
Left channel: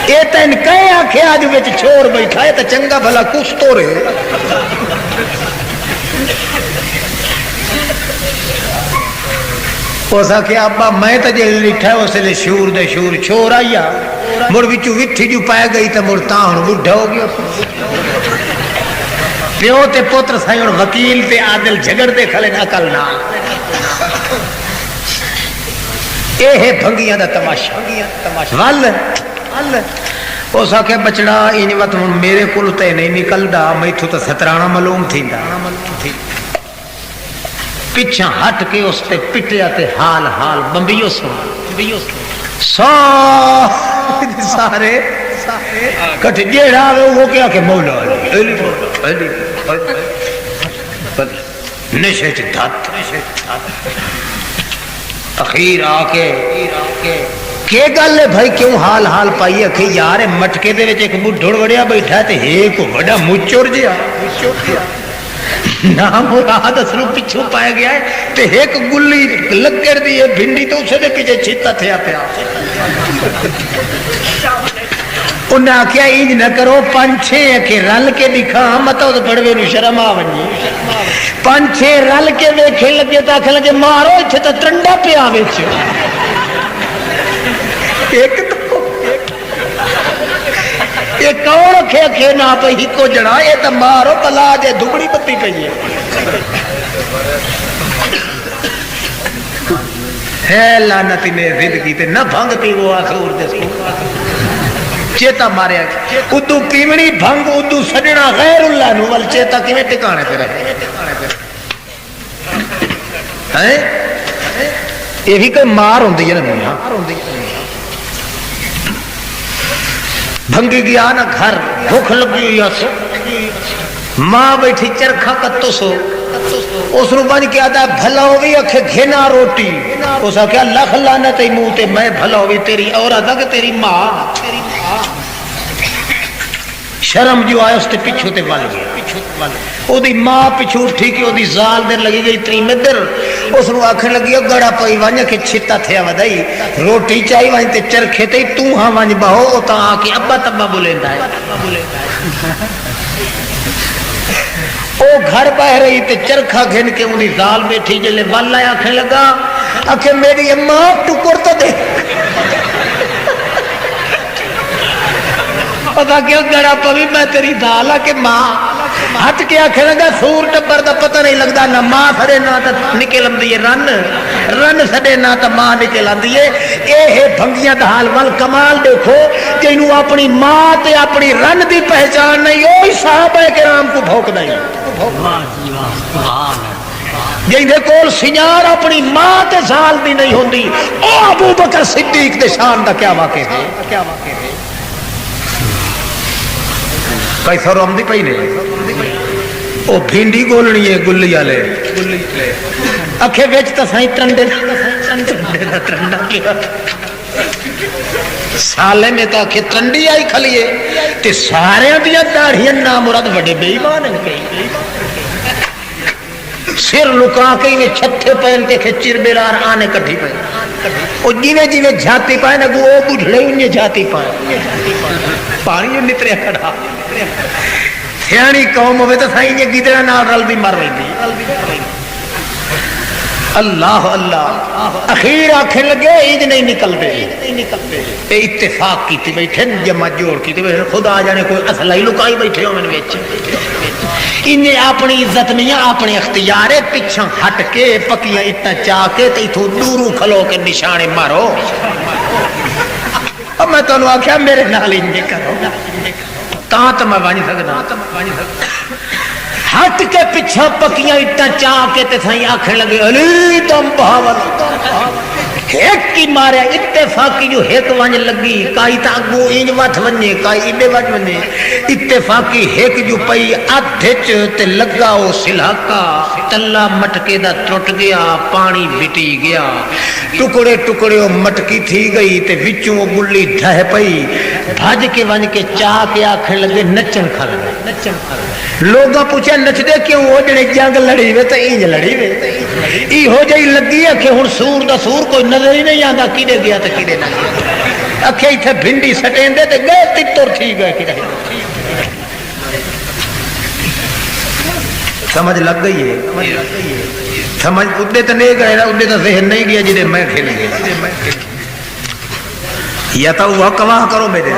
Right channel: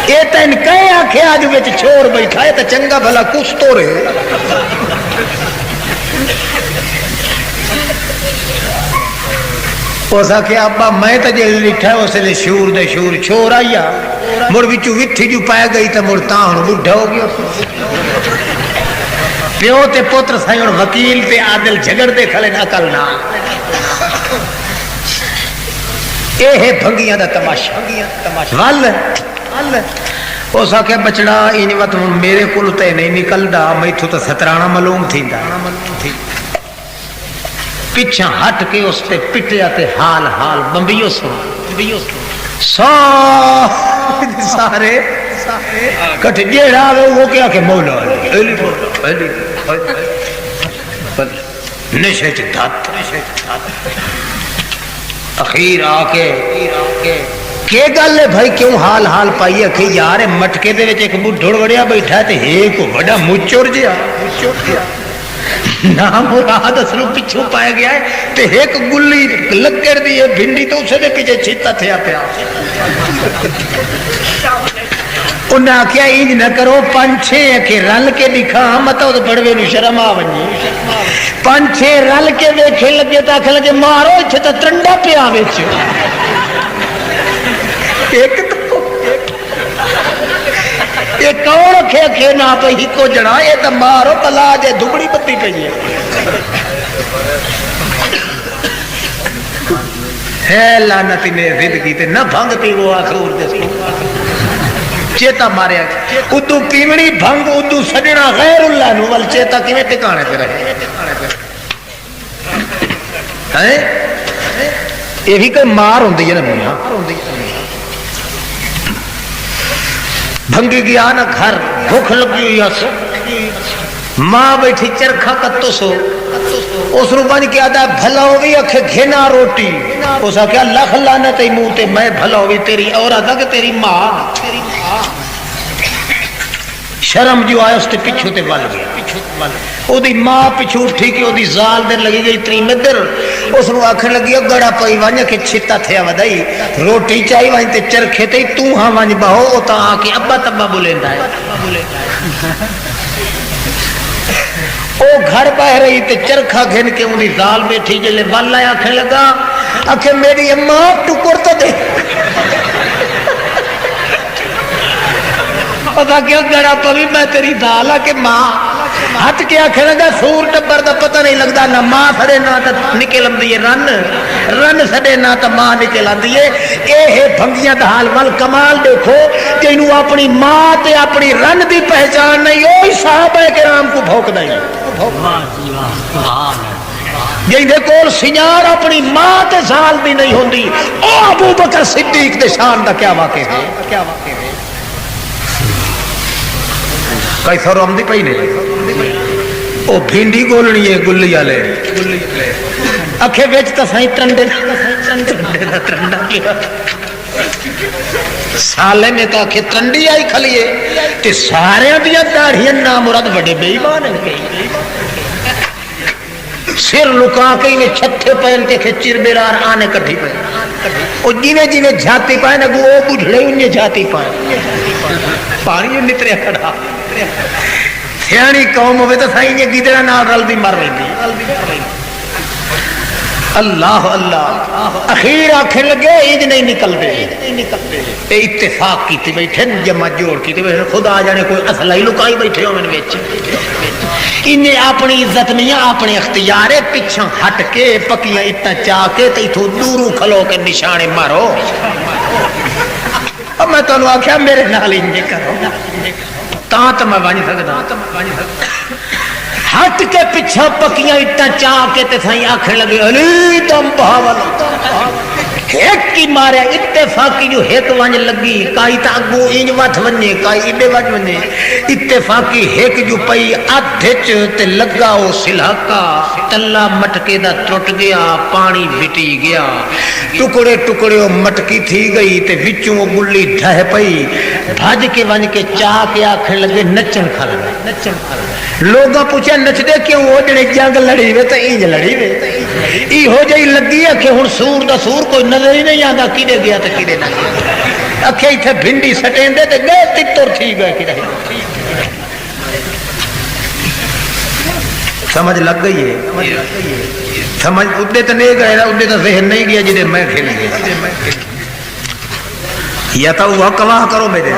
یہ تین کہے آخے اج وچ چھوڑ بیٹھا ہے تو چنگا بھلا کچھ تو رہے اس آخیا ابا میں تو جی لکھا اس لیے شور دے شور چھوڑ آئی مڑ بچوں وتھی جو پی گئی تو مڑ تا ہوں بڈھا ہو گیا پیو تے پوتر سائیں ہوں وکیل تے عادل جھگڑ دے کھڑے نہ کل نہ یہ بھنگیاں دا تماشا ول اس آخیا بچڑا ان وقت میرے کول تے نہیں نکلدا میتھوں تو سترانا معلوم تھیندا پیچھا ہٹ کے اس تے پٹیا تے حال حال بمبیو سو سارے کٹ جیڑا وہ کیا کہ مولا نشے چت اخیر آ کے گل ہے بھائی کیوں حال حال پائی کہ یار مٹکے دے ایک بڈھڑ وڑیا بیٹھا تے ایک بڑا مچور جیا نام مراد اسنو پچھو پایا گیا ہے تے ایک گلی لکڑ دی ہے بھنڈی تو اسے دے پیچھے چھتا تھیا پیا انہیں آخیا انج نہ کرو پنچھے کے رل کے دکھا مت بڑوے نو شرم آ ونجے پنچھے رل کے دیکھے لگے تو آخر لگے مارو اتنے تو ٹنڈا پیا ایک کون رکھے نہ پی کو جنا یہ تو مارو پلا جے دبڑی پتی پی ہے لعنت نے زندگی تے نہ بھنگ پی وہ آخر جس کو چیتا ماریا ادو پیمنی بھنگ ادو سجنا غیر اللہ نو ول چیتا کیویں ٹکانے پہ رہے ہیں یہی کوئی مار ہوندی ہے نا میاں بھنگی گیا نا گھر بھوک لگی ہوئی ماں بیٹھی چرخا کتو سو اس نو بن کے آدھا بھلا ہوئی اکھے گھنا روٹی اس آخیا لکھ لعنت منہ تے میں بھلا ہوئی تیری اور آدھا کہ تیری ماں شرم جو آیا اس کے پیچھو تے ول گیا او دی ماں پیچھو اٹھی کہ او دی زال دے لگی گئی تری مدر اس نو آکھن لگی گڑا پئی ونج کے چھتا تھیا ودائی روٹی چاہی ون تے چرخے تے تو ہاں ونج بہو او تا آ کے ابا تبا بولیندا ہے او گھر بہ رہی تے چرخا گھن کے اون دی زال بیٹھی جلے ول آیا آکھن لگا آکھے میری اماں ٹکر تو دے پتا کیا گڑا پوی میں تیری دال آ کہ ماں ہاتھ کے آخر لگا سور ٹبر کا پتہ نہیں لگتا نہ ماں سڑے نہ نکل آتی ہے رن سڑے نہ تو ماں نکل آتی ہے یہ بھنگیاں دا حال ول کمال دیکھو کہ انہوں اپنی ماں تے اپنی رن دی پہچان نہیں وہ صحابہ کرام کو بھوک دیں جن دے کول سنار اپنی ماں تے سال بھی نہیں ہوندی او ابو بکر صدیق دے شان دا کیا واقعہ ہے کئی سر آمدی پی نہیں وہ بھنڈی گولنی ہے گلی والے اکھے بچ تو سائی ٹنڈے ٹنڈا کیا سالے نے تو آخے ٹنڈی آئی کھلیے کہ سارے دیا داڑیاں نام مراد بڑے بے ایمان ہیں سر لکا کے یہ چھٹے پہن کے چر بیرار آنے کٹھی پہ اور جیویں جیویں جھاتی پائے نا وہ بجھڑے انہیں جھاتی پائے پانی نکلے کھڑا سیانی قوم ہوئے تو سائیں یہ گیدڑا نال رل دی مر رہی اللہ اللہ اخیر آنکھیں لگے عید نہیں نکل دے اتفاق کی تھی بیٹھے جمع جوڑ کی تھی خدا جانے کوئی اصلہ ہی لکائی بیٹھے ہو میں نے انہیں اپنی عزت نہیں اپنے اختیار پچھا ہٹ کے پکیاں اتنا چاہ کے تو دوروں کھلو کے نشانے مارو اب میں تو آخیا میرے نال ہی نہیں کرو تو میں بن سکتا ہٹ کے پیچھا پکیاں اٹا چاہ کے تے سائیں آکھنے لگے علی دم بہاول ایک کی مارے اتفاقی جو ایک ونج لگی کائی تا اگو انج وٹ ونجے کائی اڈے وٹ ونجے اتفاقی ایک جو پئی ادھچ تے لگا او سلہکا تلا مٹکے دا ٹوٹ گیا پانی وٹی گیا ٹکڑے ٹکڑے او مٹکی تھی گئی تے وچوں گلی ڈھہ پئی بھج کے ونج کے چاہ کے آکھنے لگے نچن کھڑ لوگاں پوچھا نچدے کیوں ہو جنے جنگ لڑی وے تے انج لڑی وے ای ہو جئی لگی ہے کہ ہن سور دا سور کوئی نظر ہی نہیں آندا کیڑے گیا تے کیڑے نہ اکھے ایتھے بھنڈی سٹیندے تے گئے تتر تھی گئے کیڑے سمجھ لگ گئی ہے سمجھ اڈے تے نہیں گئے اڈے تے ذہن نہیں گیا جڑے میں کھل گیا یا تو وہ کما کرو میرے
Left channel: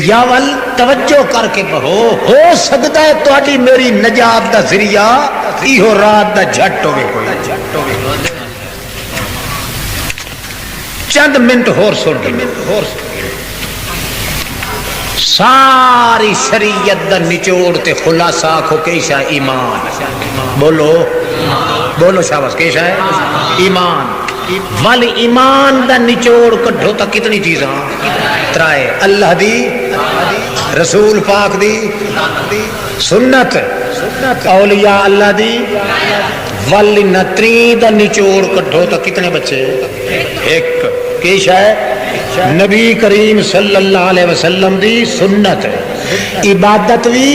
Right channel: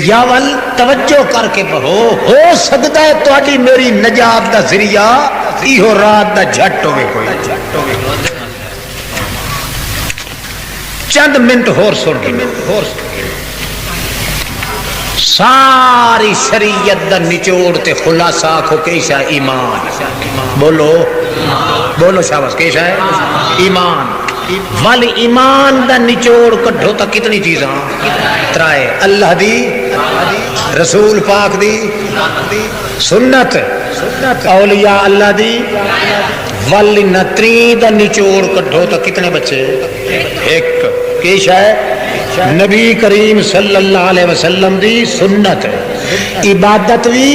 یا ول توجہ کر کے بہو ہو سکتا ہے تہاڈی میری نجات دا ذریعہ ایہو رات دا جھٹ ہوے کوئی چند منٹ ہور سن دے ساری شریعت دا نچوڑ تے خلاصہ آکھو کیسا ایمان بولو بولو شاباش کیسا ہے ایمان ول ایمان دا نچوڑ کڈھو تا کتنی چیزاں ترائے اللہ دی رسول پاک دی سنت اولیاء اللہ دی ول نتری دا نچوڑ کڈھو تا کتنے بچے ایک پیش ہے نبی کریم صلی اللہ علیہ وسلم دی سنت عبادت بھی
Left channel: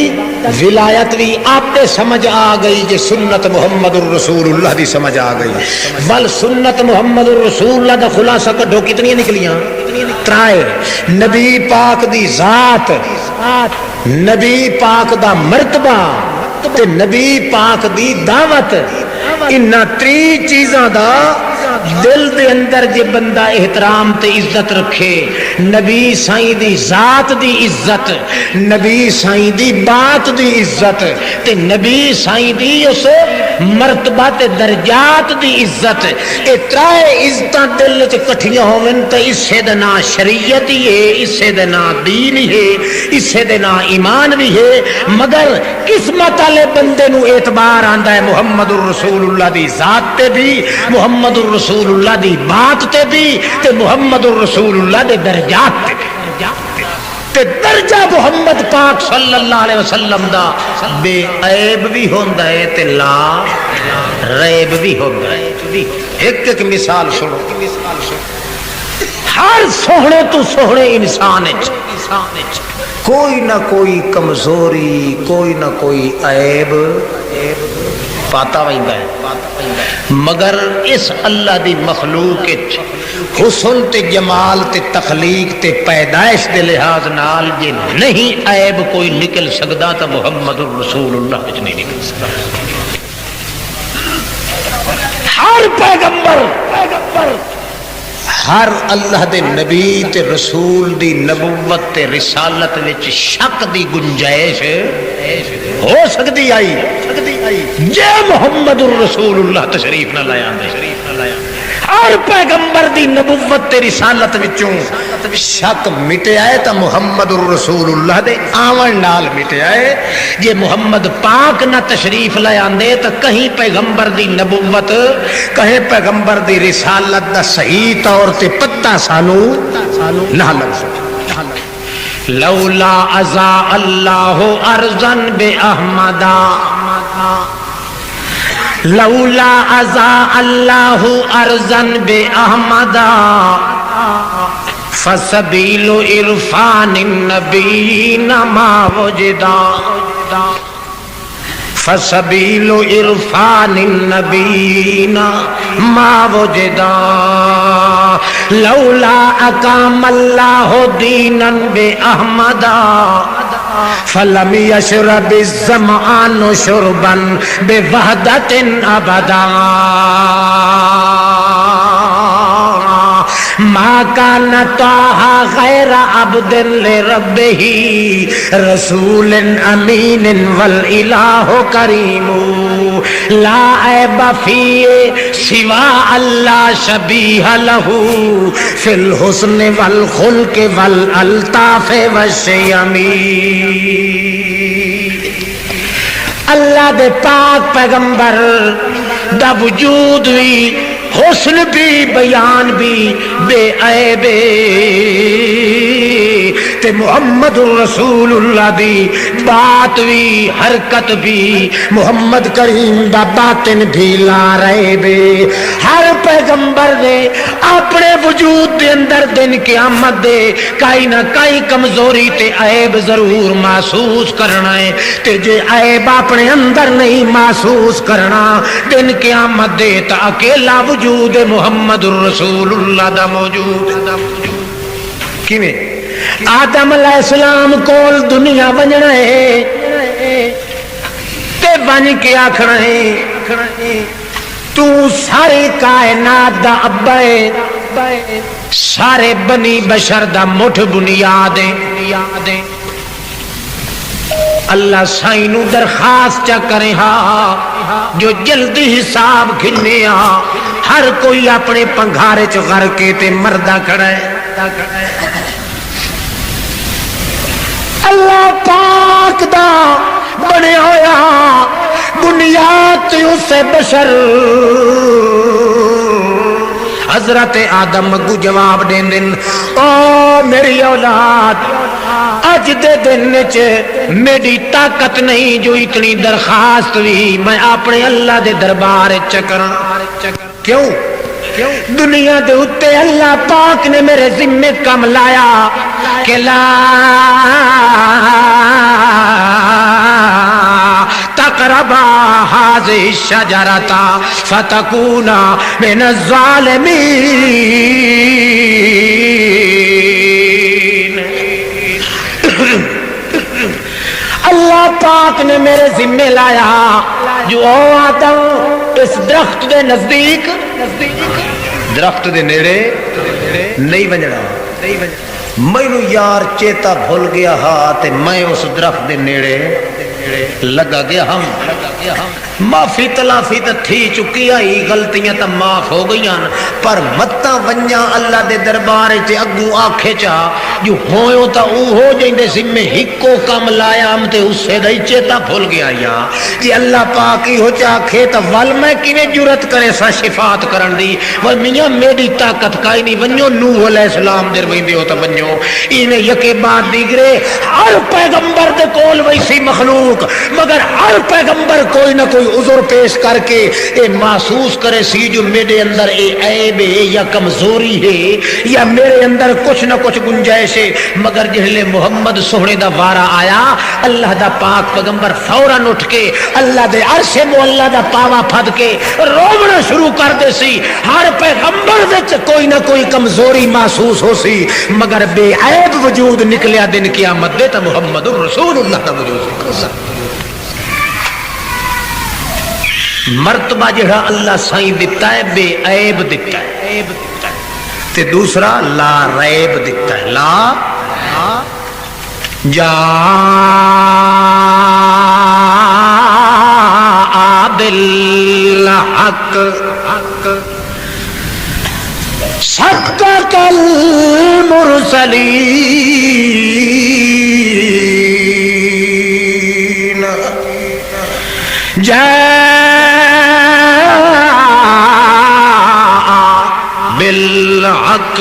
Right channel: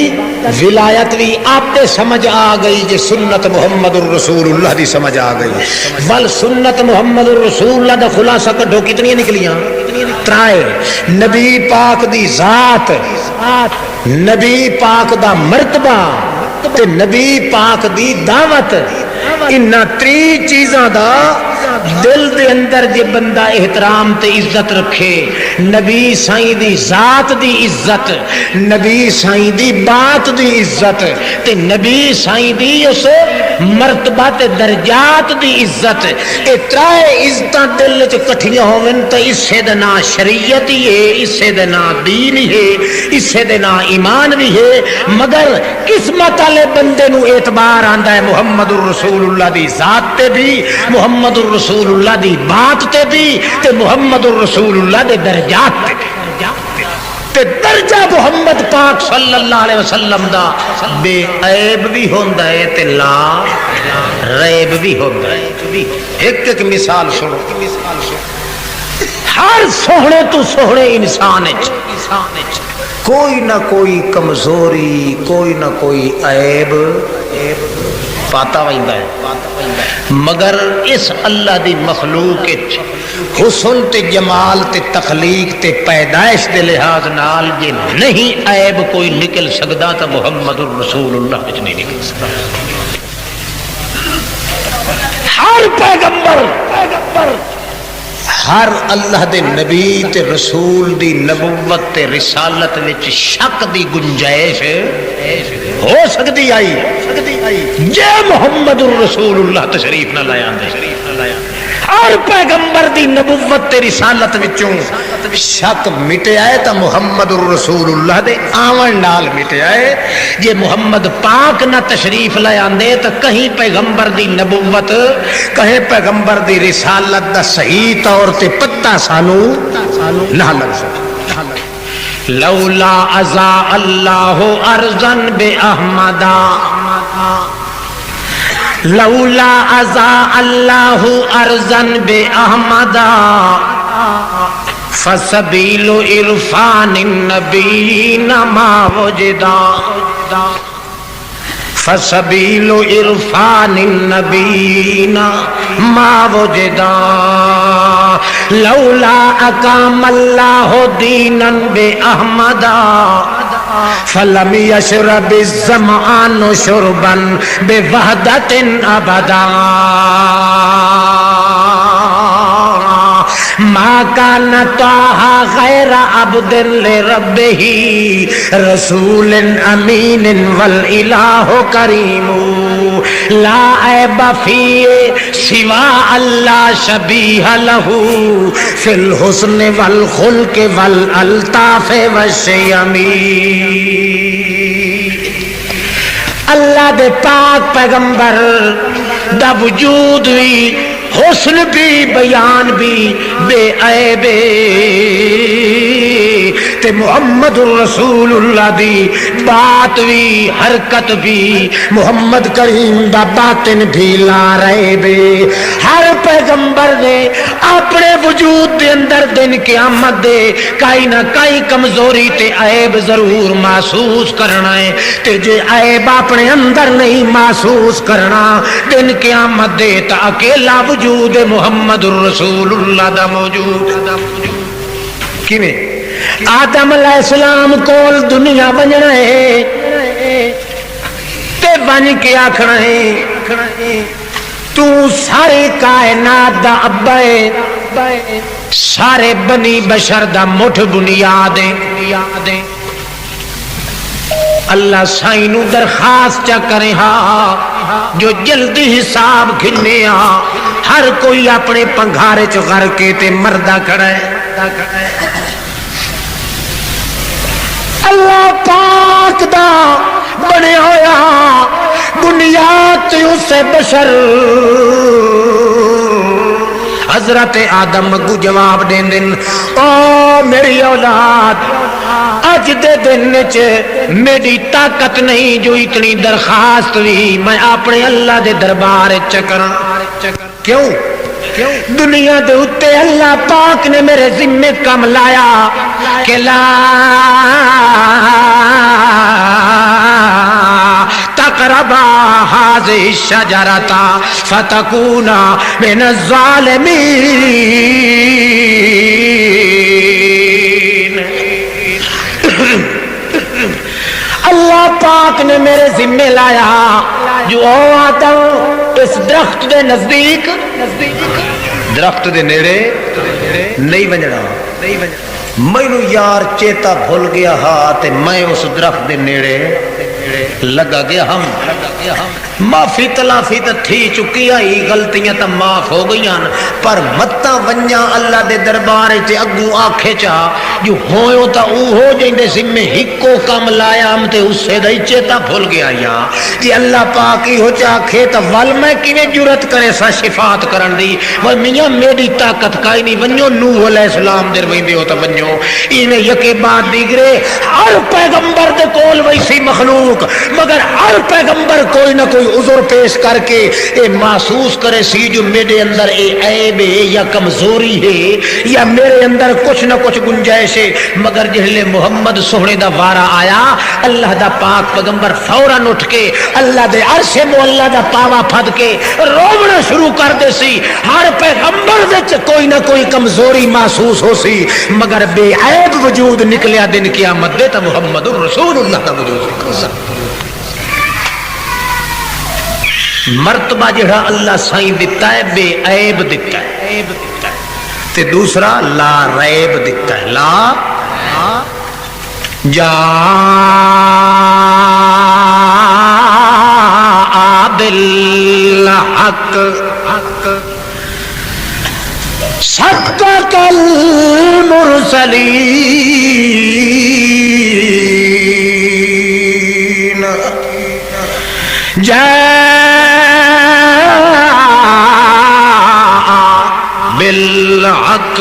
ولایت بھی آپ سمجھ آ گئی کہ سنت محمد الرسول اللہ دی سمجھ آ گئی بل سنت محمد الرسول اللہ دا خلاصہ کڈھو کتنی نکلیاں ترائے نبی پاک دی ذات نبی پاک دا مرتبہ تے نبی پاک دی دعوت انہاں تری چیزاں دا دل دے اندر جے بندہ احترام تے عزت رکھے نبی سائیں دی ذات دی عزت نبی سائیں دی بات دی عزت تے نبی سائیں دی اس مرتبہ تے درجات دی عزت اے ترائے عزتاں دل وچ کٹھیاں ہوون تے اسے دا نام شریعت ہی ہے اسے دا نام دین ہی ہے اسے دا نام ایمان بھی ہے مگر قسمت والے بندے نو اعتبار آندا ہے محمد الرسول اللہ دی ذات تے بھی محمد الرسول اللہ دی بات تے بھی تے محمد الرسول اللہ دے درجات تے درجہ محمد پاک صلی اللہ علیہ وسلم دا بے عیب بھی ہوندا ہے تے لا ریب بھی ہوندا ہے ایک ایک مثال سنو ہر سوہنے تو سوہنے انسان کوئی نہ کوئی کمزوری کوئی نہ کوئی عیب پاتا ویندا ہے مگر اس اللہ دی مخلوق حسن تے جمال تے تخلیق تے پیدائش دے لحاظ نال یہ نہیں عیب کوئی نکل سکدا تا محمد الرسول اللہ نہیں نکل سکدا ہر پیغمبر ہر اللہ دے نبی تے رسول دی نبوت تے رسالت وچ شک دی گنجائش ہو سکتی آئی جے محمد الرسول اللہ تشریف نہ لایا ہر پیغمبر دی نبوت تے رسالت وچوں شک مٹیا ہے تا محمد الرسول اللہ دے آون نال مٹیا ہے جے محمد پاک نہ تشریف لے آندے تا کہیں پیغمبر دی نبوت کہیں پیغمبر دی رسالت دا صحیح طور تے پتہ سانو نہ لگ سکتا لولا ازا اللہ ارزن بے احمدا لولا ازا اللہ ارزن بے احمدا فسبیل عرفان النبیین ما وجدا فسبیل عرفان النبیین ما وجدا لولا اقام اللہ دینا بے احمدا فلم یشرب الظمآن شربا بے وحدت ابدا ما کان طٰہٰ غیر عبد لربہ رسول امین والالہ کریم لا عیب فیہ سوا اللہ شبیہ لہ فی الحسن والخلق والالطاف والشیم اللہ دے پاک پیغمبر دا وجود بھی حسن بھی بیان بھی بے عیب تے محمد رسول اللہ دی بات بھی حرکت بھی محمد کریم دا باطن بھی لا رہے بے ہر پیغمبر نے اپنے وجود دے اندر دن قیامت دے کئی نہ کئی کمزوری تے عیب ضرور محسوس کرنا ہے تے جے عیب اپنے اندر نہیں محسوس کرنا دن قیامت دے تا اکیلا وجود محمد الرسول اللہ دا موجود کیویں آدم علیہ السلام کول دنیا بننا ہے تے بن کے آکھنا ہے تو سارے کائنات دا ابا ہے سارے بنی بشر دا مٹھ بنیاد ہے اللہ سائیں نو درخواست چا کرے ہاں جو جلدی حساب کھنے ہر کوئی اپنے پنگھارے چ غر کے تے مردہ کھڑا ہے اللہ پاک دا بنے ہویا بنیاد اسے بشر حضرت آدم اگو جواب دین دن او میری اولاد اج دے دن چ میری طاقت نہیں جو اتنی درخواست بھی میں اپنے اللہ دے دربار چکراں کیوں دنیا دے اتے اللہ پاک نے میرے ذمے کم لایا کہ لا تقربا هذه الشجرة فتكونا من الظالمين اللہ پاک نے میرے ذمے لایا جو آدم اس درخت دے نزدیک درخت دے نیڑے نہیں بننا مینو یار چیتا بھول گیا ہاں تے میں اس درخت دے نیڑے لگا گیا ہم معافی تلافی تو تھی چکی آئی غلطیاں تو معاف ہو گئی پر متا ونجا اللہ دے دربار چ اگوں آکھے چا جو ہوئے تا او ہو جیندے سمے ہکو کم لایا ہم تے اس سے دئی چیتا بھول گیا یا کہ اللہ پاک ہی ہو چا کھے تا ول میں کیویں جرت کرے سا شفاعت کرن دی وہ میاں میری طاقت کائی نہیں ونجو نوح علیہ السلام دے ویندے ہو تا ونجو ایویں یکے بعد دیگرے ہر پیغمبر دے کول ویسی مخلوق مگر ہر پیغمبر کوئی نہ کوئی عذر پیش کر کے اے محسوس کرے سی جو میرے اندر اے عیب ہے یا کمزوری ہے یا میرے اندر کچھ نہ کچھ گنجائش ہے مگر جہلے محمد سونے دا وارا آیا اللہ دا پاک پیغمبر فوراً اٹھ کے اللہ دے عرش مولا دا پاوا پھد کے رونا شروع کر دے سی ہر پیغمبر وچ کوئی نہ کوئی کمزوری محسوس ہو سی مگر بے عیب وجود نکلیا دن قیامت دے تا محمد رسول اللہ دا وجود مرتبہ جڑا اللہ سائیں دیتا ہے بے عیب دیتا ہے تے دوسرا لا ریب دیتا ہے لا جاء بالحق صدق المرسلین بالحق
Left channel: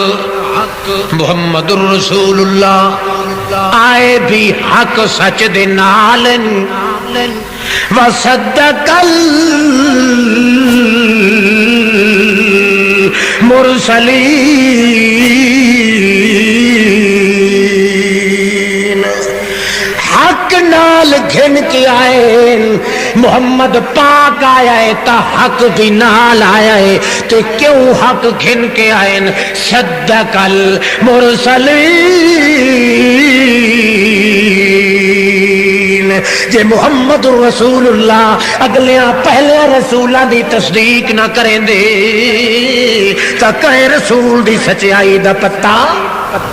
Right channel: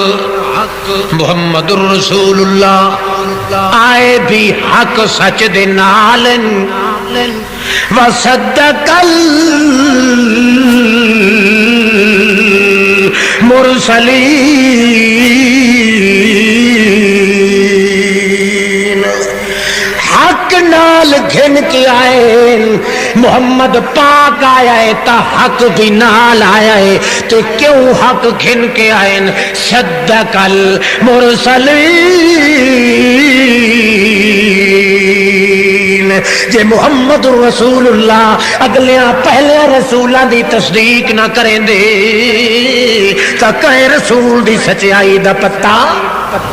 محمد رسول اللہ آئے بھی حق سچ دے نال وصدق المرسلین حق نال گھن کے آئے محمد پاک آیا ہے تا حق بھی نال آیا ہے تو کیوں حق گھن کے آئے صدق المرسلین جے محمد رسول اللہ اگلیاں پہلے رسولاں دی تصدیق نہ کریں دے تا کہے رسول دی سچائی دا پتہ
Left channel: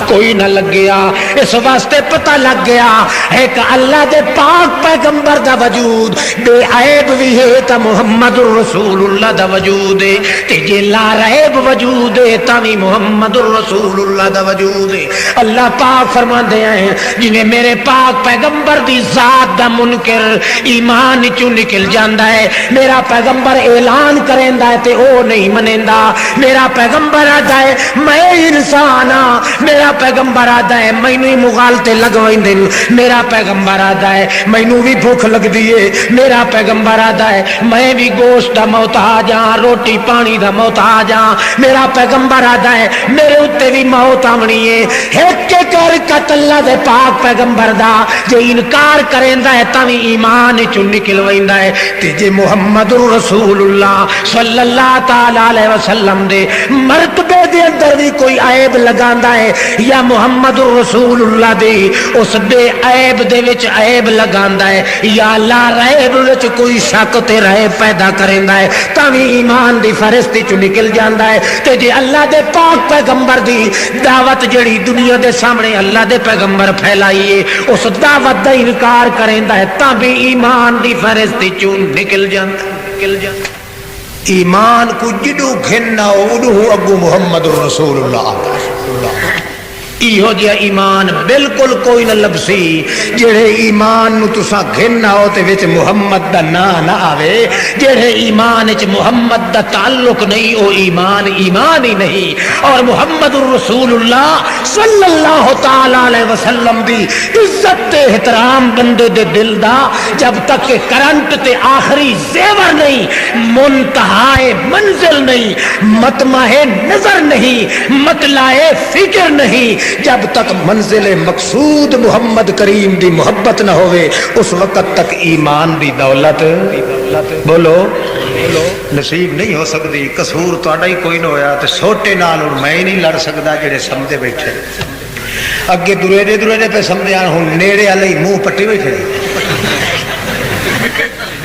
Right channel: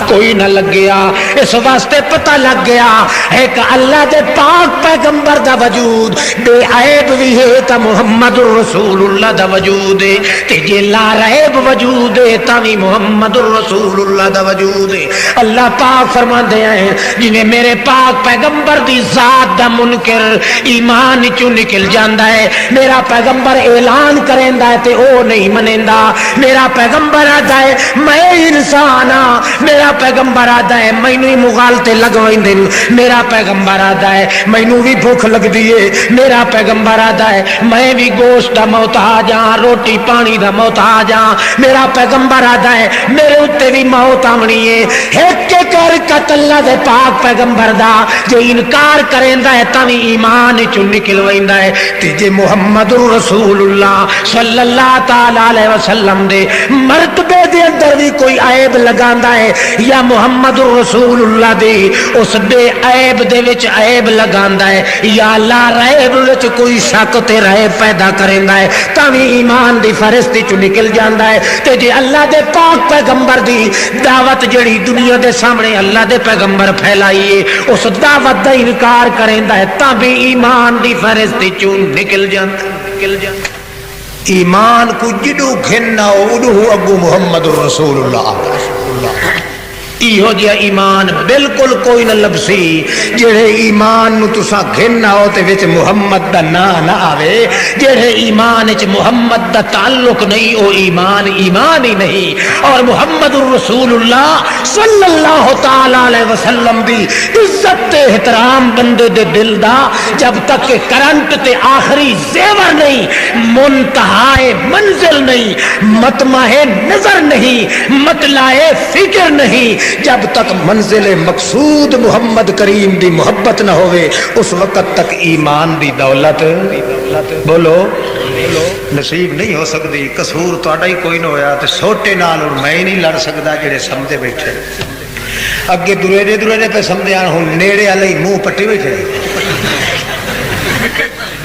کوئی نہ لگ گیا اس واسطے پتہ لگ گیا ہے کہ اللہ دے پاک پیغمبر دا وجود بے عیب بھی ہے تا محمد رسول اللہ دا وجود ہے کہ جے لا ریب وجود ہے تا بھی محمد رسول اللہ دا وجود ہے اللہ پاک فرماندے ہیں جنہیں میرے پاک پیغمبر دی ذات دا منکر ایمان چوں نکل جاندا ہے میرا پیغمبر اعلان کریندا ہے تے او نہیں منیندا میرا پیغمبر آدا ہے میں انسان ہاں میرا پیغمبر آدا ہے مینوں مغالطے لگویندے میرا پیغمبر آدا ہے مینوں بھی بھوک لگدی ہے میرا پیغمبر آدا ہے میں بھی گوشت دا محتاج ہاں روٹی پانی دا محتاج ہاں میرا پیغمبر آدا ہے میرے اوتے بھی موت آونی ہے ایک کر اللہ دے پاک پیغمبر دا جے انکار کریندا ہے تاں ایمان چوں نکل ویندا ہے تے جے محمد رسول اللہ صلی اللہ تعالی علیہ وسلم دے مرتبے دے اندر بھی کوئی عیب لگاندا ہے یا محمد رسول اللہ دے اس بے عیب دے وچ عیب لگاندا ہے یا لا ریب وچ کوئی شک تے ریب پیدا کریندا ہے تاں ایمان دی فرشتی چوں نکل جاندا ہے تے جے اللہ دے پاک پیغمبر دی دعوت جڑی دنیا دے سامنے اللہ دے پیغمبر پھیلائی ہے اس دعوت دا انکار کریندا ہے تاں بھی ایمان دی فرشتی چوں نکل جاندا ایمان کو جدو گھننا اڈو اگو محمد رسول اللہ ایہو جہا ایمان بالکل کوئی نہ لبسی جڑے ایمان نو تساں گھن آؤ تے وچ محمد دا نام نہ آوے. جڑے ایمان وچ محمد دا تعلق نہیں او ایمان ایمان ہی نہیں. اور محمد الرسول اللہ صلی اللہ تعالی علیہ وسلم دی عزت تے احترام بندے دے دل دا جب تک کہ کرنٹ تے آخری زیور نہیں، منتہائے منزل نہیں، مطمع نظر نہیں، مطلع فکر نہیں، جب تک منزل مقصود محمد کریم دی محبت نہ ہوئے اس وقت تک ایمان دی دولت بولو نصیب نہیں ہو سکتی. قصور تہاڈا ہی کوئی نہ ہویا تے چھوٹے نال میں نہیں لڑ سکدا جڑے سمجھے بیٹھے. اگے دورے پہ سمجھے ہن نیڑے والے منہ پٹی بیٹھے،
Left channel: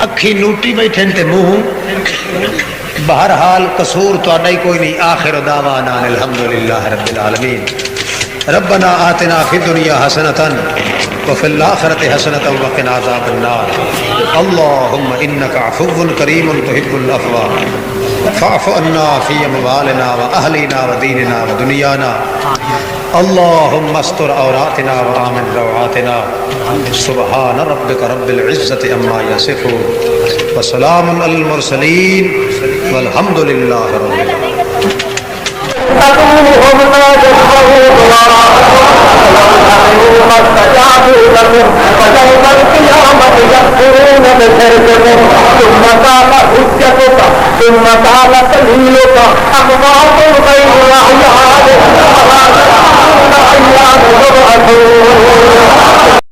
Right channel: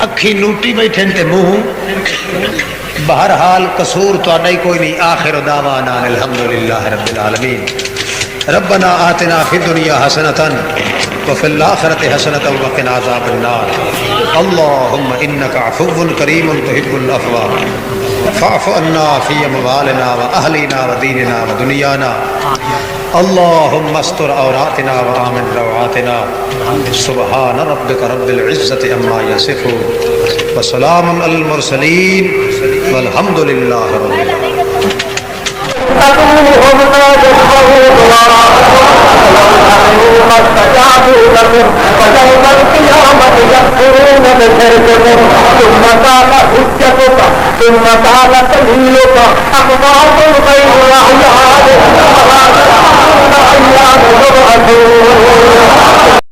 اکھی لوٹی بیٹھے تے منہ. بہرحال قصور تہاڈا ہی کوئی نہیں. آخر دعوانا الحمدللہ رب العالمین. ربنا آتنا فی الدنیا حسنۃ وفی الآخرۃ حسنۃ وقنا عذاب النار. اللهم انك عفو کریم تحب العفو فاعف عنا فی اموالنا واهلنا ودیننا ودنیانا. اللهم استر عوراتنا وآمن روعاتنا. سبحان ربک رب العزة عما یصفون وسلام علی المرسلین والحمد للہ رب العالمین. ثم قال سبيلك أقوام غير أعياد